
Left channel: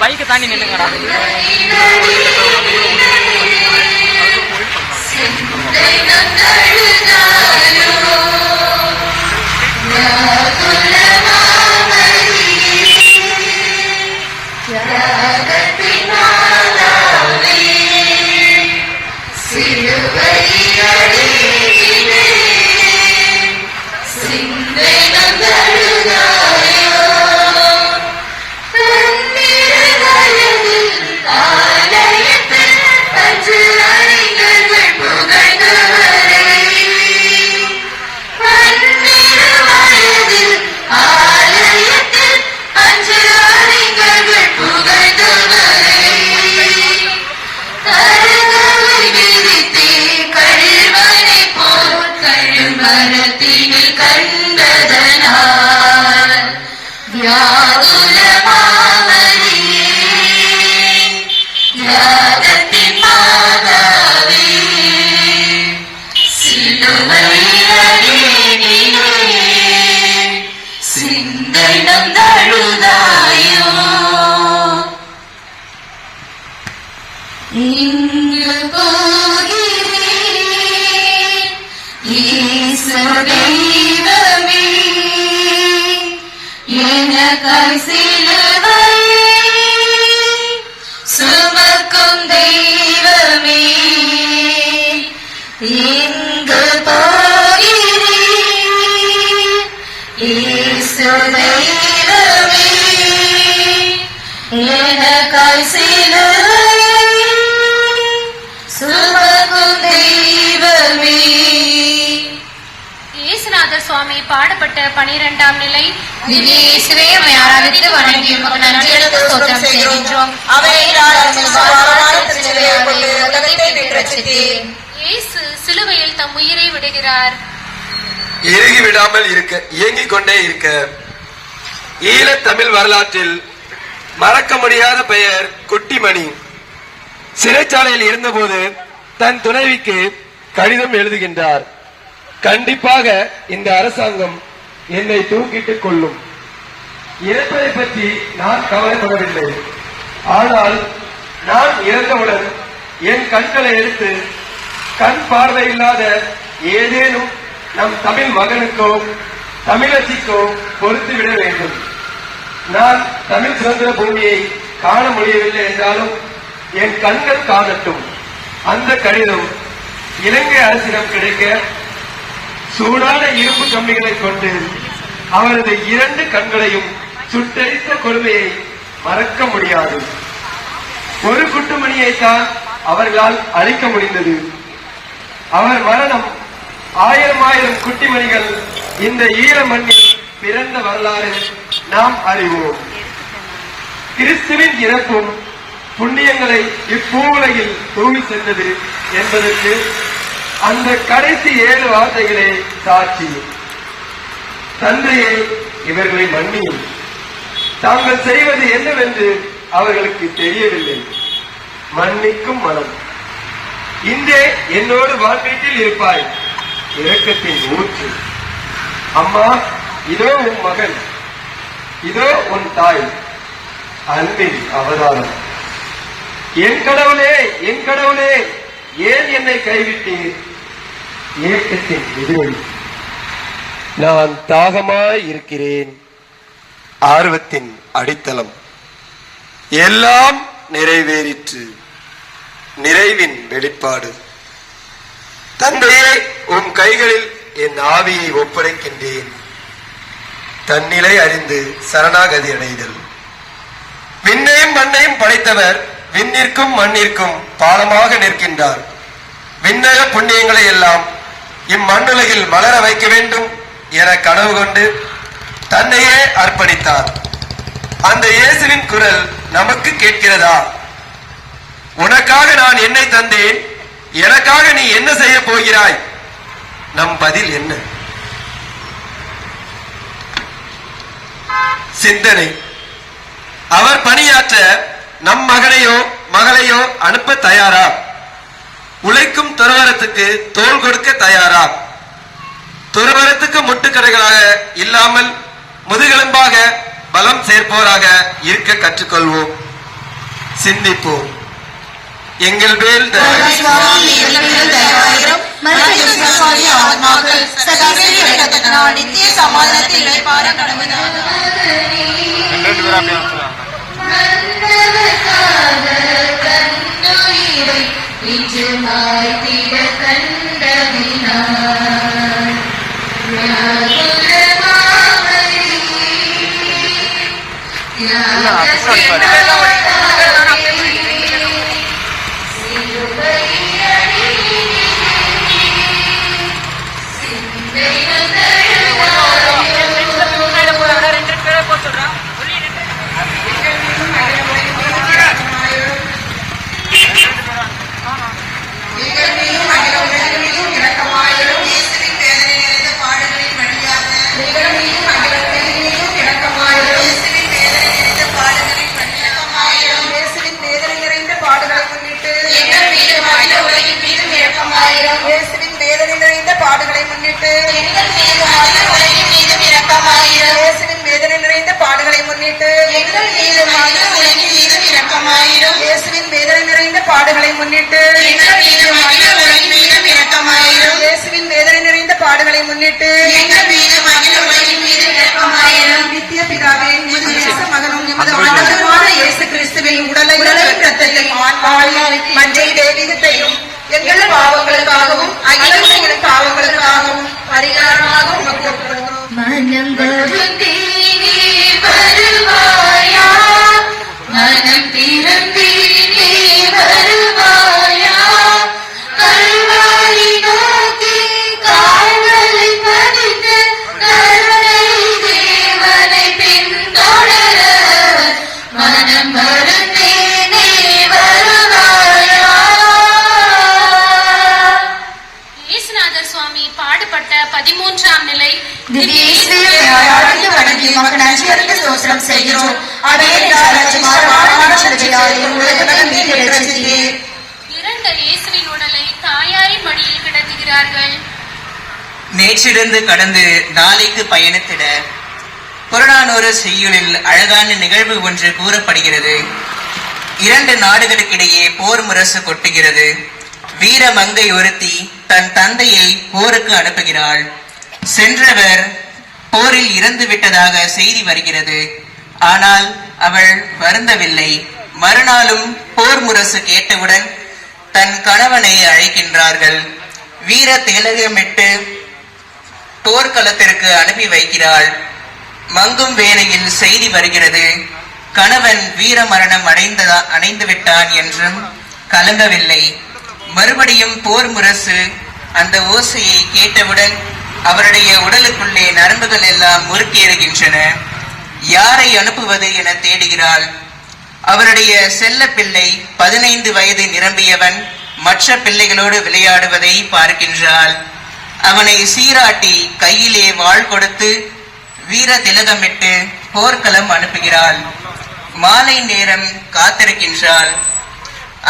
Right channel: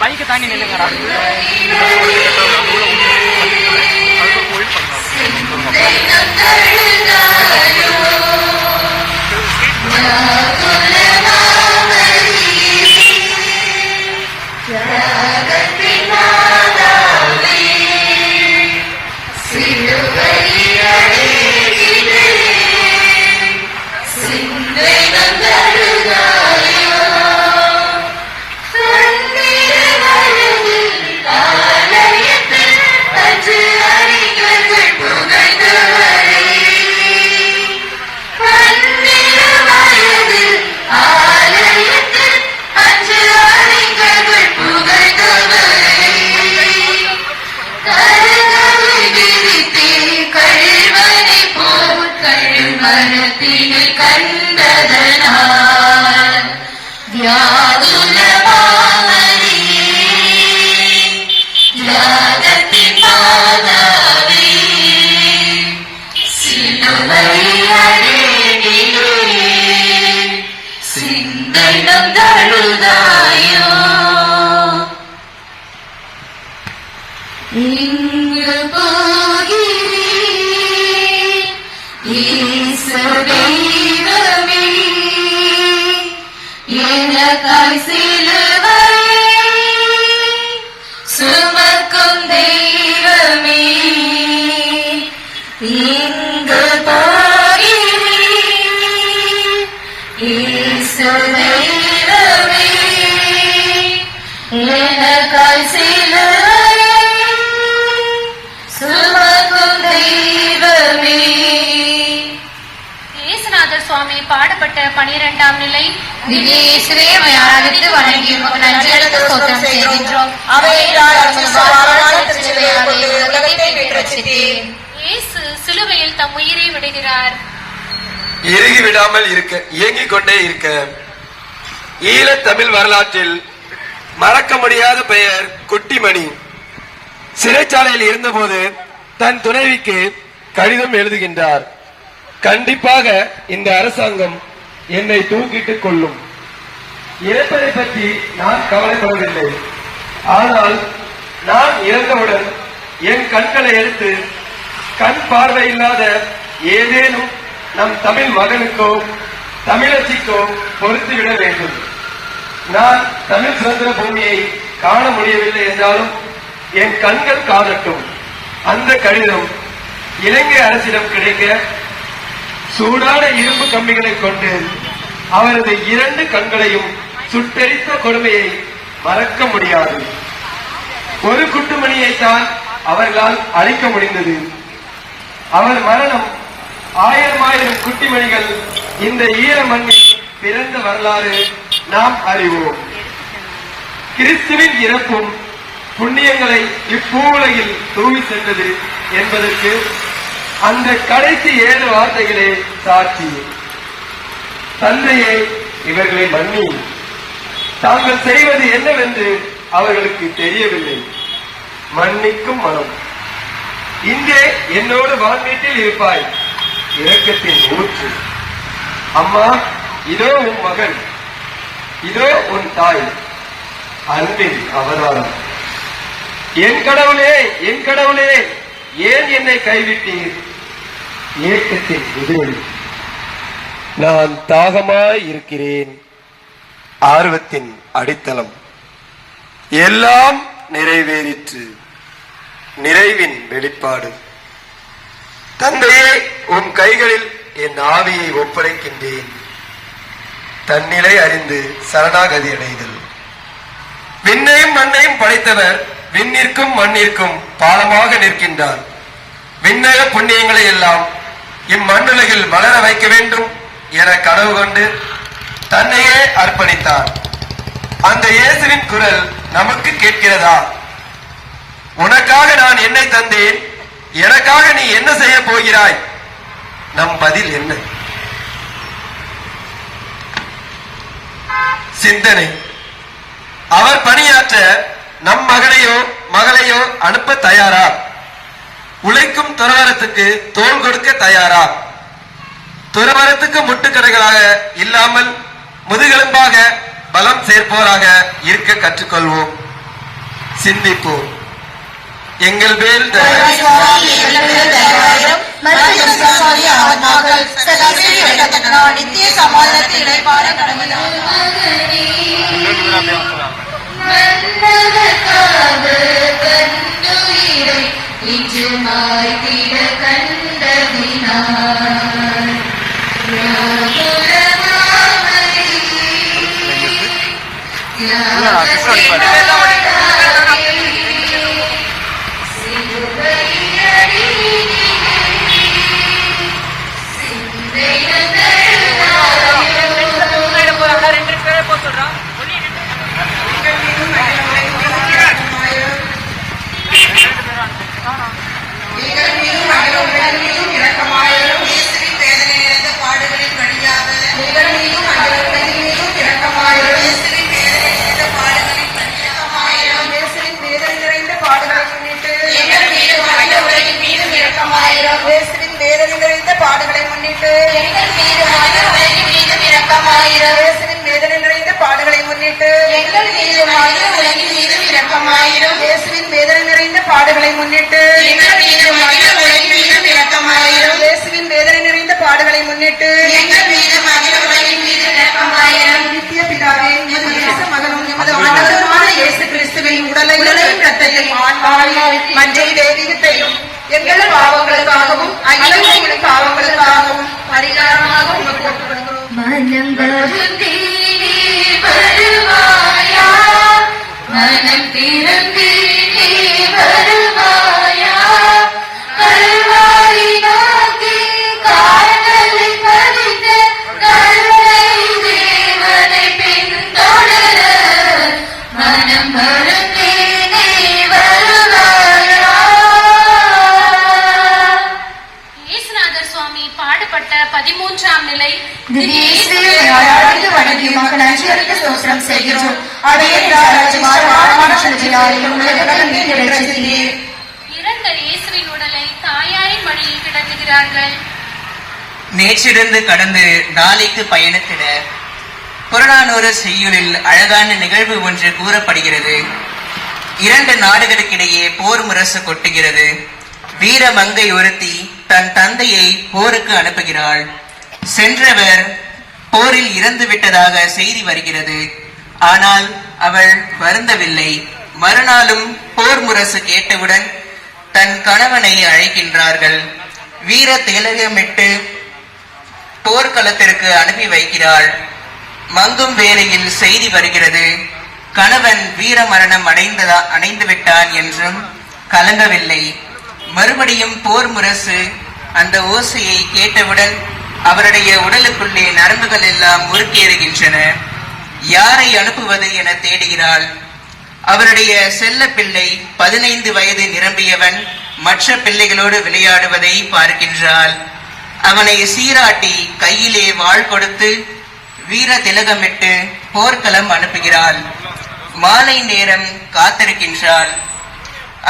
பைக்கை தாண்டி நின்று ஜகத்தின் மாதாவே எனக்காய் சுமக்கும் தெய்வமே. இயேசுநாதர் சுவாமி பாடுபட்ட 12ஆம் நிலை. திவ்ய இயேசுவே, உம்மை ஆராதித்து வணங்கி உமக்கு நன்றியெழுந்து ஸ்தோத்திரம் செய்கின்றோம். இயேசு சிலுவையில் தம் உயிரை விடுகிறார். இறுகி விடாமல் இருக்க, இயங்கிக் கொண்டே இருக்க. ஈழத் தமிழ் வரலாற்றில் மறக்க முடியாத பெயர் குட்டிமணி. சிறைச்சாலையில் இருந்தபோது தன் துணைவிக்கு கடிதம் எழுதுகின்றார். கண்டிப்பாக இந்த அரசாங்கம் என்னை தூக்கிட்டுக் கொள்ளும். இறப்பதை பற்றி நான் கவலைப்படுவதில்லை. ஆனால் நான் இறந்தவுடன் என் கண்களை எடுத்து கண் பார்வையில்லாத ஏதேனும் நம் தமிழ் மகனுக்கோ தமிழச்சிக்கோ பொறுத்துவிட வேண்டும். நான் தமிழ் சுதந்திர பூமியை காண முடியவில்லை என்றாலும் என் கண்கள் காணட்டும். அந்த கடிதம் இலங்கை அரசிடம் கிடைக்க சூடான இரும்பு கம்பிகளை கொண்டு அவரது 2 கண்களையும் சுட்டெரித்த கொடுமையை மறக்க முடியாது. ஒரு குட்டுமணியைத்தான் அவர்களால் அழிக்க முடிந்தது. அவர் மரணம் 1000 குட்டிமணிகள் இந்த ஈர மண்ணில் பிறந்த வரலாறு நாம் அறிவோம். கிறிஸ்துவின் இறப்பும் புண்ணியங்களை இப்பூவுலகில் தூவி சென்றது என்பதற்கு அந்த கடைசி 7 வார்த்தைகளே சாட்சி. தந்தையே, இவர்களை மன்னியும். தாங்கள் செய்வது என்னவென்று அவர்களுக்கு தெரியவில்லை. மன்னிக்கும் மனம். இங்கே என்னோடு வான்வீட்டில் இருப்பாய். இரக்கத்தின் ஊற்று. அம்மா, இதோ உன் மகன், இதோ உன் தாய், அன்பின் அவதாரம். என் கடவுளே, என் கடவுளே, ஏன் என்னை கைவிட்டீர்? ஏக்கத்தின் எதிரொலி. நான் தாகமாய் இருக்கிறேன். ஆர்வத்தின் அடித்தளம். எல்லாம் நிறைவேறிற்று. நிறைவின் வெளிப்பாடு. தந்தையே, உன் கைகளில் என் ஆவியை ஒப்படைக்கின்றேன். தன்னிலை அறிந்து சரணாகதி அடைதல். விண்ணையும் மண்ணையும் படைத்தவர் விண்ணிற்கும் மண்ணிற்கும் பாலமாக நிற்கின்றார். விண்ணக புண்ணியங்களை எல்லாம் இம்மண்ணுலகில் மலர வைக்க வேண்டும் என கனவு கொண்டு தன்னையே அர்ப்பணித்தார். அந்த இயேசுவின் குரல் நமக்கு கேட்கிறதா? உனக்காக நான் என்னை தந்தேன், எனக்காக நீ என்ன செய்ய போகிறாய்? நம் பதில் என்ன? சிந்தனை. அவர் பணியாற்ற நம் மகனையோ மகளையோ அனுப்ப தயாரா? உழைக்கும் துறவரத்துக்கு தோள் கொடுக்க தயாரா? துறவரத்துக்கு முட்டுக்கடைகளாக இல்லாமல் முதுகெலும்பாக பலம் சேர்ப்போராக இருக்க கற்றுக்கொள்வோம். சிந்திப்போம். எங்கள் மேல் நித்திய சமாதானத்தை இழைப்பார பாடுகளை முன்னிட்டு எங்கள் மீது வேதனை நிறைந்த பாடுகளை முன்னிட்டு எங்கள் மீது இரக்கமாயிரும். இயேசுவின் வேதனை நிறைந்த பாடுகளை முன்னிட்டு எங்கள் மீது இரக்கமாயிரும். இயேசுவின் வேதனை நிறைந்த பாடுகளை முன்னிட்டு எங்கள் மீது இரக்கமாயிரும். நித்திய பிதாவே, எமது நேச மகனும் எமது ஆண்டவருமான இயேசு கிறிஸ்துவின் உடலையும் இரத்தத்தையும் ஆன்மாவையும் மஞ்சள் தேவியத்தையும் எங்கள் பாவங்களுக்காகவும் அகிலங்களின் பாவங்களுக்காகவும் பரிகாரமாக மனம் வருவாயா நம்மளுக்கு நீ வருவாயா? இயேசுநாதர் சுவாமி பாடுபட்ட 13ஆம் நிலை திவ்ய இயேசுவை ஆராய்ந்து வணங்கி உமக்கு நன்றியறிந்து ஸ்தோத்திரம் செய்கிறோம். அவையே இறந்த இயேசுவின் உடலை தாயாரின் மடியில் கிடத்துகிறார்கள். நேற்றிருந்து கடந்து நாளைக்கு பயணத்திட புறநானூறு செய்யுளில் அழகான நிகழ்வு ஒன்று கூறப்படுகிறது. 2 நாடுகளுக்கிடையே போர் முரசு கொட்டுகிறது. வீர மங்கை ஒருத்தி தன் தந்தையை போருக்கு அனுப்புகிறாள். சென்றவர் போரில் இறந்து விட்டதாக செய்தி வருகிறது. ஆனால் அவள் வருந்தவில்லை. மறுநாளும் போர் முரசு கேட்டவுடன் தன் கணவனை அழைக்கின்றார்கள். வீர திலகமிட்டு போர்க்களத்திற்கு அனுப்பி வைக்கிறாள். மங்கும் வேளையில் செய்தி வருகிறது, கணவன் வீர மரணம் அடைந்து விட்டான் என்றும் கலங்கவில்லை. மறுபடியும் போர் முரசு அந்த ஓசையை கேட்டவுடன் அவருடைய உடலுக்குள்ளே நரம்புகள் எல்லாம் முறுக்கேறுகின்றன. யாரை அனுப்புவது என தேடுகிறாள். அவருடைய செல்ல பிள்ளை 15 வயது நிரம்பியவன் மற்ற பிள்ளைகளோடு விளையாடுவதை பார்க்கின்றாள். அவனை சீராட்டி கையிலே வாள் கொடுத்து வீர திலகமிட்டு போர்க்களம் அனுப்புகிறாள். மாலை நேரம் காத்திருக்கின்றாள்.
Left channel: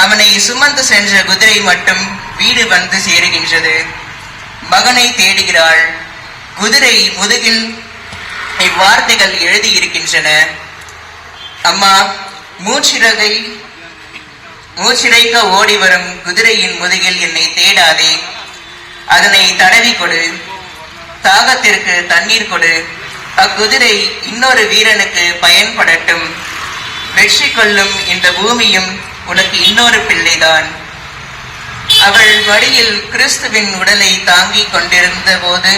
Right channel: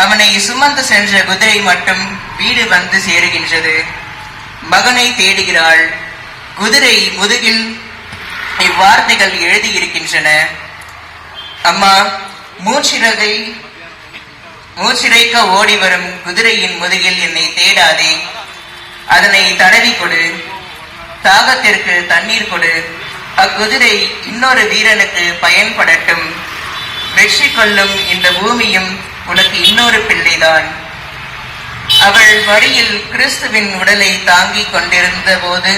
அவனை சுமந்து சென்ற குதிரை மட்டும் வீடு வந்து சேருகின்றது. மகனை தேடுகிறாள். குதிரை முதுகில் இவ்வார்த்தைகள் எழுதியிருக்கின்றன: அம்மா, மூச்சிறைக்க ஓடி வரும் குதிரையின் முதுகில் என்னை தேடாதே. அதனை தடவி கொடு. தாகத்திற்கு தண்ணீர் கொடு. அக்குதிரை இன்னொரு வீரனுக்கு பயன்படட்டும். வெற்றி கொள்ளும் இந்த பூமியும் உனக்கு இன்னொரு பிள்ளைதான். அவள் வழியில் கிறிஸ்துவின் உடலை தாங்கிக் கொண்டிருந்த போது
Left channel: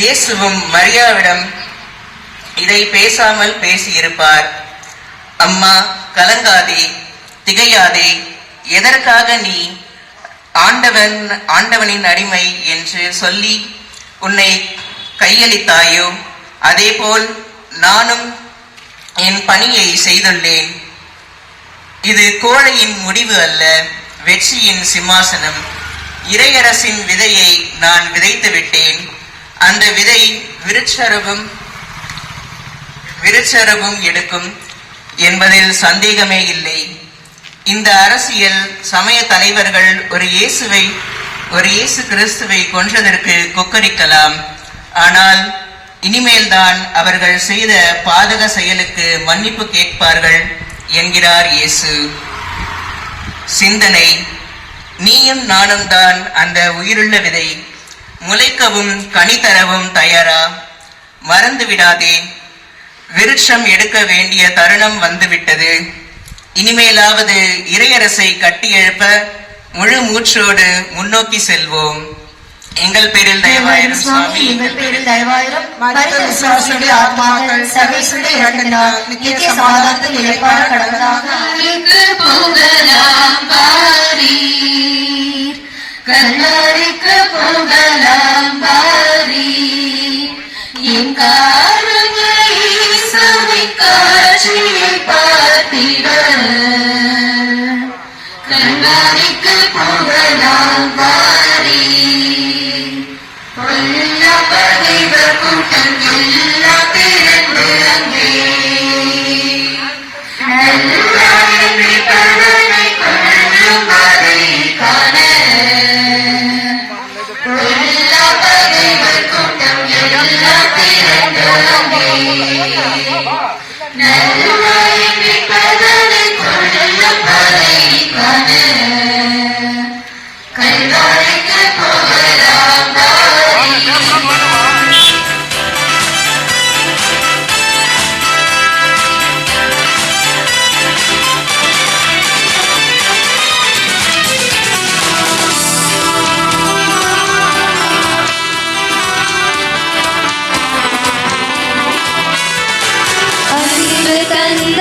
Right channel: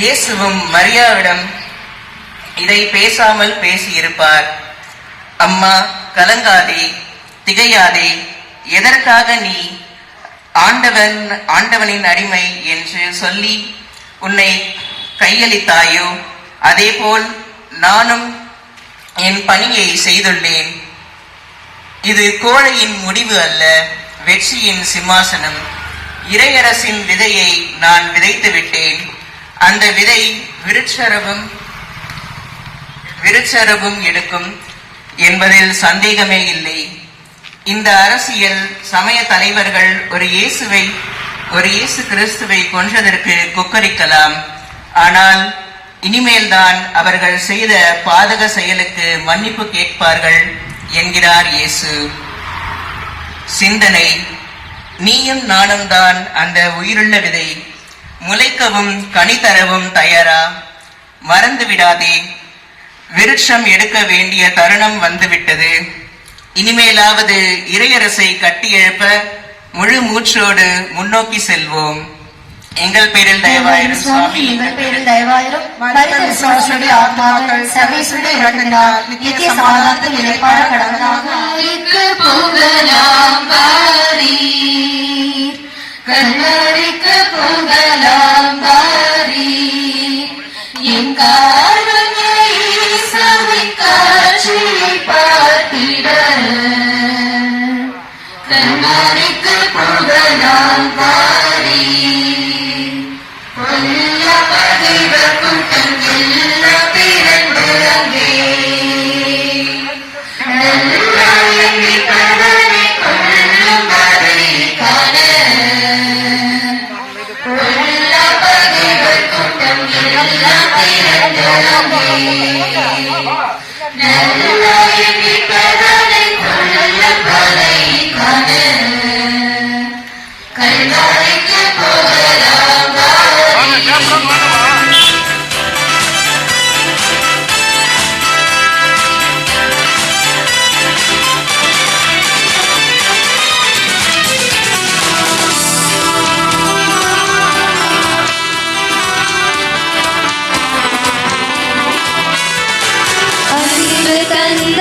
இயேசுவும் மரியாவிடம் இதை பேசாமல் பேசியிருப்பார். அம்மா, கலங்காதே, திகையாதே. எதற்காக நீ ஆண்டவனின் அடிமை என்று சொல்லி உன்னை கையளித்தாயோ, அதேபோல் நானும் என் பணியை செய்துள்ளேன். இது கோழையின் முடிவு அல்ல, வெற்றியின் சிம்மாசனம். இறையரசின் விதையை நான் விதைத்து விட்டேன். அந்த விதை விருட்சரவும் எடுக்கும் என்பதில் சந்தேகமே இல்லை. இந்த அரசியல் சமய தலைவர்கள் ஒரு இயேசு கிறிஸ்துவை கொன்றதற்கு கொக்கரிக்கலாம். ஆனால் இனிமேல்தான் அவர்கள் செய்த பாதக செயலுக்கு மன்னிப்பு கேட்பார்கள் என்கிறார் இயேசு. சிந்தனை: நீயும் நானும் தான் அந்த உயிருள்ள விதை. முளைக்கவும் கனி தரவும் தயாரா? மறந்து விடாதே, விருட்சம் எடுக்க வேண்டிய தருணம் வந்துவிட்டது. இனிமேலாவது இறையரசை கட்டியெழுப்ப முழு மூச்சோடு முன்னோக்கி செல்வோம். எங்கள் பேரில் தயவாயிரும் சுவாமி. எங்கள் பேரில் தயவாயிரும். விசுவாசிகளுடைய ஆத்மாக்கள் சர்வேஸ்வரனை இறங்கினார். நித்திய சமாதானத்தில் நிலைப்பாட கடவுளாக போகலாம் வாரீர், கல்லறைக்கு போகலாம் வாரீர். என் காரணை காட்சியை பார்த்திட கல்லறைக்கு போகலாம் வாரீர். கொல்ல பகைவ கூட்டம் எல்லாம் பிறந்து அங்கே நல்ல கருணை கொள்ளும் அதை காண கொல்ல பகைவ கூட்டம் எல்லாம் பிறந்து அங்கே நல்ல கருணை கொள்ளும் அதை காண கல்லறைக்கு போகலாம் அறிவு தந்த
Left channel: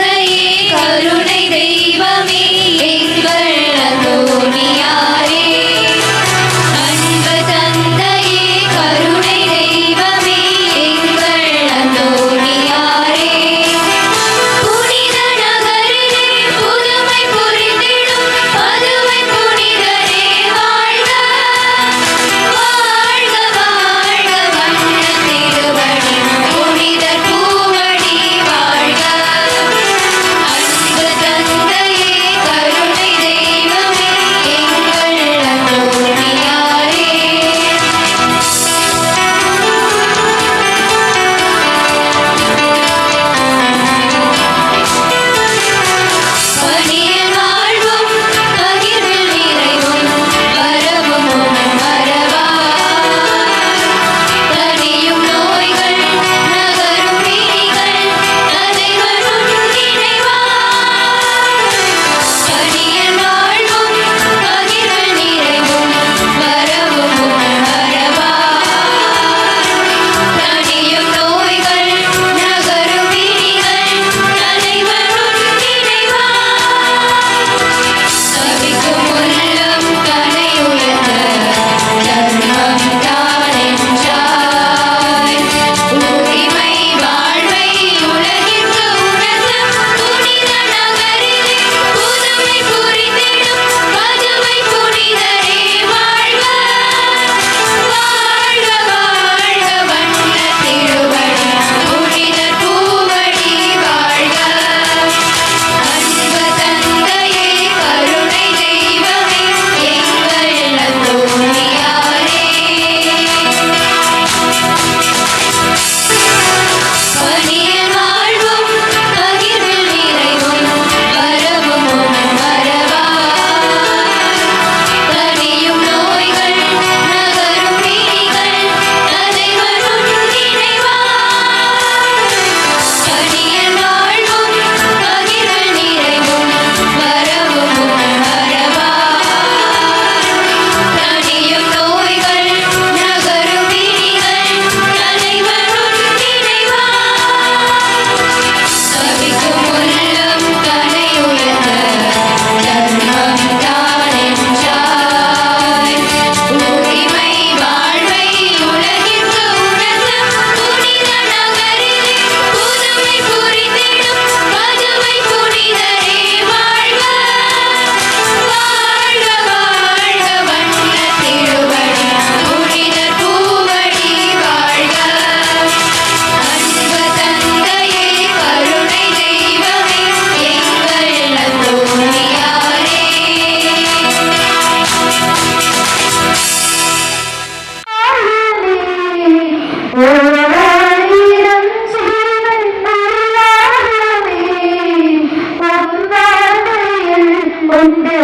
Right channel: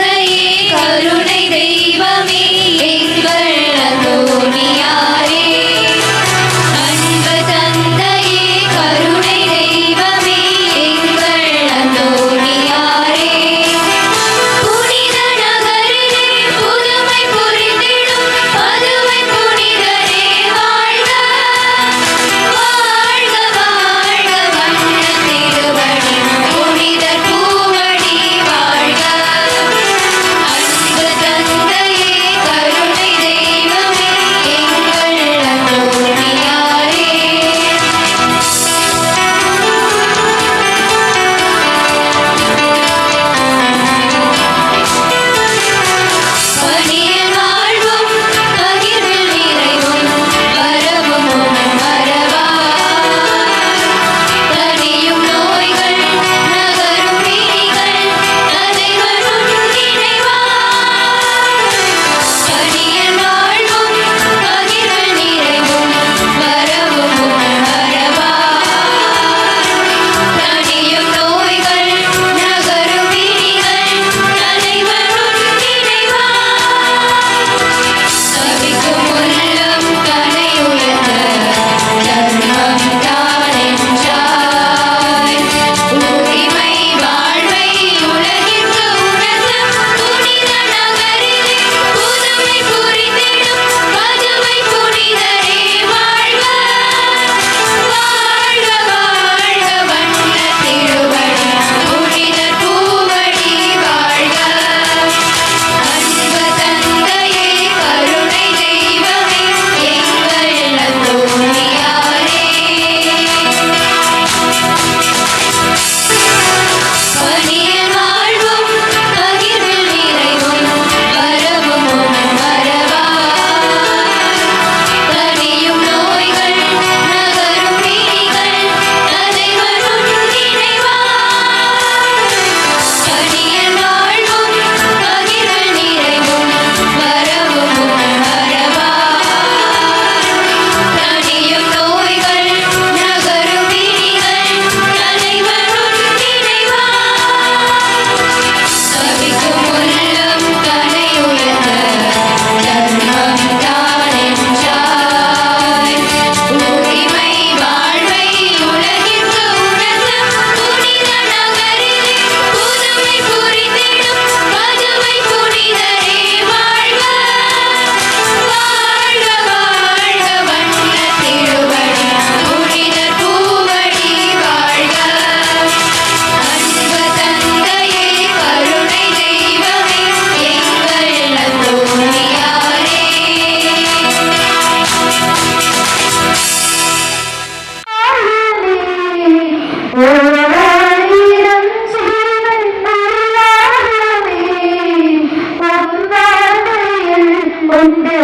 கொண்டு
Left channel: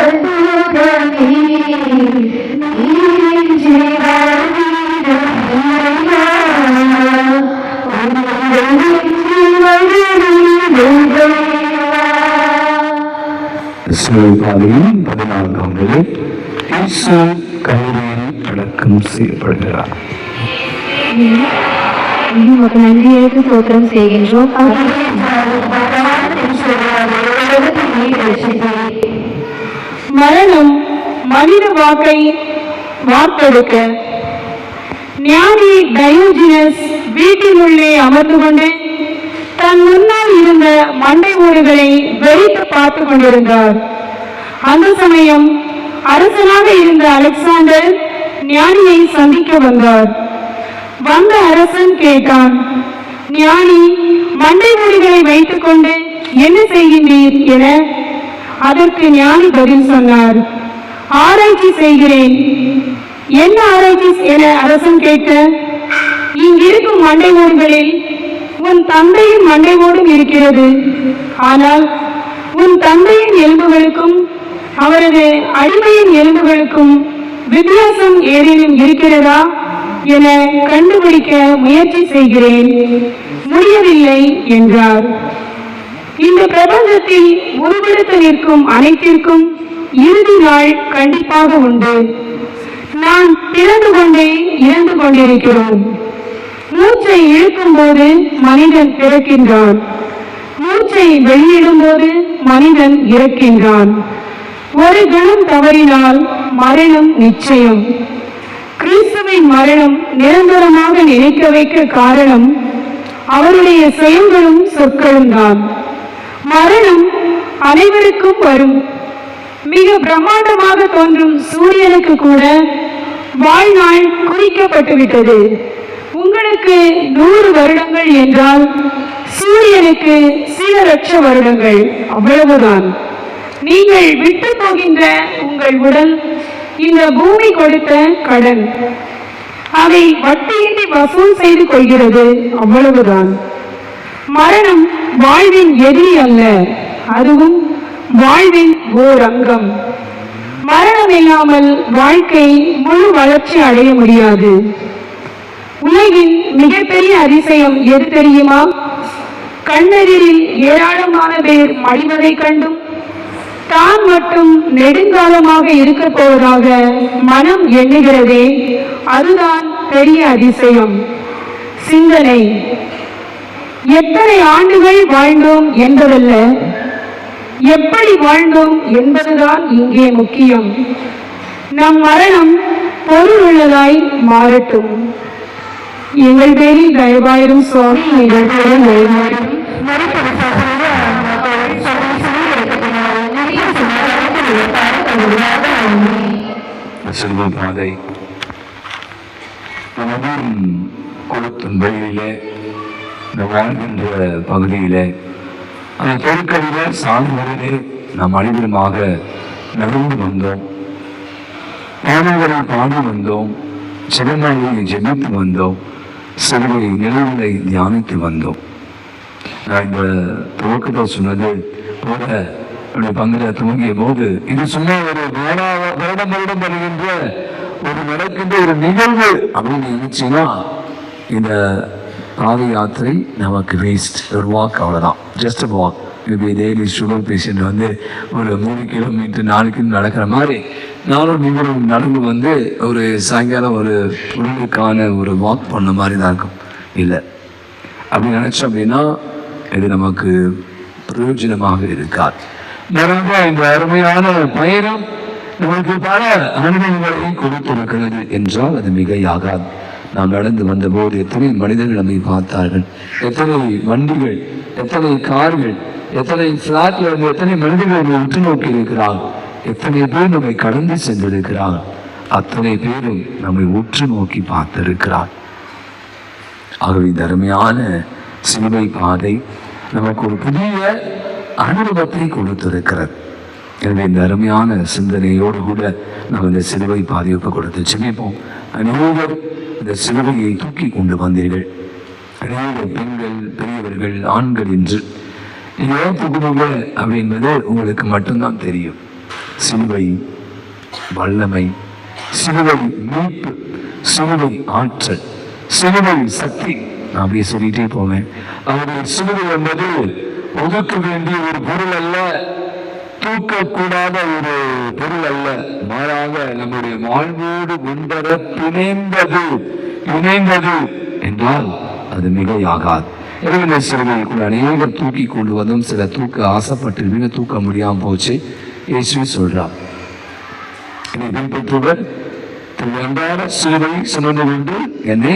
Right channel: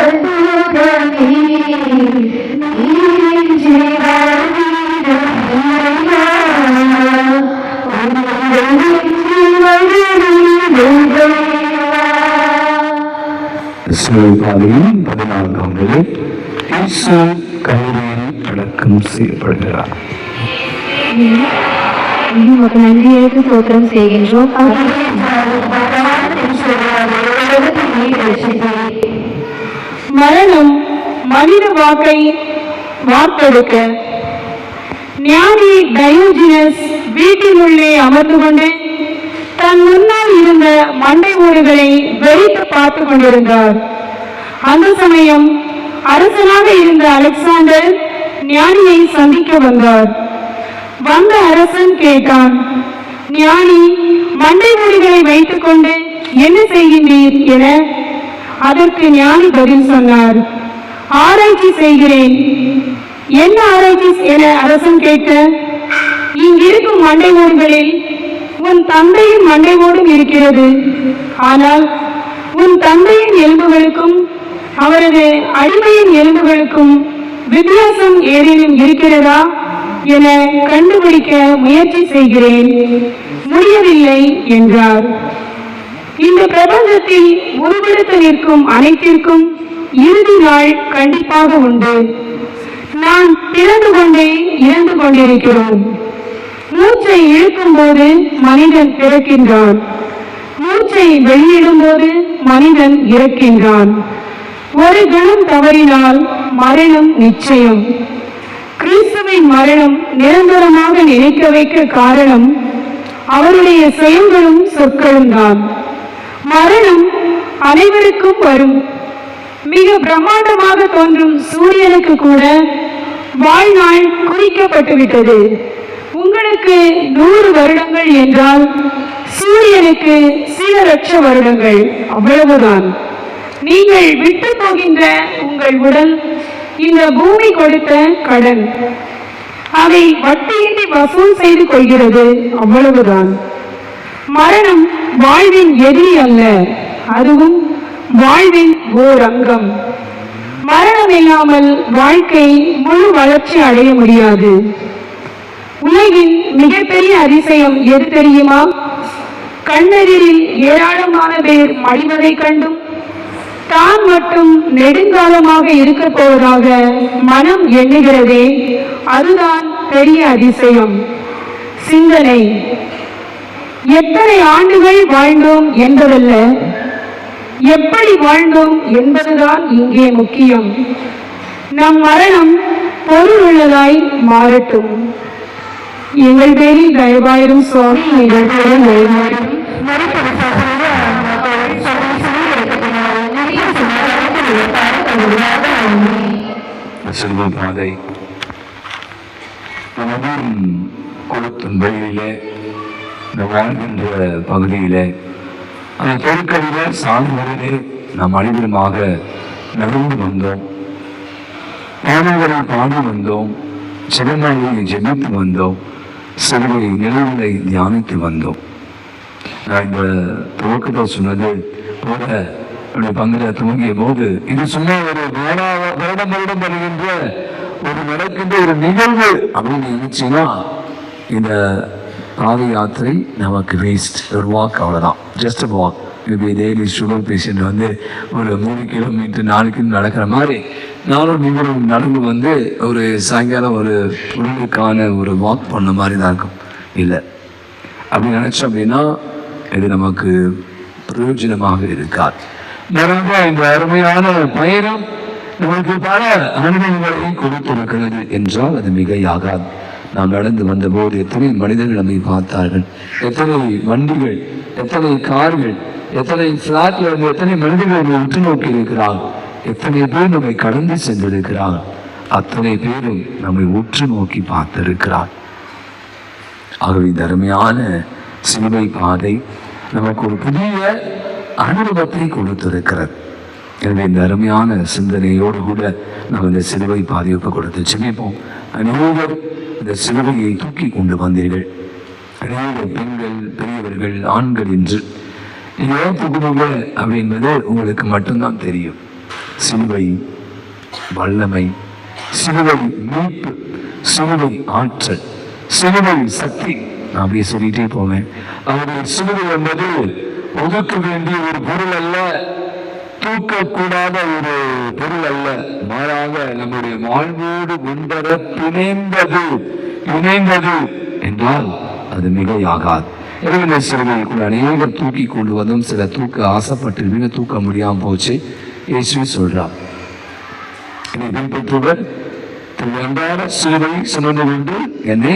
அற்புதமே நீரின்றி வாழ்வீரம் இல்லையா சிலுவைப்பாதையின் 14ஆம் நிலை இயேசு கல்லறையில் அடக்கம் செய்யப்படுகிறார். உமக்கு நன்றியேற்று ஸ்தோத்திரம் செய்கின்றோம். மரணம் மனித வாக்கை வார்த்தெடுக்க ஞானி டயோஜினஸ் வீட்டினுள்ளே அமர்ந்து கொண்டு தன் முன்னால் இருந்த மண்டை ஓடுகளை வெறித்து பார்த்து கொண்டிருந்தார். அந்த சமயம் அரசனாக இருந்த அலெக்சாண்டர் ஞானியை சந்திக்க வந்தார். வந்த அரசன் கேட்டான், ஞானி, மண்டை ஓடுகளை வைத்துக் கொண்டு என்ன செய்கின்றீர் என. அதற்கு ஞானி பதில் சொன்னார், ஆராய்ச்சி செய்கிறேன். என்ன ஆராய்ச்சி என அரசன் கேட்க, இங்கிருக்கும் மண்டை ஓடுகளில் உன் தந்தையின் மண்டை ஓடும் இருக்கிறது. ஆனால் உன் தந்தையின் எலும்புகளுக்கும் அவரது அடிமையின் எலும்புகளுக்கும் வித்தியாசம் ஏதேனும் இருக்கிறதா என கண்டுபிடிக்க முயற்சி செய்கிறேன், முடியவில்லை என்றார். இந்த பிரபஞ்சத்தில் உருவெடுத்து நிற்கும் அனைத்திற்கும் இறுதி நாள் கண்டிப்பாக உண்டு. நான் பிறந்து கொண்டே இறந்து கொண்டிருக்கிறோம். மூச்சை இழுக்கும் போது மனிதன் பிறக்கின்றான், மூச்சை வெளியிடும் போது மனிதன் இறக்கின்றான். ஒரு கணம் தவறினால் மரணம் நிச்சயம். கிறிஸ்துவின் மரணம் நிரந்தரமாக நினைக்க வைக்க காரணம் அவருடைய செயல்களும் சொற்களும் தான். மரணம் அனைவருக்கும் வரும். மிக பிரம்மாண்டமாக தோன்றும் சூரியனுக்கு கூட வாழ்நாள் குறிக்கப்பட்டுவிட்டது. உங்களுக்கு 100 வருடங்கள் என்றால் சூரியனுக்கு சில லட்ச வருடங்கள், அவ்வளவுதான். நீங்கள் விட்டு போகின்ற உங்கள் உடல் இந்த பூமி கொடுத்த கடன், அதை வட்டியின்றி வசூல் செய்து கொள்கிறது, அவ்வளவுதான். மரணம் வாழ்வின் எதிரி அல்ல, அதுவும் வாழ்வின் ஓர் அங்கம். மரணம் இல்லாமல் வாழ்க்கை முழு வளர்ச்சி அடைய முடியாது. உலகின் மிகப்பெரிய அதிசயம் எது தெரியுமா? கண்ணெதிரில் ஏராளமான பேர் மடிவதை கண்டும் தான் மட்டும் நெடுங்காலமாக இருக்க போவதாக மனம் எண்ணுகிறதே, அதுதான் பெரிய அதிசயம். சிந்தனை. எத்தனை ஆண்டுகள் வாழ்ந்தோம் என்பதல்ல, எப்படி வாழ்ந்தோம் என்பதுதான் இங்கே முக்கியம். நம் மரணம் பொருள் உள்ளதாய் மாறட்டும். எங்கள் பேரில் தயவாயிரும் சுவாமி, எங்கள் பேரில் தயவாயிரும். சிலுவை பாதை குளத்தின் வழியிலே இந்த வாழ்கின்ற பகுதியிலே அந்த பொருட்களிலே சார்ந்தவர்களே நாம் அனைவருமாக நடந்து வந்தோம், பாடல்களை பாடி வந்தோம், சிவனாயை ஜெபித்து வந்தோம், சிலுவை நிலவுகளை தியானித்து வந்தோம். நான் இந்த துவக்கத்தில் சொன்னது போல பங்குல துவங்கிய போது இது சும்மா ஒரு வருடம் வருகின்ற ஒரு நடக்கின்ற ஒரு நிகழ்வு அப்படின்னு நினைச்சீங்கன்னா இந்த பாத யாத்திரை நமக்கு வேஸ்ட். ஒரு வாக், அவ்வளோதான், ஜஸ்ட் வாக். இப்போ டெய்லி சுகர் பேஷண்ட் வந்து ஒரு 3 கிலோமீட்டர் 4 கிலோமீட்டர் நடக்கிற மாதிரி நானும் நீங்களும் நடந்து வந்து ஒரு சாயங்காலம் ஒரு பொருளுக்கான ஒரு வாக் பண்ண மாதிரி தான் இருக்கும். இல்லை அப்படி நினச்சோம் அப்படின்னா இது நமக்கு பிரயோஜனமாக இருக்காது. நிறைய இந்த அருமையான பயணம் நமக்கு பல அனுபவங்களை கொடுத்திருக்கிறது என்றால் அது மிகையாகாது. நாம் நடந்து வந்தபோது எத்தனை மனிதர்கள் நம்மை பார்த்தார்கள், எத்தனை வண்டிகள், எத்தனை கார்கள், எத்தனை பிளாட்ல இருந்து எத்தனை மனிதர்கள் நம்மை உற்று நோக்கி இருக்கிறார்கள், எத்தனை பேர் நம்மை கடந்து சென்றிருக்கிறார்கள், அத்தனை பேரும் நம்மை உற்று நோக்கி பார்த்திருக்கிறார். ஆகவே இந்த அருமையான சிலுவை பாதை நமக்கு ஒரு புதிய அனுபவத்தை கொடுத்திருக்கிறது. எனவே இந்த அருமையான சிந்தனையோடு கூட நம்ம இந்த சிலுவை பாதையொப்ப கொடுத்து செமிப்போம். அநேகர் இந்த சிலுவையை தூக்கி கொண்டு வந்தீர்கள், அநேக பெண்கள், பெரியவர்கள், ஆண்கள் என்று நீங்கள் தூக்குவீங்க அப்படின்பது உங்களுக்கு மட்டும்தான் தெரியும். சிலுவை வல்லமை, சிலுவை மீட்பு, சிலுவை ஆற்றல், சிலுவை சக்தி. நான் அப்படியே சொல்லிட்டே போவேன். அவருடைய சிலுவை என்பது ஒதுக்க வேண்டிய ஒரு பொருள் அல்ல, தூக்கக்கூடாத ஒரு பொருள் அல்ல, மாறாக நம்முடைய வாழ்வோடு ஒன்றர இணைந்தது என்றால் அது மிகையாகாது. எனவே சிலுவைக்குள் அநேகர் தூக்கி கொண்டு வந்தும் சில தூக்க ஆசைப்பட்டு தூக்க முடியாம போச்சு. இயேசு சொல்றார், பின்பற்றுவர் அன்றாட சிலுவை சுமந்து கொண்டு என்னை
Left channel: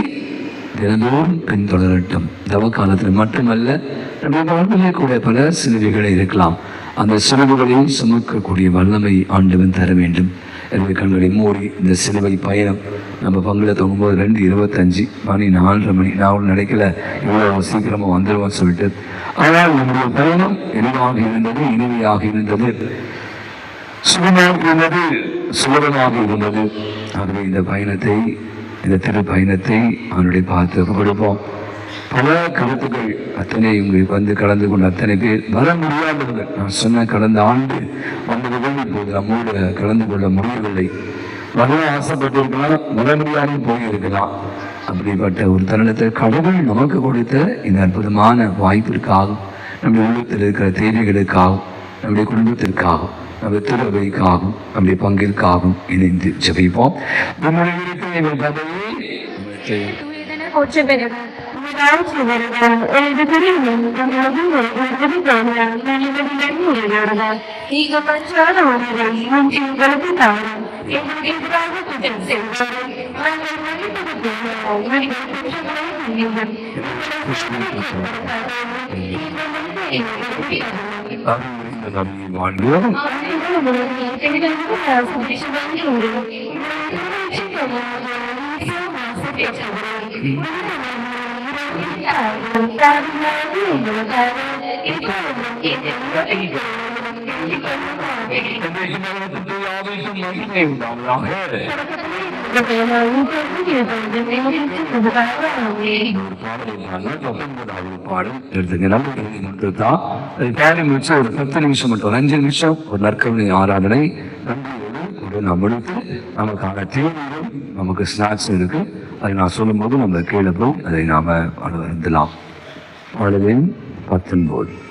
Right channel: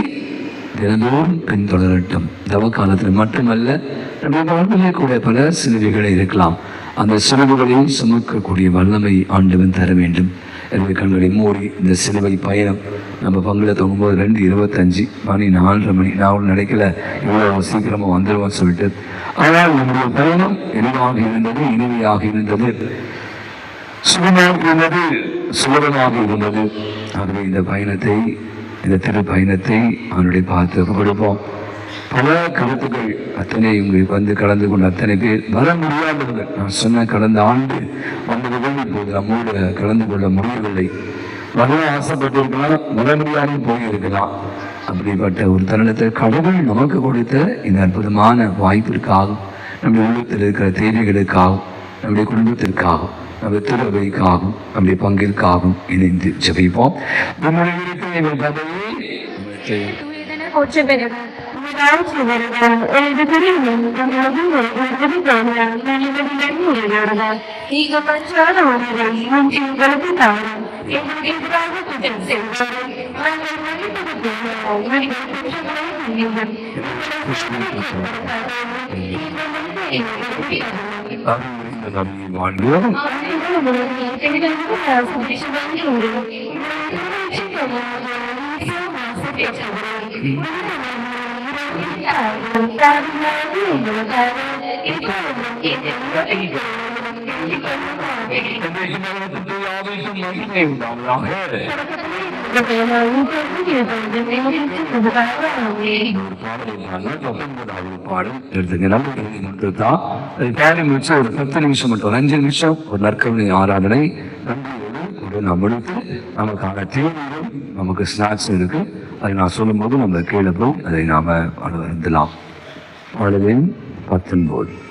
தினந்தோறும் பின்தொடரட்டும். தவ காலத்தில் மட்டுமல்ல, நம்முடைய வாழ்விலே கூட பல சிலுவைகளை இருக்கலாம். அந்த சிலுவைகளையும் சுமக்கக்கூடிய வல்லமை ஆண்டவன் தர வேண்டும். எனவே கண்களை மூடி இந்த சிலுவை பயணம் நம்ம பங்குல தொங்கும்போது 2:25 மணி 4:30 மணி நான் நினைக்கல இவ்வளோ சீக்கிரமாக வந்துடுவோம் சொல்லிட்டு. ஆனால் நம்முடைய பயணம் எளிதாக இருந்தது, இனிமையாக இருந்தது, சுகமாக இருந்தது, சுலபமாக இருந்தது. ஆகவே இந்த பயணத்தை, இந்த திரு பயணத்தை அவனுடைய பார்த்து கொடுப்போம். பல கருத்துக்கள் அத்தனை இங்கு வந்து கலந்து கொண்ட அத்தனை பேர் வர முடியாதவர்கள். நான் சொன்ன கடந்த ஆண்டு வந்தவர்கள் இப்போது நம்மோடு கலந்து கொள்ள முடியவில்லை. வர ஆசைப்பட்டிருக்கலாம், வர முடியாமல் போயிருக்கலாம். அப்படிப்பட்ட ஒரு தருணத்தை கடவுள் நமக்கு கொடுத்த இந்த அற்புதமான வாய்ப்பிற்காகவும், நம்முடைய உள்ளத்தில் இருக்கிற தேவைகளுக்காகவும், நம்முடைய குடும்பத்திற்காகவும், நம்முடைய திருவைக்காகவும், நம்முடைய பங்கிற்காகவும் இணைந்து ஜெபிப்போம். ஒரு 10 நிமிஷம் மட்டும், 5 நிமிஷம் ஒரு நற்கருணை ஆராதனை நம்மளுக்கு நமக்கான தீவிரம், நமக்கு ஸ்நாக்ஸ் இருக்கு. அதை நான் சொல்லும் போது நம்ம கீழே போய் அதை நாம அனுபவிக்கலாம். 19 ஒற்று நோக்கிறோம்.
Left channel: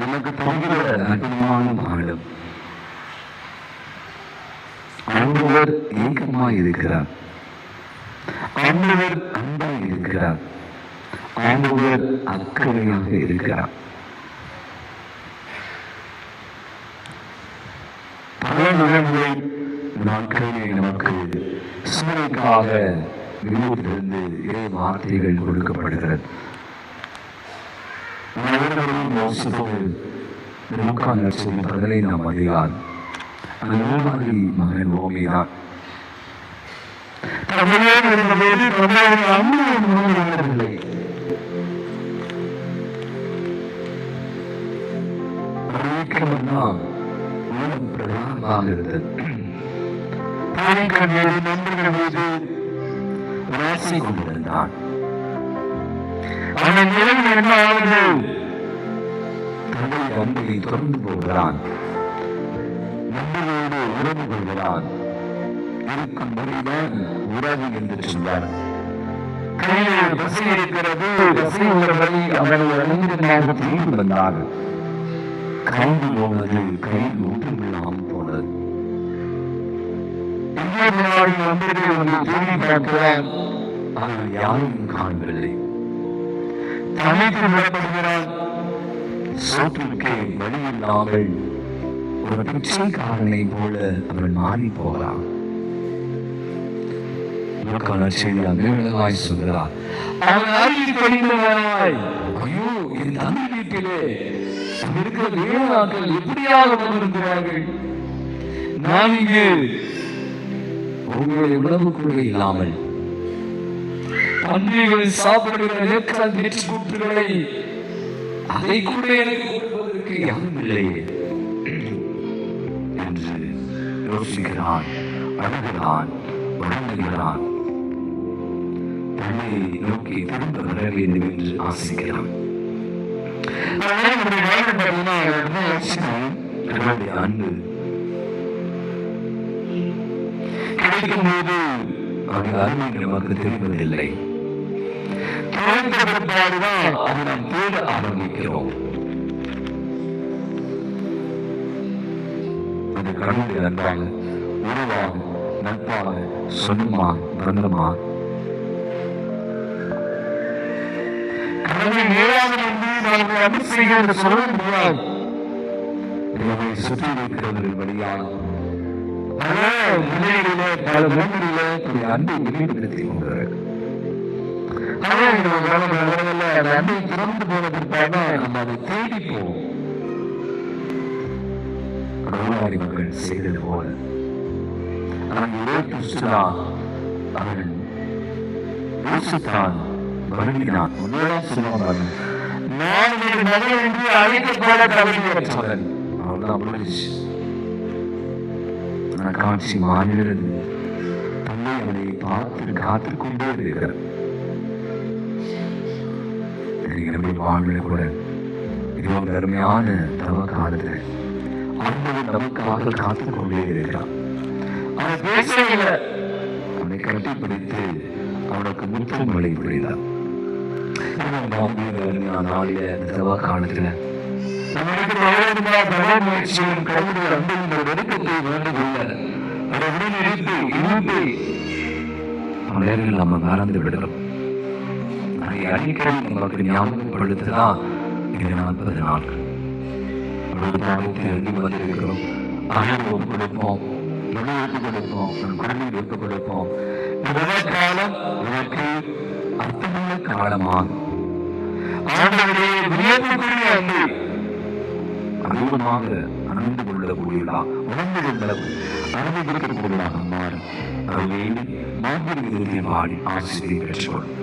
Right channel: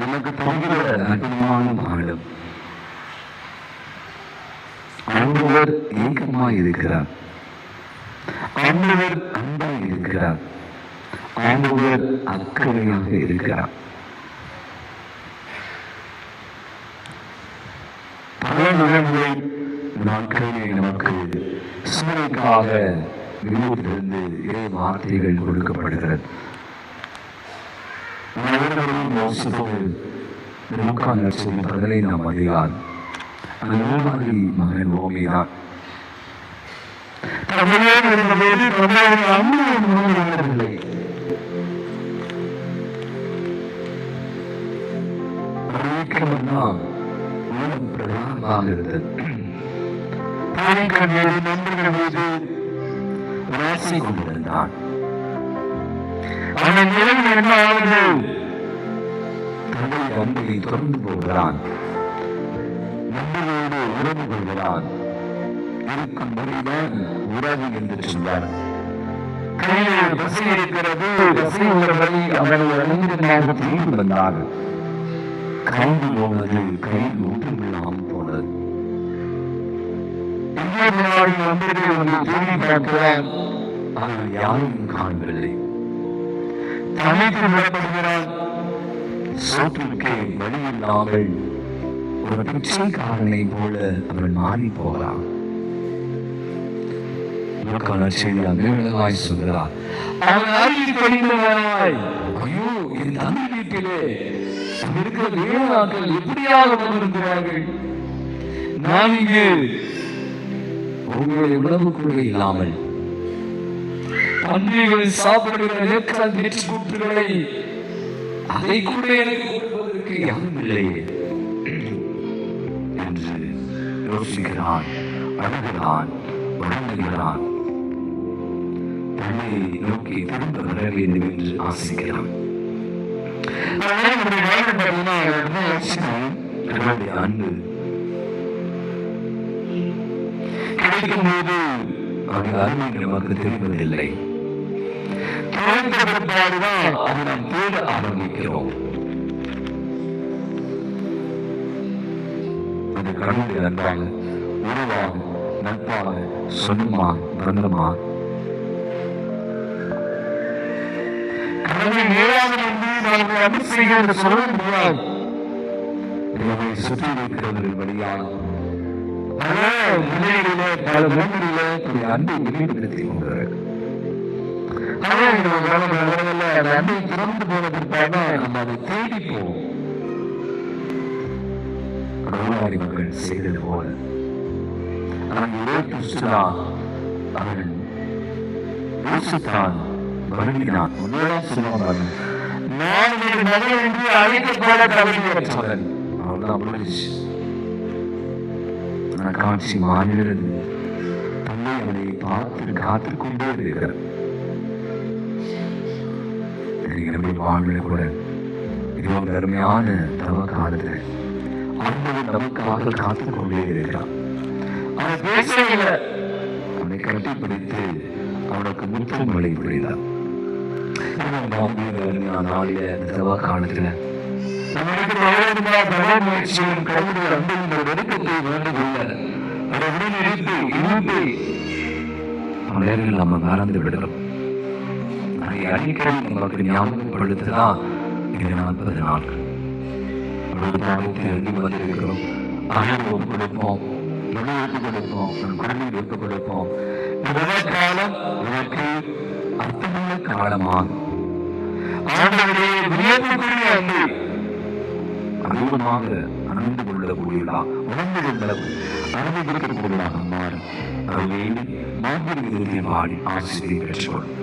நமக்கு தங்குகிற அற்புதமான ஆழம். ஆண்டவர் ஏகமாய் இருக்கிறார், ஆண்டவர் அன்பாய் இருக்கிறார், ஆண்டவர் அக்கறையாக இருக்கிறார். பல நிகழ்வுகளை நாட்களிலே நமக்கு சூழலுக்காக வெளியிலிருந்து இறை வார்த்தைகள் கொடுக்கப்படுகிறது. லூக்கா நற்செய்தி 15ஆம் அதிகாரம். அந்த நோவாகி மகன் ஓமைதான். உலகம் பிரதானமாக இருந்தது. ராசி கொண்டிருந்தான். அவன் நிலையில் என்ன ஆகுது? தன்னுடைய அன்பை தொடர்ந்து போகிறான், நம்மளோடு உறவு கொள்கிறான். இருக்கும் மொழிதான் உறவு என்று சொல்வார். கையில் பசி இருக்கிறது, பசி உள்ளவரை அவனை அணிந்ததாக திரும்பி வந்தார். கைது போனது கையில் ஊற்றமில்லாமல் போனது. ஆனால் யாரையும் காணவில்லை. தனித்து விடப்படுகிறான். சோற்றுக்கே வழி இல்லாமல் ஒரு பிச்சைக்காரனை போல அவன் மாறி போகிறான். சொல்கிறார், அவன் அருகில் படிந்தவனாய், ஐயோ என் தந்தை வீட்டிலே இருக்கிற வேளாக்கள் எப்படியாக வந்திருக்கிறார்கள். நான் இங்கு உங்களுடைய உணவு கூட இல்லாமல் பன்றிகள் சாப்பிடுகிற கூற்றுகளை அதை கூட எனக்கு கொடுப்பதற்கு யாரும் இல்லையே என்று யோசிக்கிறான், அழுகிறான், வணங்குகிறான். தன்னை நோக்கி திரும்ப வர வேண்டும் என்று ஆசிக்கிறான். அன்பு கிடைக்கும் போது அவர்கள் அருமை நமக்கு தெரிவதில்லை. அதை நாம் தேட ஆரம்பிக்கிறோம். அது கடவுளை நன்றாக உறவாக நட்பாக சொந்தமாக பந்தமாக சுற்றி இருக்கிறவர்கள் வழியாக பல மொழிகளிலே அன்பை வெளிப்படுத்திக் கொண்டார்கள். அன்பை திறந்து போவதற்காக நம்ம அதை தேடி போவோம். மக்கள் செய்தது போல அவன் யோசித்தான், வருகிறான். முதலாம் சொல்லுவான், நான் ஒரு மகன் என்று அழைக்கப்பட தவறியவன். அவள்தான் முடிச்சு. காட்சி மாறுகிறது. தன்னை அவனை பார்த்து காத்துக் கொண்டே இருக்கிறார். வாழ்வில் கூட இது ஒரு அருமையான தவ காலத்தில் அவன் நமக்காக காத்துக் கொண்டே இருக்கிறான். அவன் பேசவில்லை. அவனை கட்டிப்பிடித்து அவனுக்கு முத்தம் மழை புரிந்தார். நாளில தவ காலத்துல முயற்சியும் கைவிட அன்பின் வெறுக்கத்தை வேண்டுகொள்ள அதை உடனடித்து இணைப்பை நேரில் நம்ம மறந்து விடுகிறோம். அதை அடிக்கடி நமக்கு ஞாபகப்படுத்ததான் இது 40 நாட்கள் எழுதி வந்திருக்கிறோம். அகல் ஒப்பு கொடுப்போம், நுழைவுக்கு கொடுப்போம், நம் குழந்தைகள் ஒப்பு கொடுப்போம். இந்த காலம் எனக்கு அர்த்தமுள்ள காலமாகும். ஆண்டவரே வியப்புக்குரிய அன்பு அதிகமாக அணிந்து கொள்ளக்கூடியதா உணர்ந்து கொள்ள அனுமதிக்கக்கூடியதாக மாறும். அதை மாற்றி பாடி ஆசிரியை பெற்றுக்கொள்ளும்.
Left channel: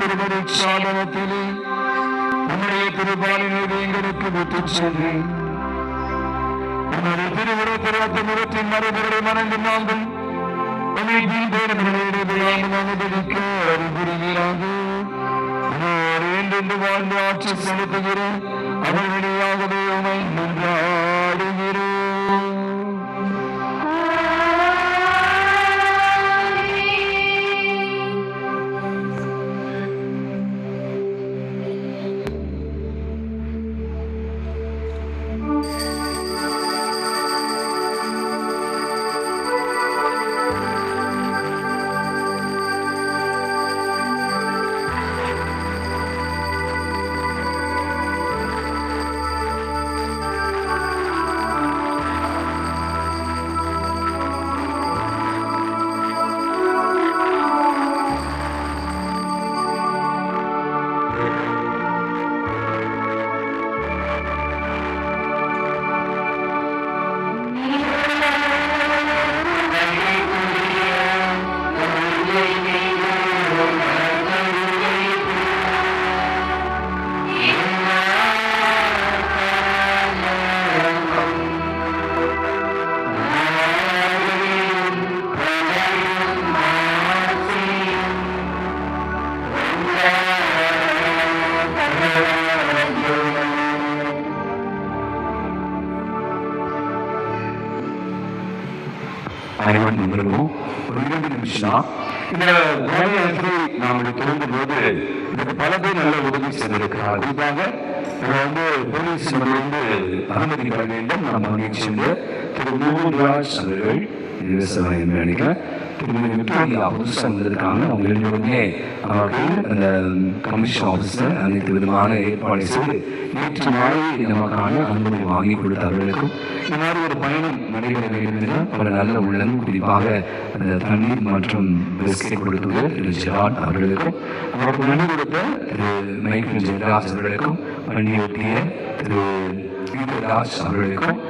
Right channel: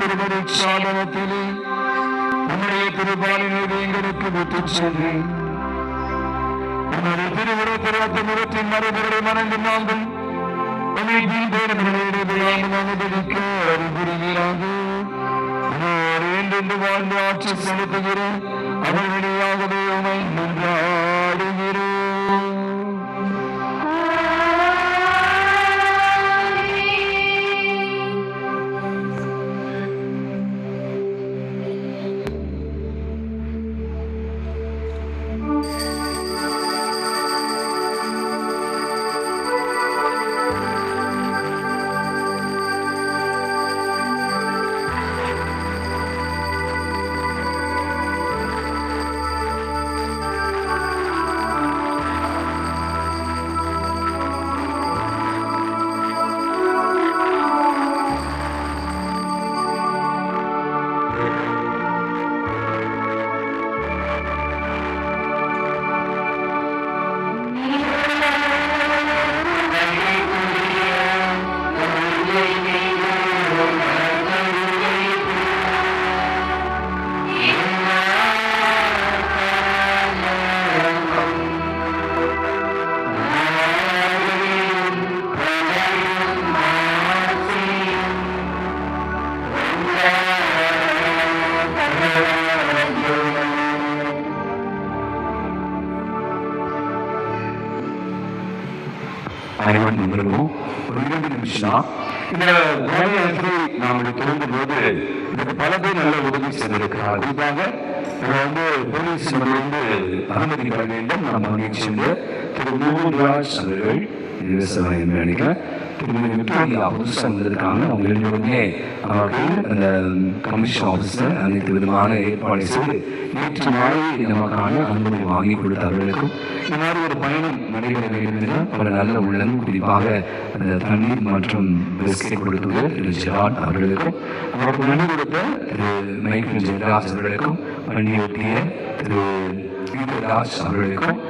திருமருட்சாதனத்திலே உன்னுடைய திருபாலினை எங்களுக்கு விட்டுச் சென்று உன்னுடைய திருவுருவத்திற்கு முகத்தின் மறுபடி மணந்து நாங்கள் அனுபவிக்க அறிவுறுகிறாக என்று வாழ்ந்து ஆட்சி செலுத்துகிற அவர் வழியாகவே உமை மன்றாடுகிறோம். அனைவரும் ஒரு 2 நிமிஷம் இந்த வேலையை நாம் தொடங்கும் போது இதுக்கு பல பேர் நல்ல உதவி செய்திருக்கிறார். குறிப்பாக போலீஸ் அனுமதி பெற வேண்டும். நம்ம நிகழ்ச்சியில் திரு மோகன்ராஜ் அவர்கள் நினைக்கிறேன் திருமதி விக்டோரியா புதுசாக வந்திருக்காங்க. அவங்க எழுதியுடனே நமக்கு அந்த கமிஷன் ஆஃபீஸர் அனைத்து விதமான ஏற்பாடு செய்து நேற்று மாலை நமக்கான அனுமதி வாங்கி கொடுத்தவர்களுக்கும் இந்த மாதிரி ஒரு பயணம் நடைபெற வேண்டும் என்றால் பல நல்ல உள்ளம் குறிப்பாக அந்த தண்ணீர் மற்றும் பிஸ்கெட் கொடுத்தது திரு ஜெராட் அவர்களுக்கும் அவருக்கு நன்றி கொடுத்த திரு மைக்கேல் ஜெயராஜ் அவர்களுக்கும் பணியொட்டிய திரு ராஜ் அவர்களுக்கும்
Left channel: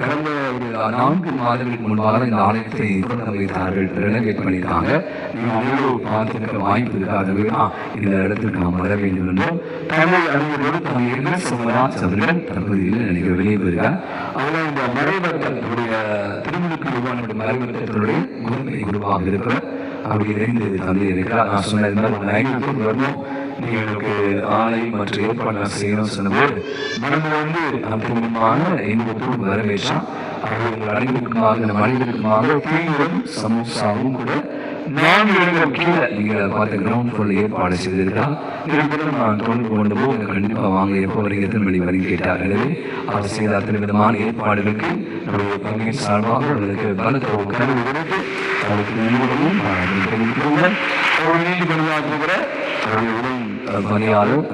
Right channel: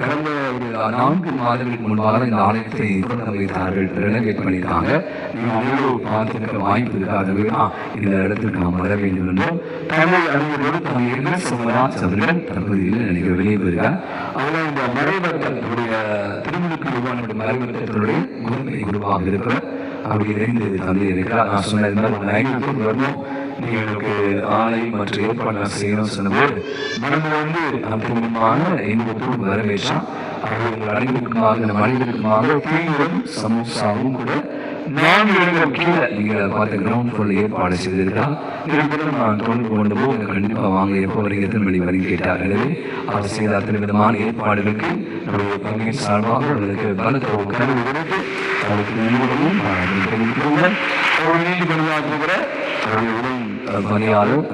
கடந்த ஒரு 4 மாதங்களுக்கு முன்பாக இந்த ஆலயத்தை வைத்தார்கள், ரெனோவேட் பண்ணியிருக்காங்க. பார்த்துருக்க வாய்ப்பு இருக்காகவே இந்த இடத்துக்கு நாம் வர வேண்டும் என்றும் தமிழ் அறிஞரோடு தமிழ் சிவராஜ் அவர்கள் தற்போது நினைக்கிற வெளியே போயிருக்கார். அவர்கள் இந்த மறைவர்களுடைய திருமணுக்கு உருவான மறைவர்களுடைய முதன்மை குருவாக இருக்கிறார். அப்படி 2 தந்தை இருக்கிறார். நான் சொன்னது மாதிரி 5 பேர் வரணும், நீங்களுக்கு ஆலை மற்றும் ஏற்பாடு செய்யணும் சொன்னபோது மனதில் அற்புதமான இன்பத்தோடு வரவேற்றா. அவர்கள் உங்கள் அனைவருக்குமாக இந்த மனிதருக்குமாக தீவிரம் சமோசாவும் கூட 4 இடங்கள் கீழே நீங்கள் பார்த்த கிரவுண்ட் ஃபுல் ஏற்பாடு செய்திருக்கிறார். இதற்கு நான் தொடர்பு கொண்டு போது கண்டிப்பாக வாங்க எப்போ வரீங்க திருமணி வரைக்கும் கேட்டார். எனவே அவர் செய்த அத்தனை விதமான ஏற்பாடுகளுக்கு நம்முடைய பங்கின் சார்பாக அவர்களுக்கு பலத்த கனவு கொடுத்து அவருக்கு நன்றிகளும் நீதி பணியாற்றுகிற பணியாளர்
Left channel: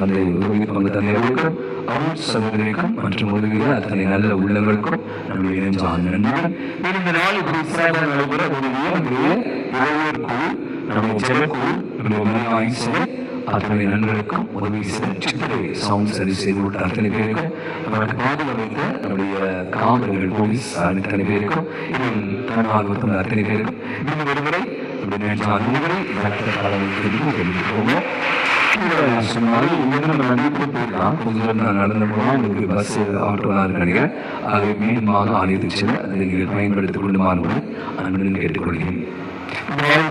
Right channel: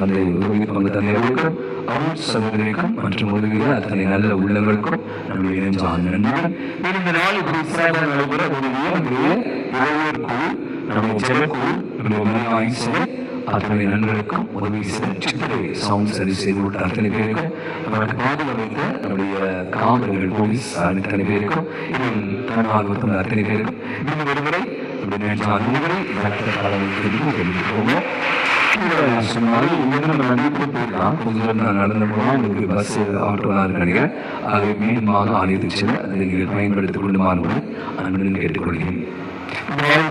தந்தை உதவி பங்கு தந்தையர்களுக்கும் அருள் சகோதரிக்கும் மற்றும் உதவிய அத்தனை நல்ல உள்ளங்களுக்கும் நம்முடைய நன்றி. இந்த நாள் நடைபெற உதவிய குழு நம்முடைய ஜெபக்குழு நம்முடைய அத்தனை நண்பர்களுக்கும் உதவி சித்திரை சவுண்ட் சரி செய்து விட்ட அத்தனை பேருக்கும் அவருக்கு பாதுகாப்பு நம்முடைய காவலர்கள் போலீஸ் அத்தனை பேருக்கும் இன்னும் தன்னார்வத்தில் அத்தனை பேருக்கும் இன்னும் ஒருமுறை அனுமதி நடந்து போனால் உங்களுக்கு பஸ் ஆட்டோலாம் நினைக்கிறேன். அதை மீண்டுமாக ஆலயத்துக்கு செல்ல அதை நீங்கள் பயன்படுத்திக் கொள்ளுமாறு அன்புடன் கேட்டுக்கொள்கிறேன். மகன்